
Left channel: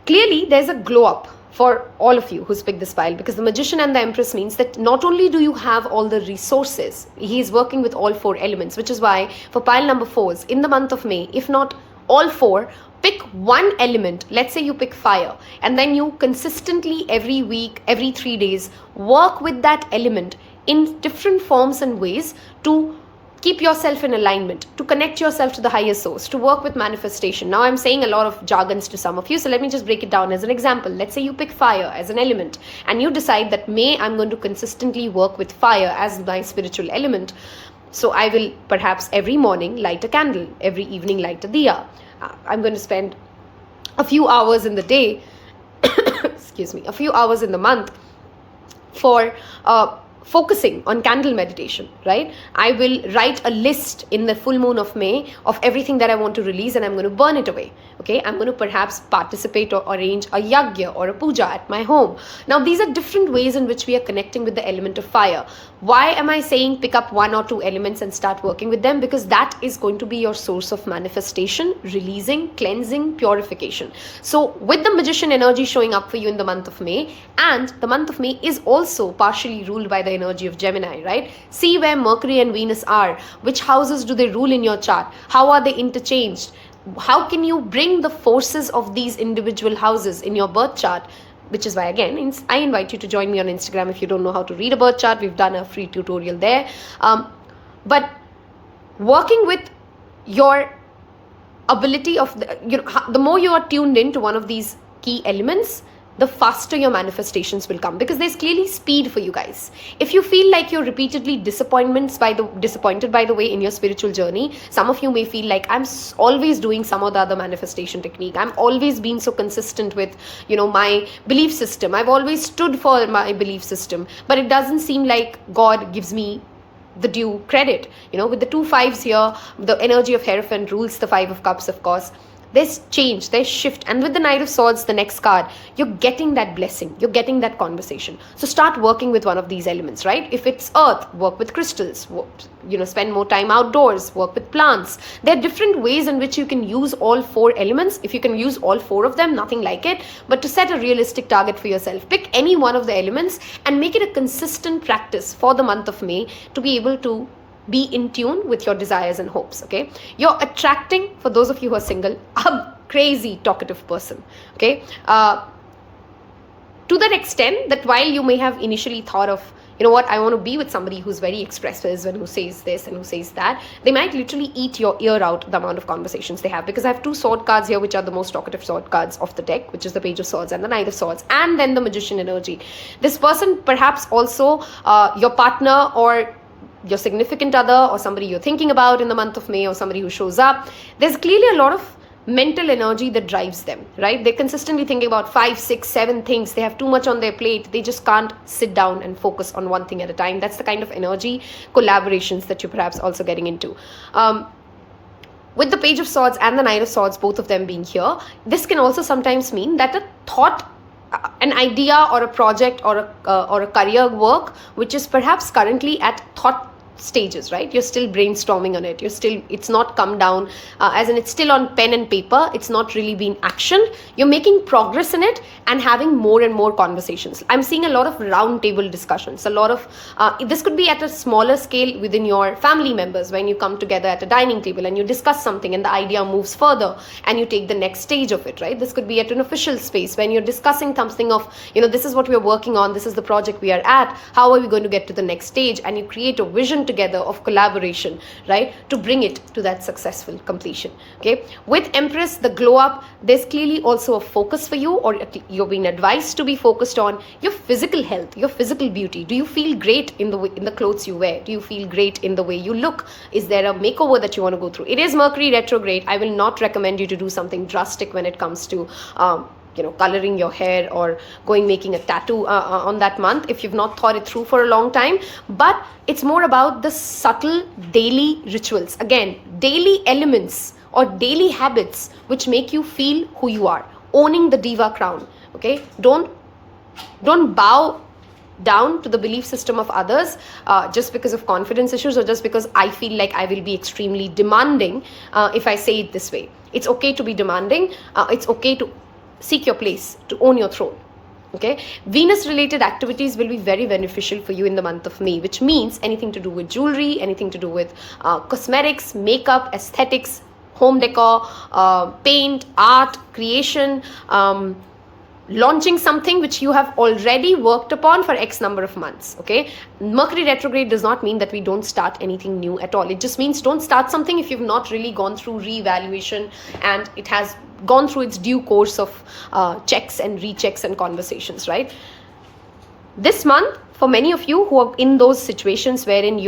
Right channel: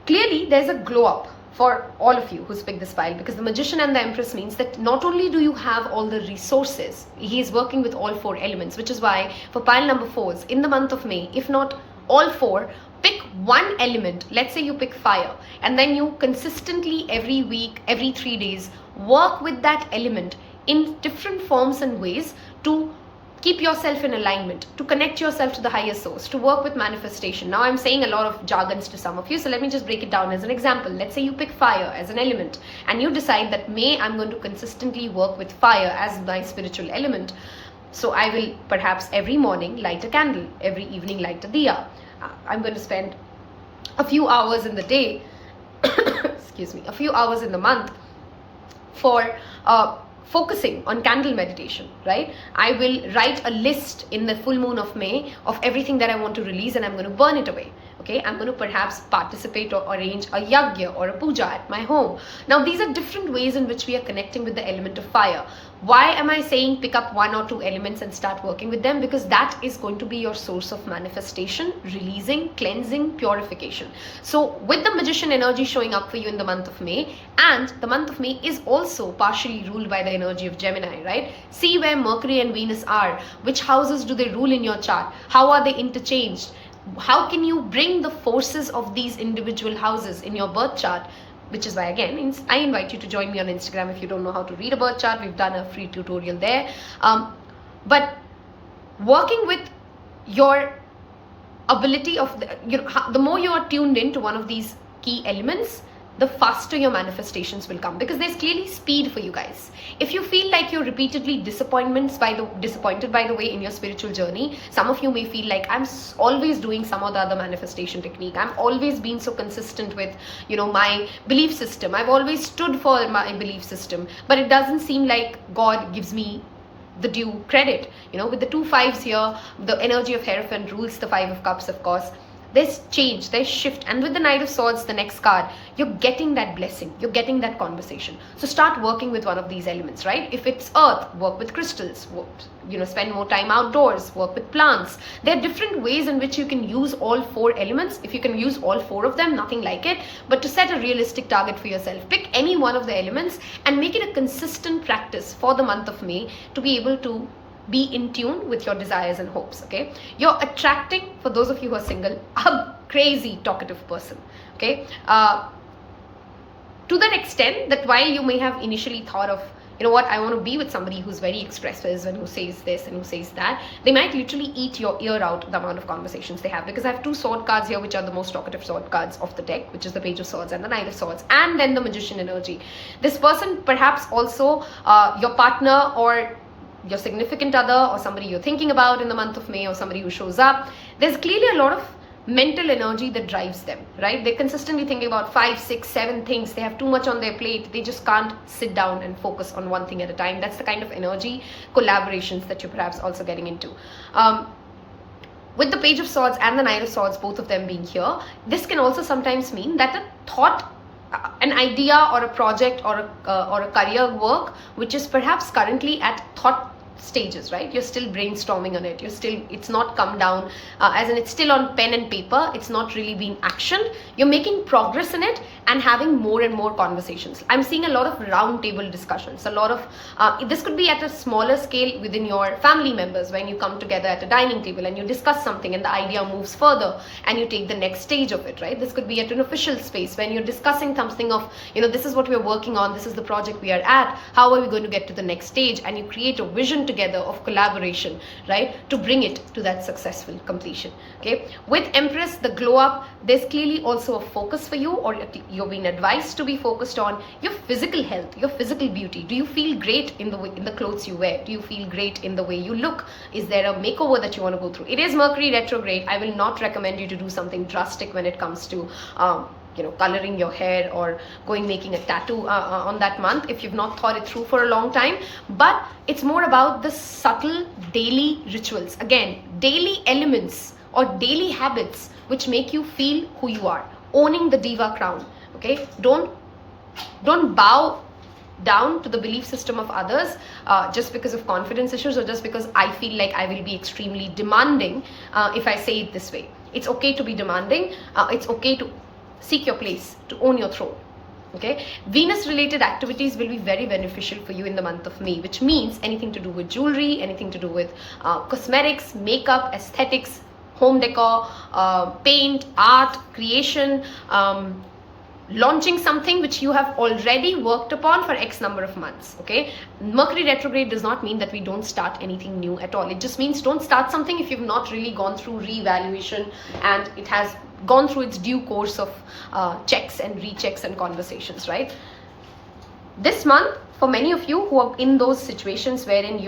Clearly, there's a glow up for all of you who's picked this pile, because the Magician and the Empress means that not only do you have all the resources, he is working with all four elements, which is why for pile number 4s, in the month of May, if not all four, pick one element. Let's say you pick fire, and then you consistently every week, every 3 days, work with that element in different forms and ways to keep yourself in alignment, to connect yourself to the higher source, to work with manifestation. Now I'm saying a lot of jargons to some of you, so let me just break it down as an example. Let's say you pick fire as an element, and you decide that May I'm going to consistently work with fire as my spiritual element. So I will perhaps every morning light a candle, every evening light a diya. I'm going to spend a few hours in the day, excuse me, a few hours in the month for focusing on candle meditation, right? I will write a list in the full moon of May of everything that I want to release, and I'm going to burn it away, okay? I'm going to perhaps participate or arrange a yagya or a puja at my home. Now, these are different ways in which we are connecting with the element of fire. Why am I saying pick up 1 or 2 elements and start working with them? Because that is going to be your source of manifestation, releasing, cleansing, purification. So with the Magician energy showing up for you in the month of May, and the month of May is also partially ruled by the energy of Gemini, right? See where Mercury and Venus are. Which houses do they rule in your chart? How are they interchanged? How can you bring the forces of these individual houses in your birth chart? Which is why, again, I invite you to join me on Instagram if you don't know how to read a birth chart. We've done a free tutorial there. But working with your ability of, the more you are tuned into one of these key elements, the faster your manifestations will come, because there's clearly speed for you guys. If you feel like you're repeatedly disappointed by the way in your spiritual journey, some of you may feel like I'm always doing some or the other manifestation technique. I'm always been so consistent with, my belief system. I've always stood for my belief system, but it doesn't seem like God gives me the due credit. With the 2 5s here, the energy of Hierophant rules the 5 of Cups, of course. There's change, there's shift. And with the Knight of Swords, the next card, you're getting that blessing, you're getting that conversation. So start working with one of these elements, right? If it's earth, work with crystals, spend more time outdoors, work with plants. There are different ways in which you can use all 4 elements. If you can use all 4 of them, nothing like it. But to set a realistic target for yourself, pick any one of the elements and make it a consistent practice for the month of May to be able to be in tune with your desires and hopes, okay? You're attracting, for those of you who are single, a crazy talkative person, okay? To that extent that while you may have initially thought of, you know what, I want to be with somebody who's very expressive and who says this and who says that, they might literally eat your ear out the amount of conversations they have. Because I have 2 sword cards here, which are the most talkative sword cards of the deck, which is the Page of Swords and the Knight of Swords, and then the Magician energy. This person, perhaps also your partner or your significant other or somebody you're thinking about in the month of May, or somebody who shows up, there's clearly a lot of mental energy that drives them, right? They're consistently thinking about 5, 6, 7 things. They have too much on their plate. They just can't sit down and focus on one thing at a time. That's the kind of energy collaborations that you're perhaps also getting into. With the Page of Swords and the Knight of Swords, both of them being here, this can also sometimes mean that a thought, an idea or a project or a career work which is perhaps currently at thought stages, right? You're still brainstorming on it. It's not come down, as in it's still on pen and paper. It's not really been actioned. You're making progress in it and having more and more conversations. I'm seeing a lot of round table discussions, a lot of, this could be at a smaller scale within your family members when you come together at a dining table and you discuss something and the idea moves further and you take the next stage of it, right? This could be at an official space when you're discussing something of, this is what we're working on, this is the project we are at, how are we going to get to the next stage, and you create a vision together of collaboration, right, to bring it to that successful completion. Okay, with Empress, the glow up, there's clearly also a focus for you, or you're being advised to be focused on your physical health, your physical beauty. Do you feel great in the clothes you wear? Do you feel great in the way you look? Is there a makeover that you want to go through? It is Mercury retrograde. I will not recommend you to do something drastic when it comes to coloring your hair or making a tattoo on that month if you've not thought it through for a long time. But it's more about the subtle daily rituals, again, daily elements or daily habits which make you feel who you are, owning the diva crown. Okay, don't bow down to the belief system of others just because of confidence issues, or just because I feel like I will be extremely demanding if I say it this way. It's okay to be demanding. It's okay to seek your place, to own your throne. Okay, Venus related activities will be very beneficial for you in the month of May, which means anything to do with jewelry, anything to do with cosmetics, makeup, aesthetics, home decor, paint, art, creation, launching something which you have already worked upon for X number of months. Okay, Mercury retrograde does not mean that we don't start anything new at all. It just means don't start something if you've not really gone through reevaluation and it has gone through its due course of checks and rechecks and conversations, right? This month, for many of you who are in those situations wherein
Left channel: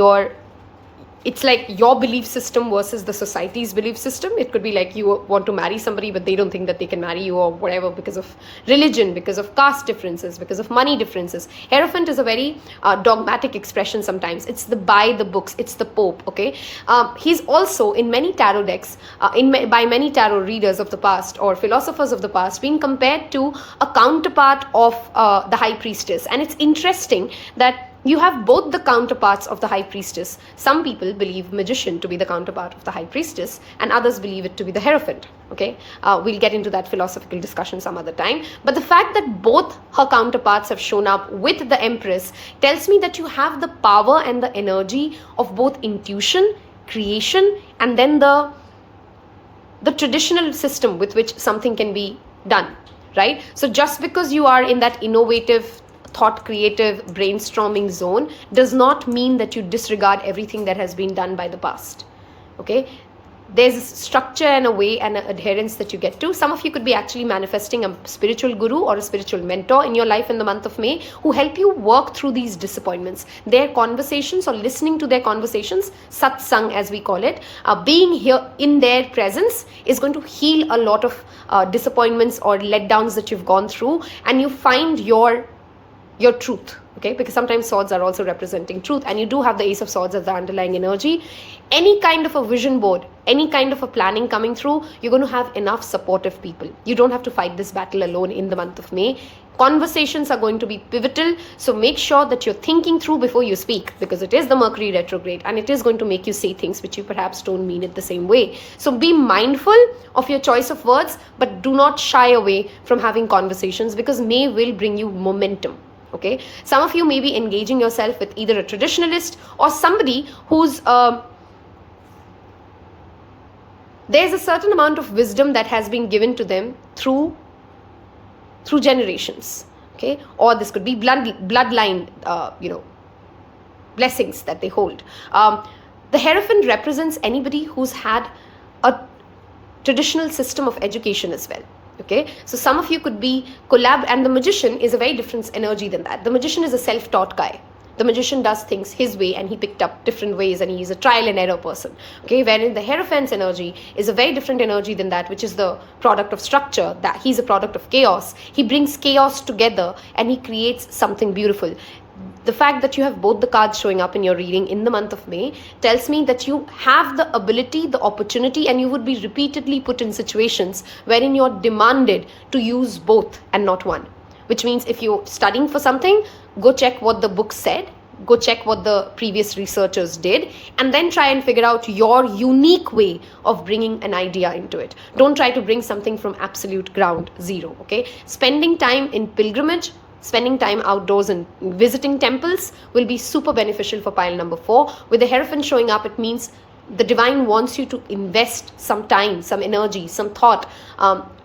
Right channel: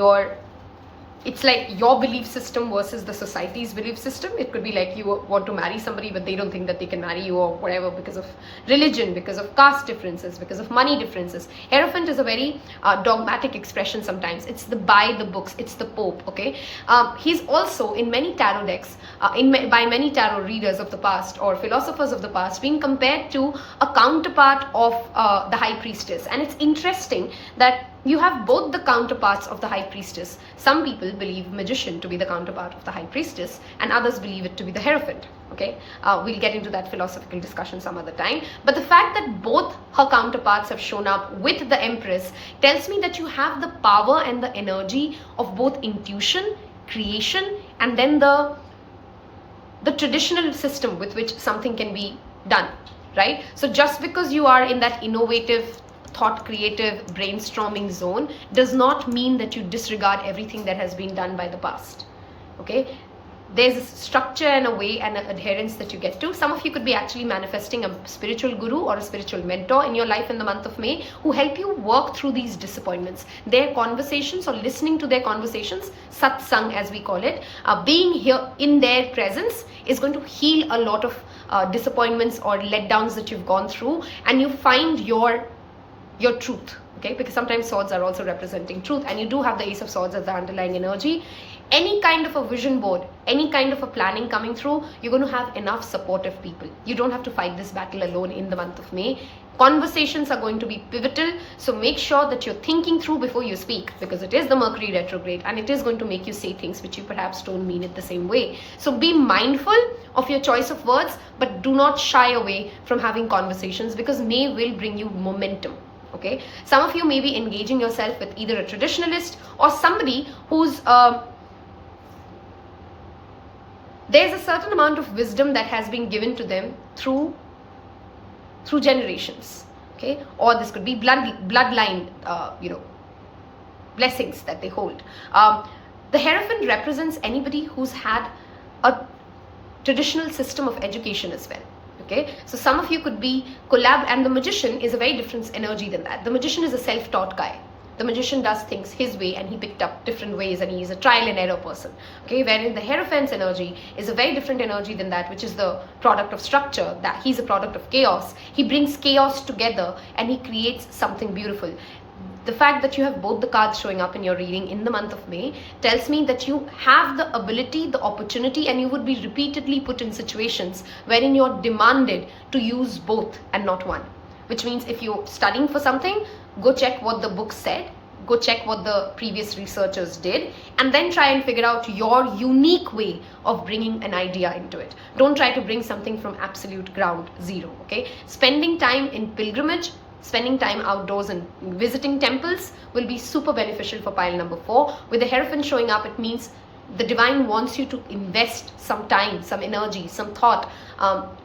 it's like your belief system versus the society's belief system. It could be like you want to marry somebody, but they don't think that they can marry you or whatever because of religion, because of caste differences, because of money differences. Hierophant is a very dogmatic expression sometimes. It's the by the books. It's the Pope, okay? He's also, in many tarot decks, by many tarot readers of the past or philosophers of the past, being compared to a counterpart of the High Priestess. And it's interesting that you have both the counterparts of the High Priestess. Some people believe Magician to be the counterpart of the High Priestess, and others believe it to be the Hierophant. Okay, we'll get into that philosophical discussion some other time. But the fact that both her counterparts have shown up with the Empress tells me that you have the power and the energy of both intuition, creation, and then the traditional system with which something can be done, right? So just because you are in that innovative, thought creative brainstorming zone does not mean that you disregard everything that has been done by the past. Okay, there's a structure and a way and an adherence that you get to. Some of you could be actually manifesting a spiritual guru or a spiritual mentor in your life in the month of May who help you work through these disappointments. Their conversations or listening to their conversations, satsang as we call it, being here in their presence is going to heal a lot of disappointments or letdowns that you've gone through, and you find your truth. Okay, because sometimes swords are also representing truth, and you do have the Ace of Swords as the underlying energy. any kind of a vision board, any kind of a planning coming through, you're going to have enough supportive people. You don't have to fight this battle alone in the month of May. Conversations are going to be pivotal, so make sure that you're thinking through before you speak, because it is the Mercury retrograde and it is going to make you say things which you perhaps don't mean it the same way. So be mindful of your choice of words, but do not shy away from having conversations, because May will bring you momentum. Okay, some of you may be engaging yourself with either a traditionalist or somebody who's there's a certain amount of wisdom that has been given to them through generations. Okay, or this could be bloodline blessings that they hold. The Hierophant represents anybody who's had a traditional system of education as well. Okay, so some of you could be and the Magician is a very different energy than that. The Magician is a self-taught guy. The Magician does things his way and he picked up different ways and he's a trial and error person. Okay, wherein the Hierophant's energy is a very different energy than that, which is the product of structure, that he's a product of chaos. He brings chaos together and he creates something beautiful. The fact that you have both the cards showing up in your reading in the month of May tells me that you have the ability, the opportunity, and you would be repeatedly put in situations wherein you're demanded to use both and not one. Which means if you're studying for something, go check what the book said, go check what the previous researchers did, and then try and figure out your unique way of bringing an idea into it. Don't try to bring something from absolute ground zero, okay? Spending time in pilgrimage, spending time outdoors and visiting temples will be super beneficial for pile number 4. With the Hierophant showing up, it means the divine wants you to invest some time, some energy, some thought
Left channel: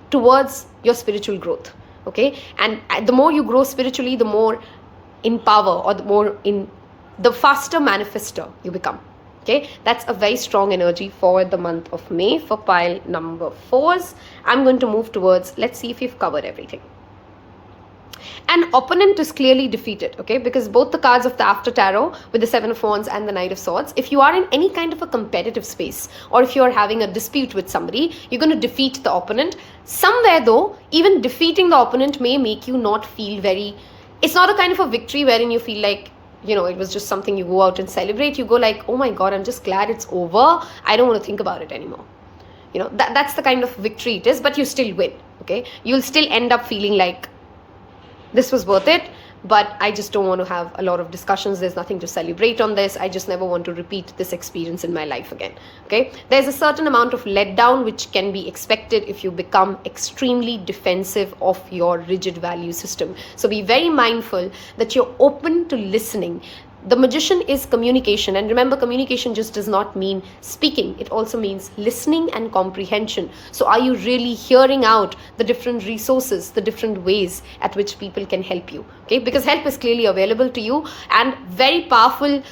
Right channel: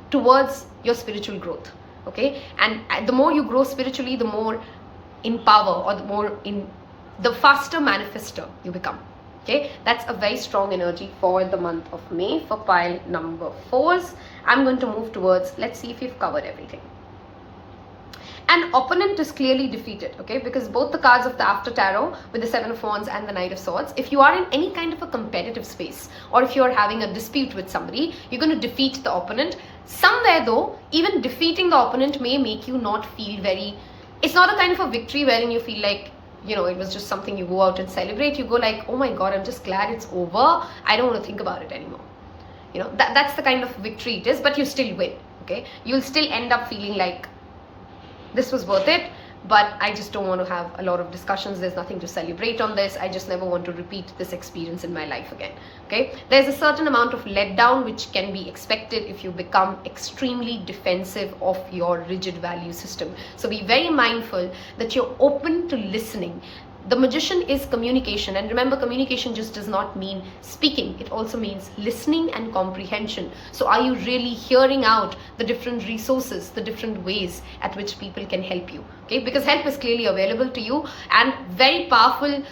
towards your spiritual growth. Okay, and the more you grow spiritually, the more in power, or the faster manifester you become. Okay, that's a very strong energy for the month of May for pile number 4s. I'm going to move towards, let's see if we've covered everything. An opponent is clearly defeated, okay, because both the cards of the After Tarot with the Seven of Wands and the Knight of Swords, if you are in any kind of a competitive space or if you're having a dispute with somebody, you're going to defeat the opponent. Somewhere though, even defeating the opponent may make you not feel it's not a kind of a victory wherein you feel like, it was just something you go out and celebrate. You go like, oh my God, I'm just glad it's over. I don't want to think about it anymore. That's the kind of victory it is, but you still win, okay? You'll still end up feeling like, this was worth it, but I just don't want to have a lot of discussions. There's nothing to celebrate on this. I just never want to repeat this experience in my life again. Okay, there's a certain amount of letdown which can be expected if you become extremely defensive of your rigid value system. So be very mindful that you're open to listening. The Magician is communication, and remember, communication just does not mean speaking. It also means listening and comprehension. So are you really hearing out the different resources, the different ways at which people can help you? Okay, because help is clearly available to you, and very powerful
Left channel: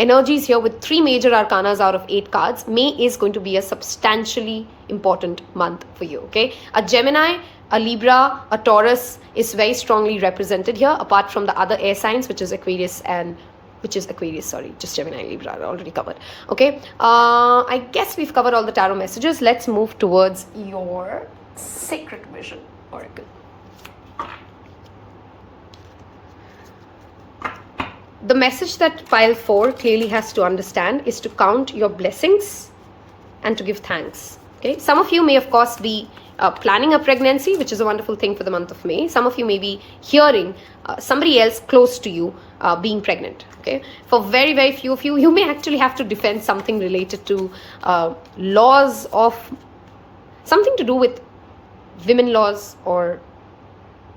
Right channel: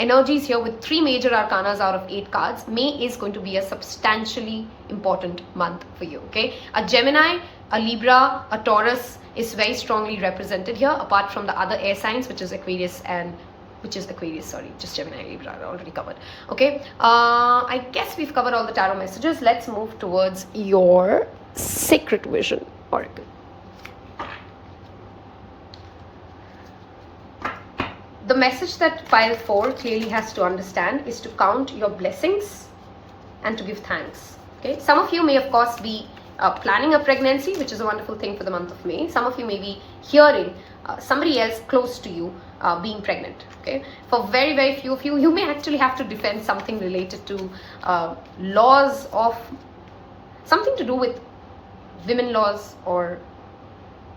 energies here with 3 major arcanas out of 8 cards. May is going to be a substantially important month for you. Okay, a Gemini, a Libra, a Taurus is very strongly represented here, apart from the other air signs, which is Aquarius, just Gemini, Libra are already covered. Okay, I guess we've covered all the tarot messages. Let's move towards your Sacred Vision Oracle. The message that pile 4 clearly has to understand is to count your blessings and to give thanks. Okay, some of you may of course be planning a pregnancy, which is a wonderful thing for the month of May. Some of you may be hearing somebody else close to you being pregnant. Okay, for very, very few of you, you may actually have to defend something related to laws of something to do with women laws or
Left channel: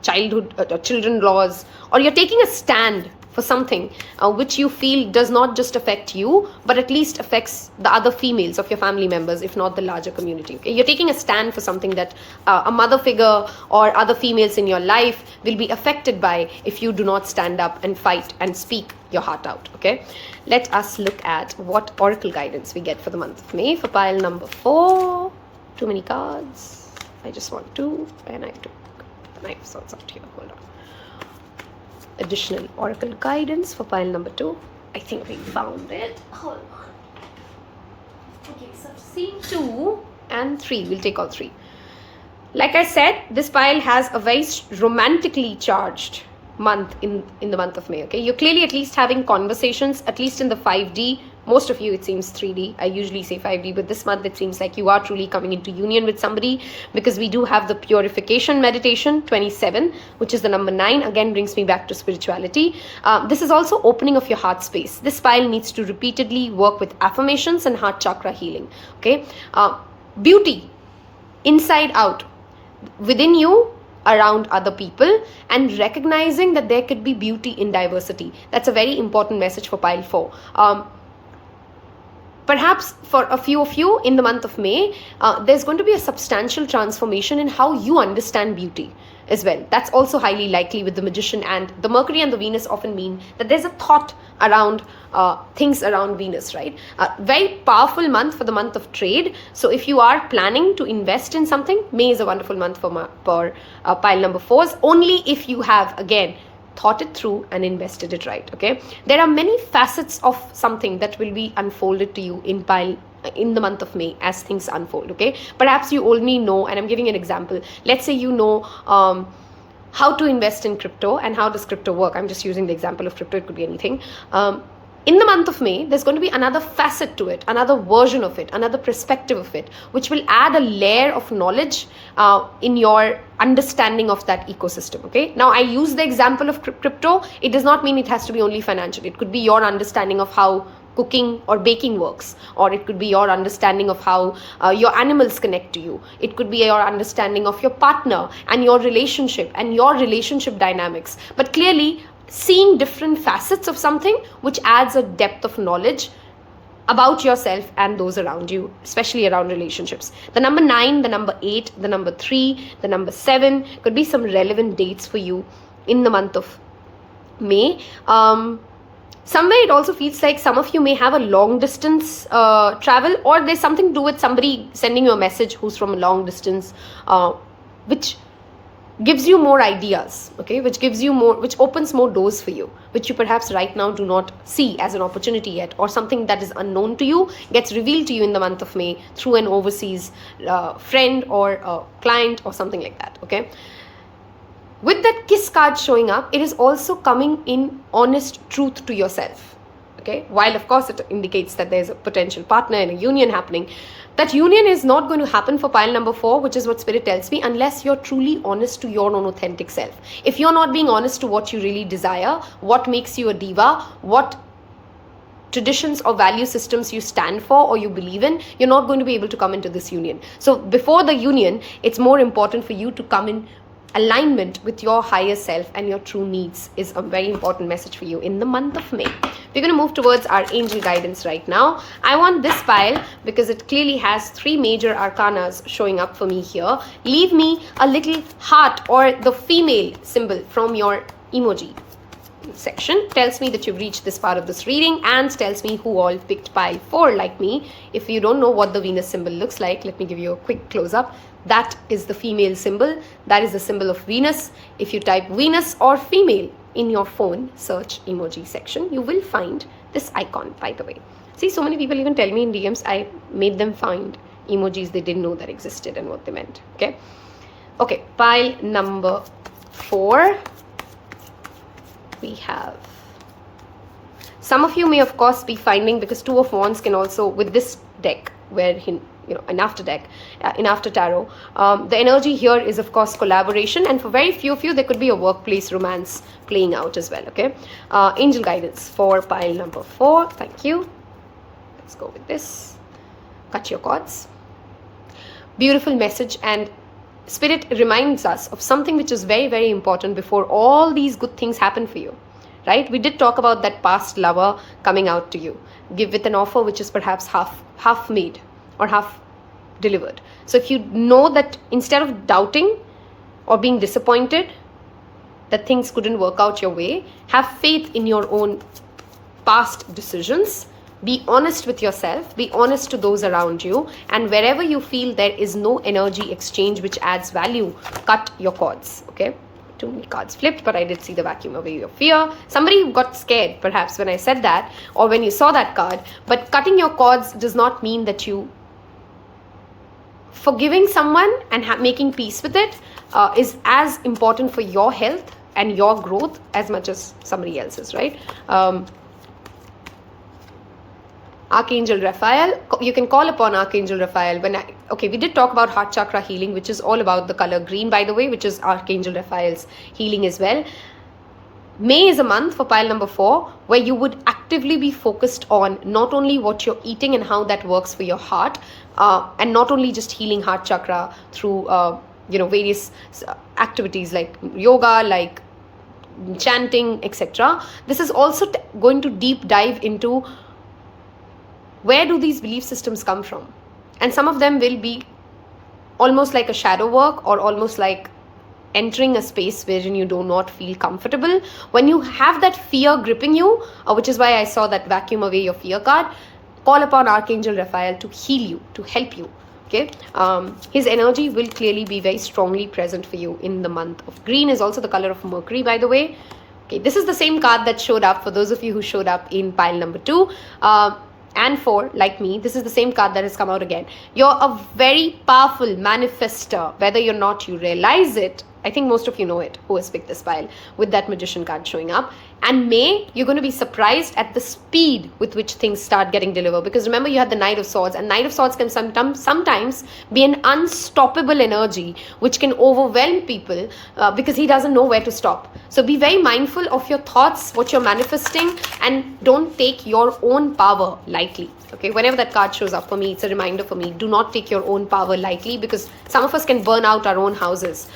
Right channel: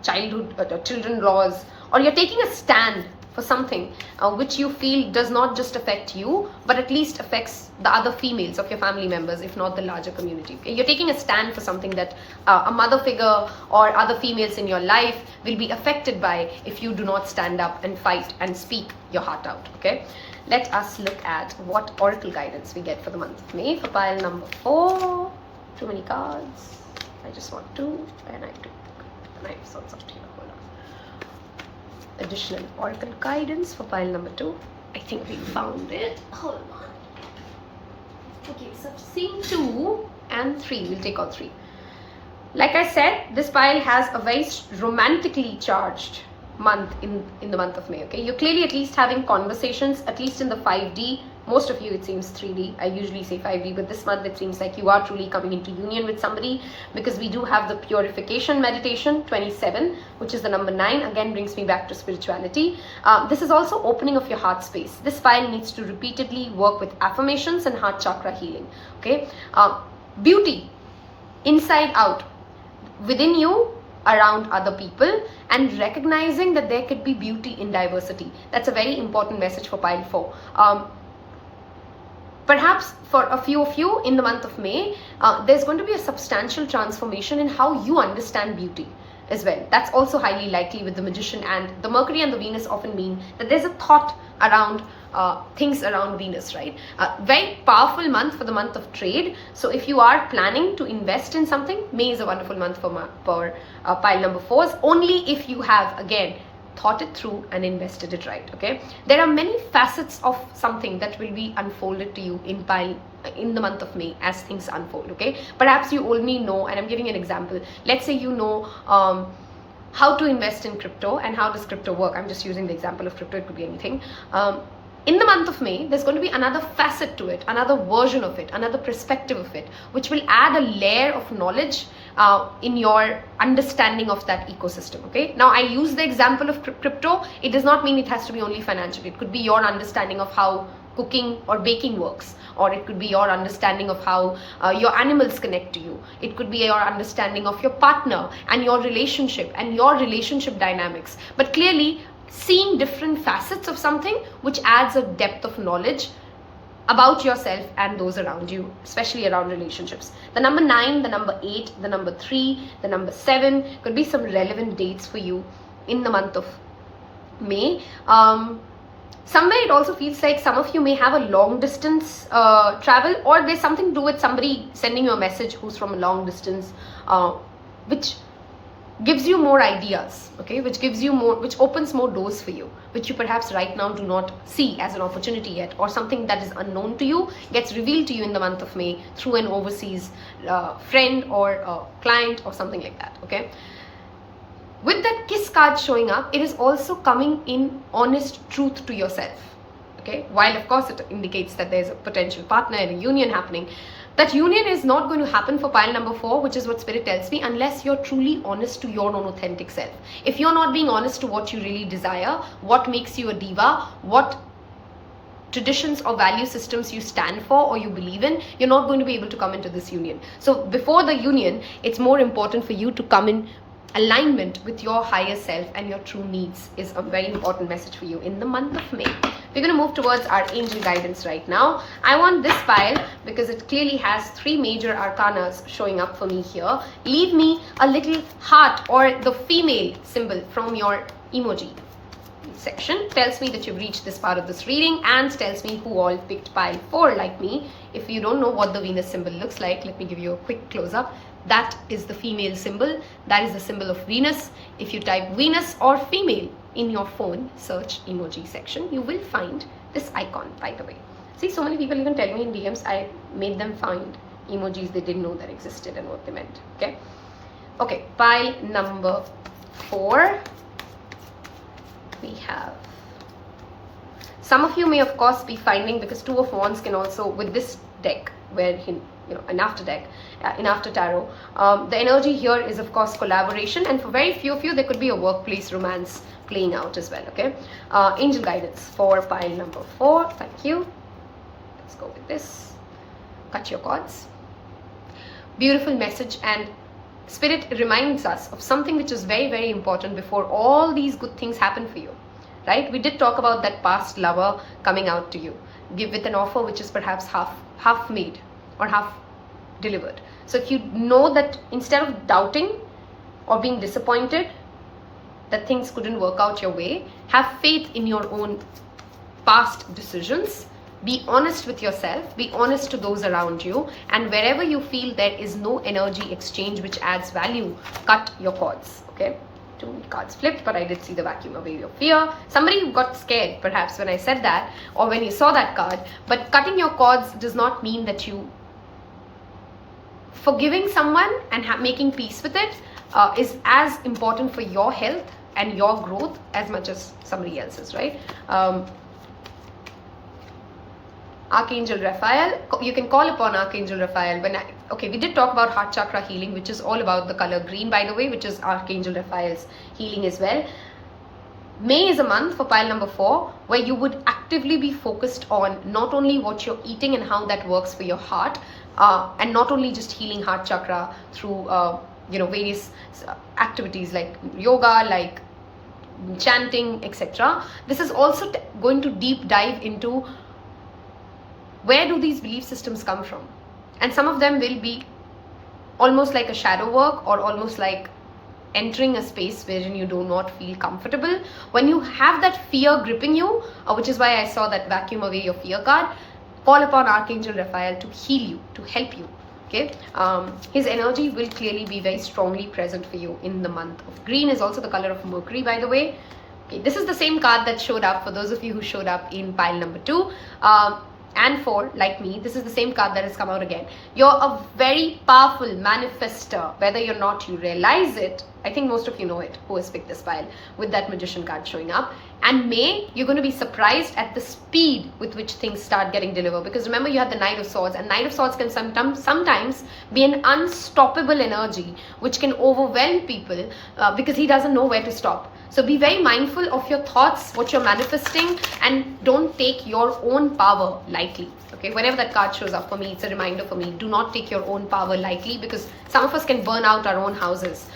children laws, or you're taking a stand for something which you feel does not just affect you, but at least affects the other females of your family members, if not the larger community. Okay? You're taking a stand for something that a mother figure or other females in your life will be affected by if you do not stand up and fight and speak your heart out. Okay, let us look at what oracle guidance we get for the month of May for pile number 4. Too many cards. I just want 2, and I took knife, so it's up to you. Hold on. Additional oracle guidance for pile number 2. I think we found it. Hold on. Okay, so scene 2 and 3. We'll take all 3. Like I said, this pile has a very romantically charged month in the month of May. Okay, you're clearly at least having conversations, at least in the 5D most of you, it seems 3D. I usually say 5D, but this month it seems like you are truly coming into union with somebody, because we do have the purification meditation 27, which is the number 9. Again, brings me back to spirituality. This is also opening of your heart space. This pile needs to repeatedly work with affirmations and heart chakra healing. Okay, beauty, inside out, within you, around other people, and recognizing that there could be beauty in diversity. That's a very important message for pile 4. Perhaps for a few of you in the month of May, there's going to be a substantial transformation in how you understand beauty as well. That's also highly likely with the Magician, and the Mercury and the Venus often mean that there's a thought around things around Venus, right? Very powerful month for the month of trade. So if you are planning to invest in something, May is a wonderful month for pile number 4s, only if you have, again, thought it through and invested it right. Okay, there are many facets of something that will be unfolded to you in the month of May as things unfold. Okay, perhaps you only know, and I'm giving an example, let's say you know how to invest in crypto and how does crypto work. I'm just using the example of crypto, it could be anything. In the month of May, there's going to be another facet to it, another version of it, another perspective of it, which will add a layer of knowledge in your understanding of that ecosystem. Okay, now I use the example of crypto. It does not mean it has to be only financial. It could be your understanding of how cooking or baking works, or it could be your understanding of how your animals connect to you. It could be your understanding of your partner and your relationship dynamics. But clearly, seeing different facets of something, which adds a depth of knowledge about yourself and those around you, especially around relationships. The number 9, the number 8, the number 3, the number 7 could be some relevant dates for you in the month of May. Somewhere it also feels like some of you may have a long distance travel, or there's something to do with somebody sending you a message who's from a long distance, which gives you more ideas, okay, which opens more doors for you, which you perhaps right now do not see as an opportunity yet, or something that is unknown to you gets revealed to you in the month of May through an overseas friend or a client or something like that. Okay, with that kiss card showing up, it is also coming in honest truth to yourself. Okay, while of course it indicates that there's a potential partner and a union happening, that union is not going to happen for pile number 4, which is what Spirit tells me, unless you're truly honest to your own authentic self. If you're not being honest to what you really desire, what makes you a diva, what traditions or value systems you stand for or you believe in, you're not going to be able to come into this union. So before the union, it's more important for you to come in alignment with your higher self and your true needs is a very important message for you in the month of May. We're going to move towards our angel guidance right now. I want this pile because it clearly has 3 major arcanas showing up for me here. Leave me a little heart or the female symbol from your emoji section. Tells me that you've reached this part of this reading and tells me who all picked pile 4 like me. If you don't know what the Venus symbol looks like, let me give you a quick close-up. That is the female symbol. That is the symbol of Venus. If you type Venus or female in your phone search emoji section, you will find this icon, by the way. See, so many people even tell me in DMs, I made them find emojis they didn't know that existed and what they meant. Okay. Okay, pile number 4. We have, some of you may of course be finding, because 2 of Wands can also, with this deck, where an after deck, in after tarot, the energy here is of course collaboration, and for very few of you there could be a workplace romance playing out as well. Okay, angel guidance for pile number 4. Thank you. Let's go with this. Cut your cords. Beautiful message, and Spirit reminds us of something which is very, very important before all these good things happen for you, right? We did talk about that past lover coming out to you, give with an offer which is perhaps half made or half delivered. So if you know that instead of doubting or being disappointed that things couldn't work out your way, have faith in your own past decisions. Be honest with yourself, be honest to those around you, and wherever you feel there is no energy exchange which adds value, cut your cords. Okay, too many cards flipped, but I did see the vacuum away of fear. Somebody got scared perhaps when I said that, or when you saw that card. But cutting your cords does not mean that you forgiving someone and making peace with it is as important for your health and your growth as much as somebody else's, right? Archangel Raphael. You can call upon Archangel Raphael. We did talk about heart chakra healing, which is all about the color green, by the way, which is Archangel Raphael's healing as well. May is a month for pile number 4, where you would actively be focused on not only what you're eating and how that works for your heart, and not only just healing heart chakra through various activities like yoga, like chanting, etc. This is also going to deep dive into where do these belief systems come from, and some of them will be almost like a shadow work, or almost like entering a space wherein you do not feel comfortable. When you have that fear gripping you, which is why I saw that vacuum away your fear card, call upon Archangel Raphael to heal you, to help you. Okay, his energy will clearly be very strongly present for you in the month of green. Is also the color of Mercury, by the way. Okay, this is the same card that showed up for those of you who showed up in pile number 2 and 4, like me. This is the same card that has come out again. You're a very powerful manifester. Whether or not you realize it, I think most of you know it who has picked this pile, with that magician card showing up. And May, you're going to be surprised at the speed with which things start getting delivered. Because remember, you had the Knight of Swords, and Knight of Swords can sometimes be an unstoppable energy which can overwhelm people because he doesn't know where to stop. So be very mindful of your thoughts, what you're manifesting, and don't take your own power lightly. Okay, whenever that card shows up for me, it's a reminder for me, do not take your own power lightly, because some of us can burn out our own houses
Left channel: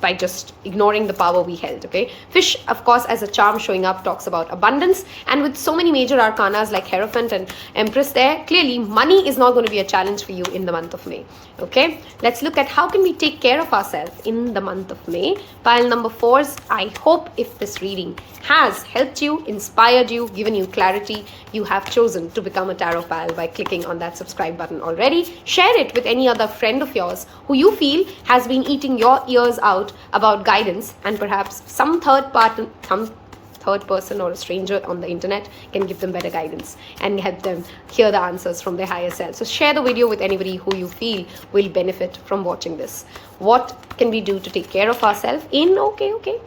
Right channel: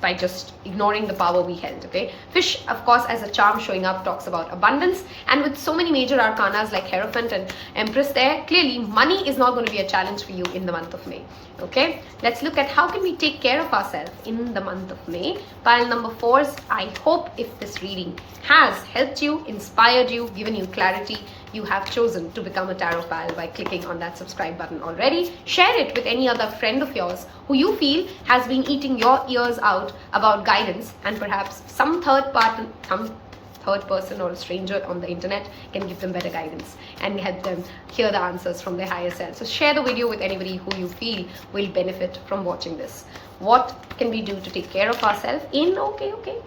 by just ignoring the power we held. Okay, Fish, of course, as a charm showing up, talks about abundance, and with so many major arcanas like Hierophant and Empress there, clearly money is not going to be a challenge for you in the month of May. Okay, let's look at how can we take care of ourselves in the month of May. Pile number 4s, I hope if this reading has helped you, inspired you, given you clarity, you have chosen to become a tarot pal by clicking on that subscribe button already. Share it with any other friend of yours who you feel has been eating your ears out about guidance, and perhaps some third person or a stranger on the internet can give them better guidance and help them hear the answers from their higher self. So share the video with anybody who you feel will benefit from watching this. What can we do to take care of ourselves in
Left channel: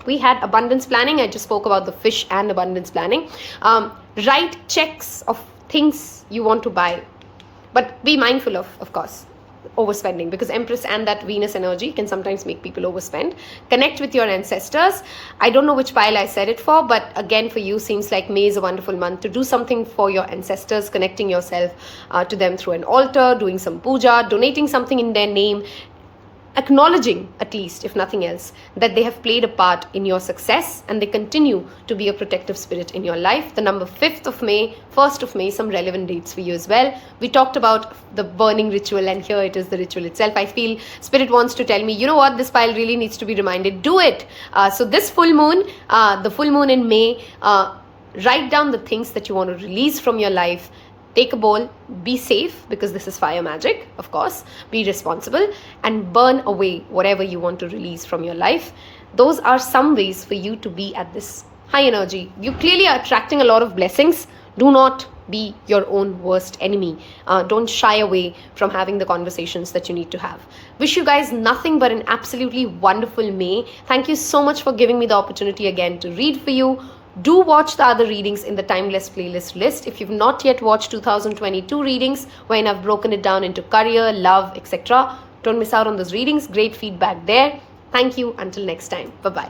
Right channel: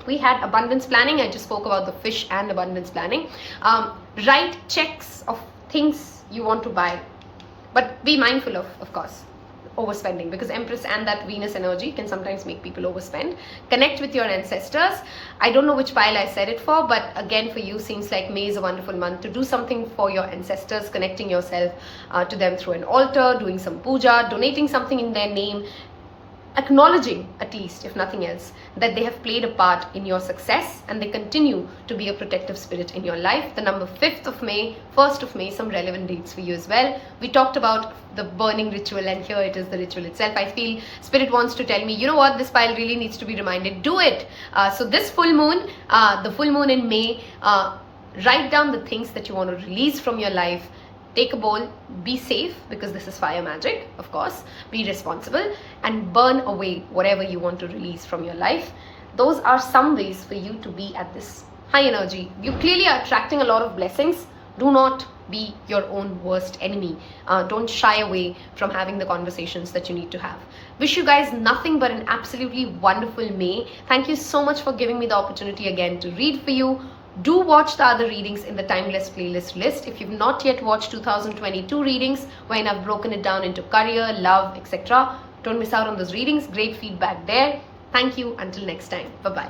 we had abundance planning. I just spoke about the fish and abundance planning. Write checks of things you want to buy, but be mindful of course, overspending, because Empress and that Venus energy can sometimes make people overspend. Connect with your ancestors. I don't know which pile I said it for, but again, for you, seems like May is a wonderful month to do something for your ancestors, connecting yourself to them through an altar, doing some puja, donating something in their name, acknowledging, at least if nothing else, that they have played a part in your success and they continue to be a protective spirit in your life. The number 5th of May, 1st of May, some relevant dates for you as well. We talked about the burning ritual, and here it is, the ritual itself. I feel Spirit wants to tell me, you know what, this pile really needs to be reminded, do it. So this full moon, the full moon in May, write down the things that you want to release from your life. Take a bowl, be safe, because this is fire magic, of course, be responsible, and burn away whatever you want to release from your life. Those are some ways for you to be at this high energy. You clearly are attracting a lot of blessings. Do not be your own worst enemy. Don't shy away from having the conversations that you need to have. Wish you guys nothing but an absolutely wonderful May. Thank you so much for giving me the opportunity again to read for you. Do watch the other readings in the Timeless playlist list. If you've not yet watched 2022 readings, wherein I've broken it down into career, love, etc., don't miss out on those readings. Great feedback there. Thank you. Until next time. Bye-bye.